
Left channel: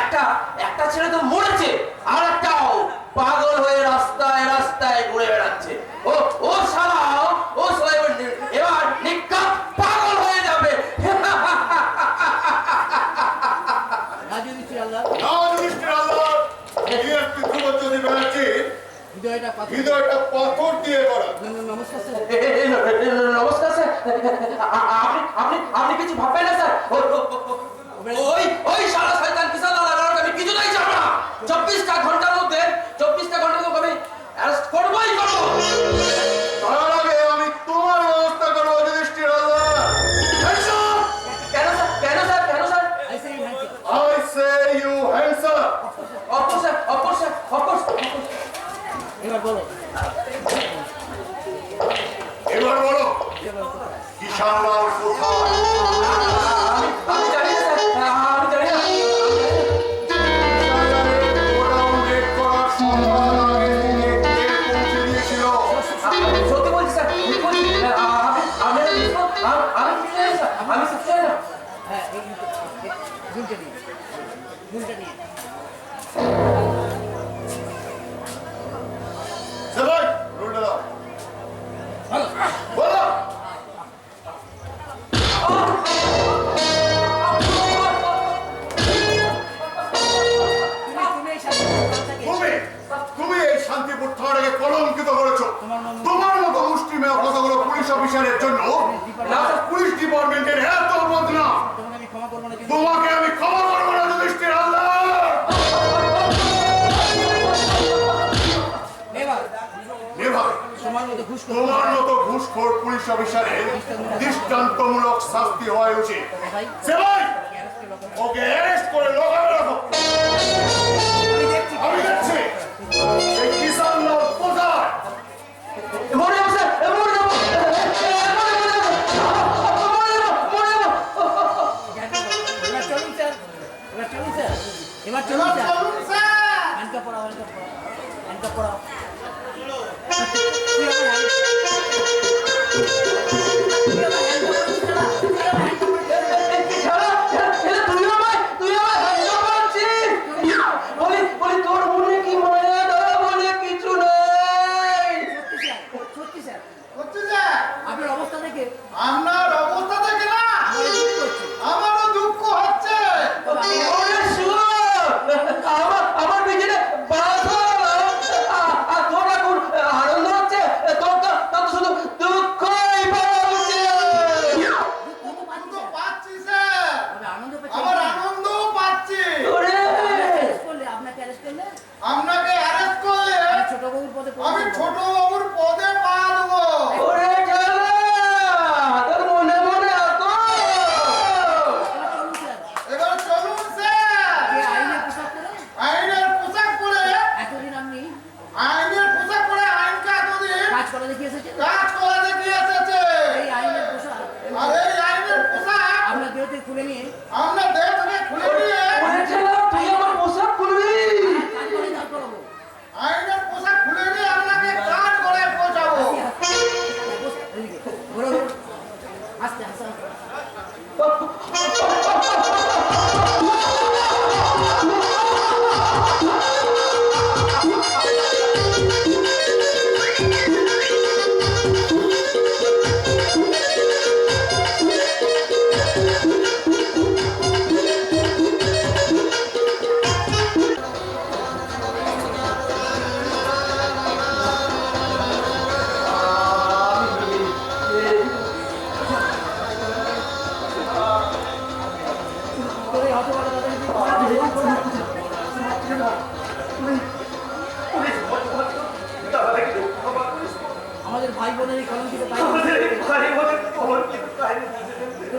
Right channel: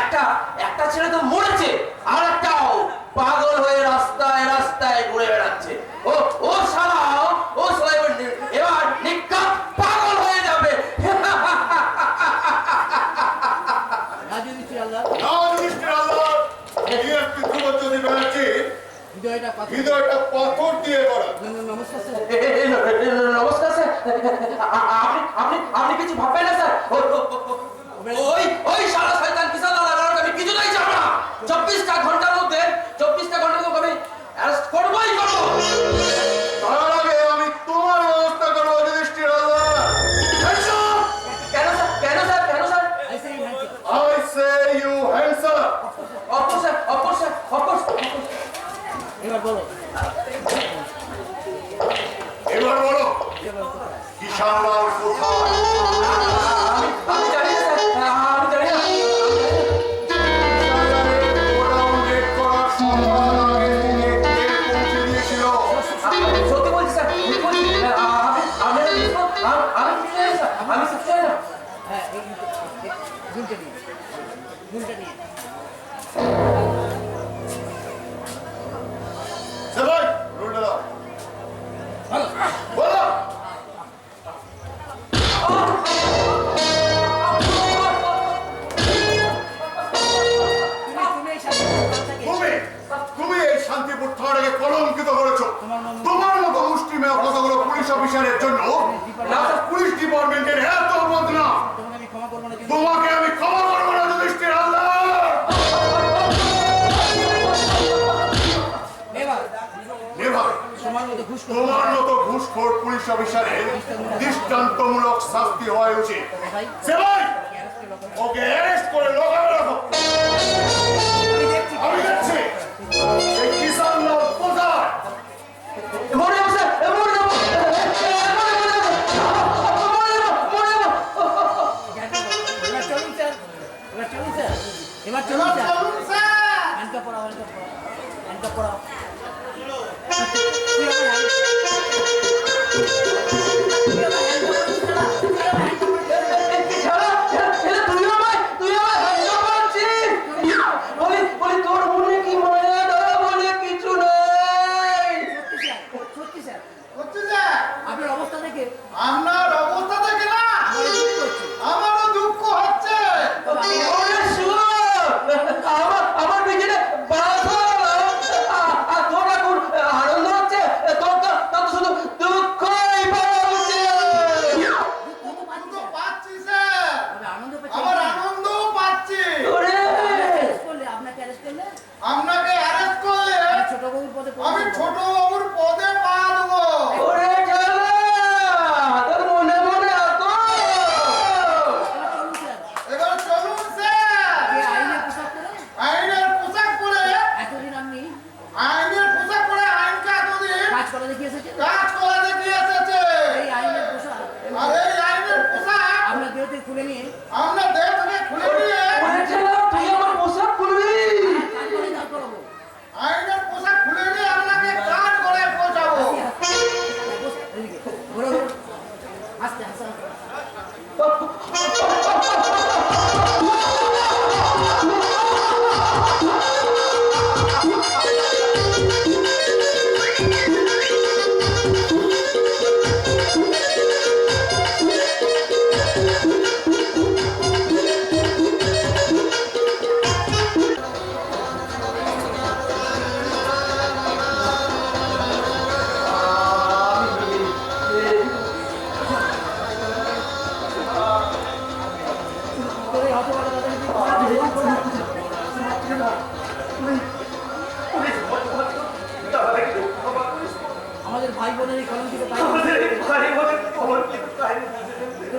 একটা একটা ছেলে তো মরেছে, আর একটাও পাগল হয়ে রাস্তায় রাস্তায় ঘুরে বেড়াচ্ছে। ও শালা এবার নিকাপ পাগল হয়ে যাবে। রাজু মিস্ত্রি আল্লাহ মিস্টার আল্লাহ, বিএসপি ধ্রুবজ্যোতি ব্যানার্জি হৃদয়টা পাথর হৃদয়টা পাথর দিয়ে করা। নমস্কার স্যার। নমস্কার স্যার। আপনি কিছু ভাববেন না স্যার। ওই শালা শয়তান কিসান লাগানোর আমি কিছুতেই যাব না। 24টা ঘন্টার মধ্যে আমি অ্যারেস্ট করবই করব। তার আগে আমি তোমার ব্যবস্থা করবো মিস্টার আল্লাহ। কেন sir? I say hand I say you hands up. Of course. এবার বলো এবার বলো কিষানলাল কোথায়? আমি জানি না স্যার, আমি জানি না। গোডাউন রেড করার সম্মান আগে থেকে কে পৌঁছে দিয়েছিল? সত্যি বলছি স্যার, সত্যি বলছি। আমি কিছু জানি স্যার, আমি কিছু জানি না। হ্যাঁ এই গুলটা নিয়ে সবাই রুলটা দাও। বলো তুমি এই সাথে তুমি এই শান্তিপুর থানাকে কলঙ্কিত করেছো। তোমার মতো মুষ্টিমেয় কতগুলো পুলিশ অফিসারের জন্য পুলিশ ডিপার্টমেন্টের এত বদনাম। তোমাকে আমি ক্ষমা করবো না তোমাকে আমি ক্ষমা করবো কিন্তু না মিস্টার আল্লাহ। এবার নেভার তোমার মতো ঘুষ করো তোমার মতো ঘুষখোর পুলিশ অফিসারের দৃষ্টান্তমূলক শাস্তি হওয়া উচিত। সেবাই ওকে অ্যারেস্ট করে লোকালে রাখো। আমি দেখছি এই কিষানলাল কোথায়। মরে যাবো স্যার, মরে যাবো। এবার চলুন স্যার এবার চলুন স্যার হ্যান্ডকাপ পরাও তুই আমার হাত পাচ্ছিস। বলি তোর মনে কি মায়া দয়া বলে কিছু নেই। সত্যি স্যার হচ্ছে যে আপনার অবস্থা দেখে আপনার অবস্থা দেখে না আমার দুঃখ হচ্ছে আমারও দুঃখ হচ্ছে। ওরে শুয়োর, আমার পিছনে বাধা, আর তোর এখন আনন্দ হচ্ছে। তোর তো শুধু দুঃখই পাওয়া উচিত। তো পাচ্ছি স্যার, তবে আনন্দ আমার আনন্দও পাচ্ছি। ওরে আপনাকে অ্যারেস্ট করলে আপনাকে অ্যারেস্ট করলে ছোট বাবুর পদে আমি ছোট বাবুর পদে পা দেবো। ওরে খেলা, তোর মনে মনে এত। চলুন স্যার এবার চলুন স্যার। যে আইনের পোশাক পরে আইনের পোশাক পরে এতদিন আপনি আইনকে এতদিন কাজ করে দেখিয়ে এসেছেন কাজ করে দেখিয়ে এসেছে। এই আইনের পোশাক আর এই আইনের পোশাক আপনার দেহ থেকে খুলে নিয়ে আমরা দেহ থেকে খুলে নিয়ে ওরে খেলা, তুই আমার পোশাক খুলবি। কাজ করে দাঁড় করাবো আইনের পোশাক খুলে নিয়ে আপনাকে কাজ করে পৌঁছাবো। এদিকে ঘোরো ঘোরো আস্তে আস্তে করে হতবাক আমাদের ভাই বোনের এই কলঙ্কিত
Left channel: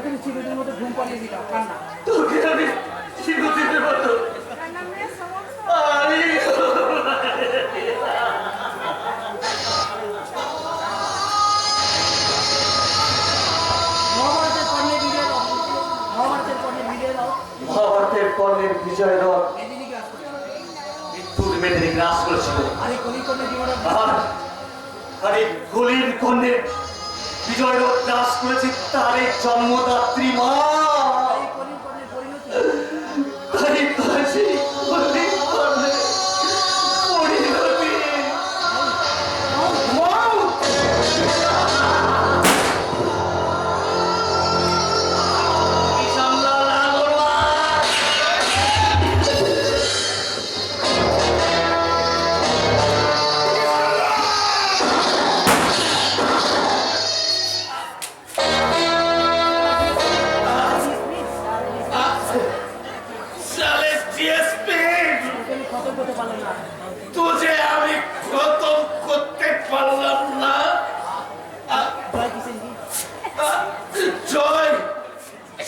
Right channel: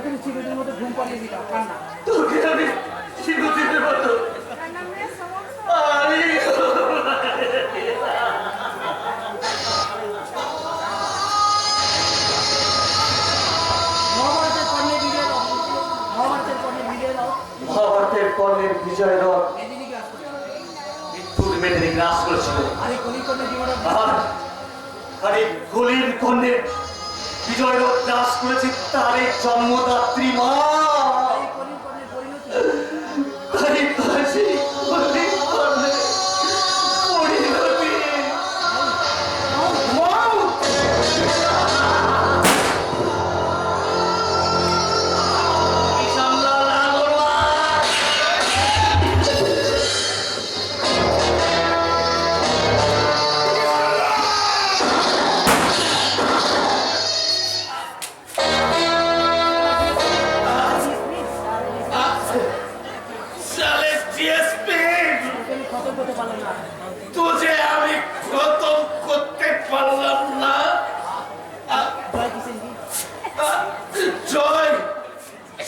তুমি চিরদিনের মতো ঘুম পালিয়ে দিতাম কান্না তোকে আমি চিরদিনের মতো মহাভারতের কর্ণে বিজয় দাও মহাভারতের কর্ণে বিজয় দাও মহাভারতের কর্ণের বিজয় রথ মেদিনীকে আসতে মৃত্যুর মেদিনী গ্রাস করেছিল। আরে কলি কর্ণে জীবন আর এই কলির কর্ণে বিজয় রথ গ্রাস করেছে তার এই জন্মদাত্রী মা। এই কলি কর্ণে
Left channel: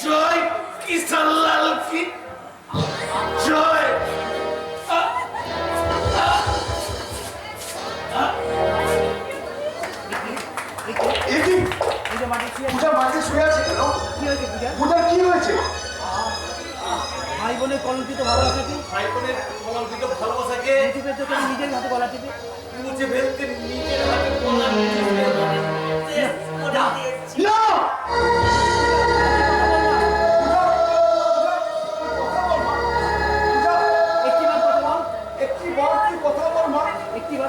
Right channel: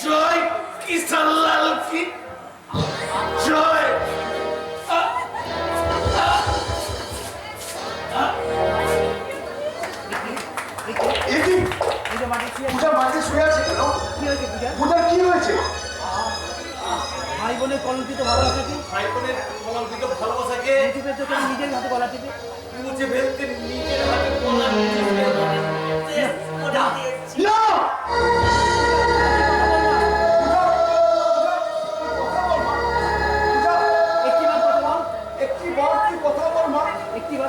জয় কিষানলাল কি জয়। এই যে মাটি শুয়ে আছে, পূজা মাঝে শুয়ে আছে কেন? কি হয়েছে পূজা? পূজার কি হয়েছে? ভাই বোনের কলঙ্কিত ভালোবাসাকে ভাই বোনের কলঙ্কিত ভালোবাসাকে মুছে ফেলতে করে নিজের হাতে গলা টিপে মুছে ফেলতে নিজের হাতে গলা টিপে না! একটিবার কথা বল, একটি বার কি কথা বল মা? একটিবার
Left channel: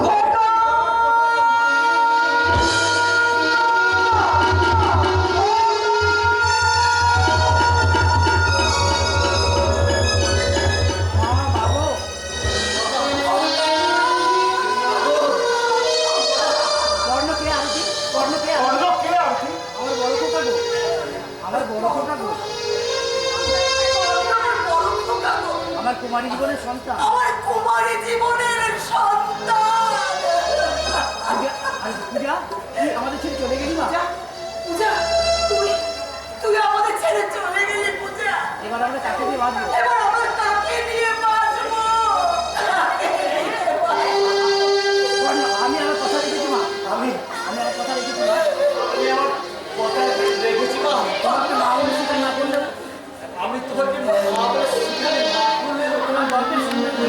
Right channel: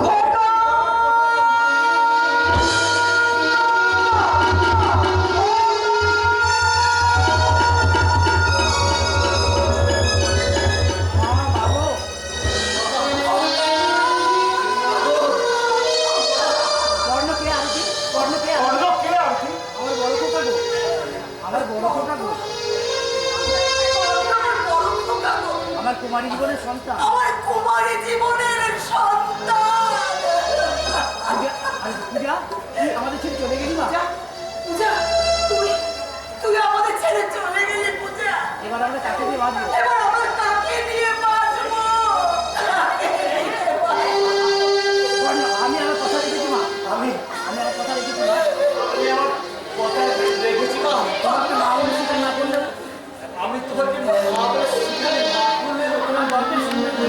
কর্ণ কে আরতি? কর্ণ কে আরতি? অন্য কে আরতি? আমার বড় খোকা গো, আমার বড় খোকা গো, আমার কুমারী জীবনের সন্তান। আমার কুমারী জীবনের সন্তান। পূজা, আর পূজা তুই আমাদের ছেড়ে চলে গেলি মা? পূজা, তুই আমাদের ছেড়ে চলে গেলি পূজা। এবার আমরা কাকে দিয়ে বাঁধবো? এবার আমরা কাকে নিয়ে বাঁচবো? কর্ণ, আমি আমার কথা রেখেছি মা, আমি আমার কথা রেখেছি মা। আমি আমার কথা রেখেছি মা। তোমাকে মা বলে স্বীকার না করলেও আমি তোমাকে মা বলে স্বীকার না করলেও তোমার গল্পের সুন্দর করে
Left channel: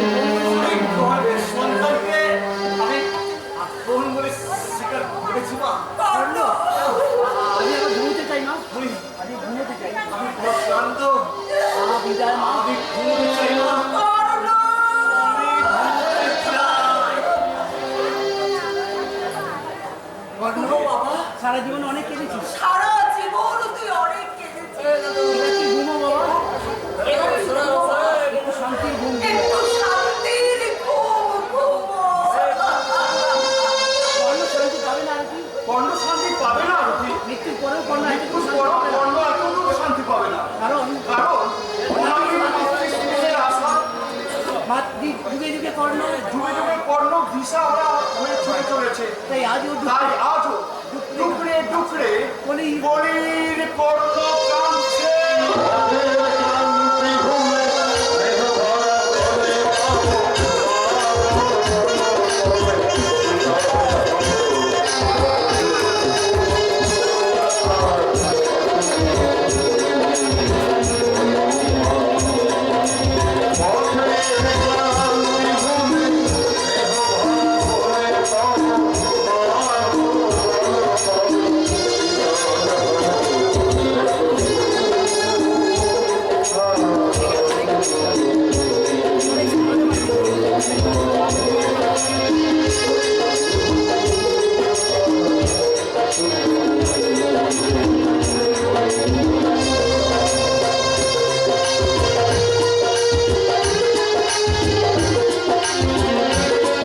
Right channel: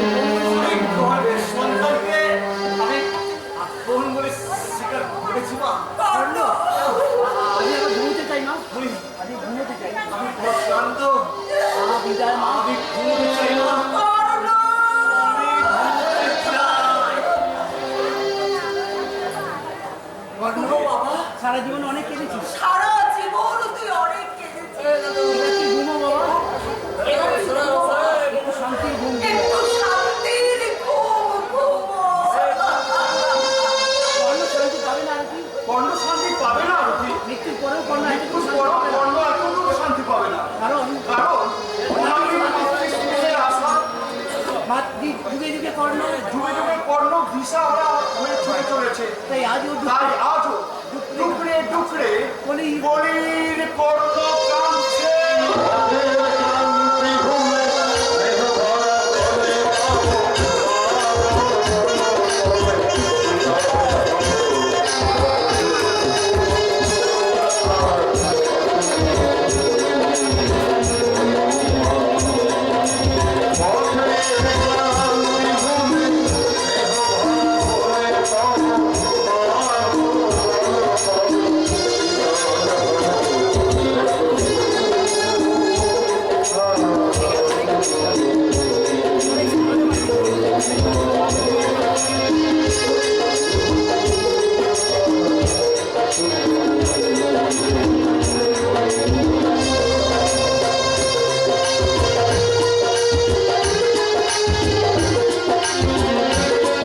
এই ঘরের সন্তানকে আমি আপন বলে স্বীকার করেছি মা। কর্ণ, আমি আবার ঘুমোতে চাই মা, আমি ঘুমোতে চাই। আমি বড় ক্লান্ত, মা বিদায় মা। আমি ঘুমোতে চাই না। কর্ণ! কর্ণ, সারা জীবন অনেক কেঁদেছি, সারা জীবন তুই অনেক কেঁদেছিস। এবার কি ঘুমো বাবা? একটু শান্তির ঘুম দিও। একটু শান্তির ঘুম ঘুমো। কর্ণ শান্তি পাবে না আর কি? কর্ণ শান্তি পাবে না আরতি। মৃত্যুর পরেও কর্ণ মৃত্যুর একটু পর শান্তি পাবে না। কর্ণ এতটুকু শান্তি পাবে না। কারণ কারণ ওনাকে মাতৃস্নেহের আশা যুগে যুগে কর্ণ, যুগে যুগে কর্ণ দিশাহারা হয়ে ছুটে চলেছে। তাই আজও তাই আজও ডুকরে ডুকরে বলি বলির কর্ণকে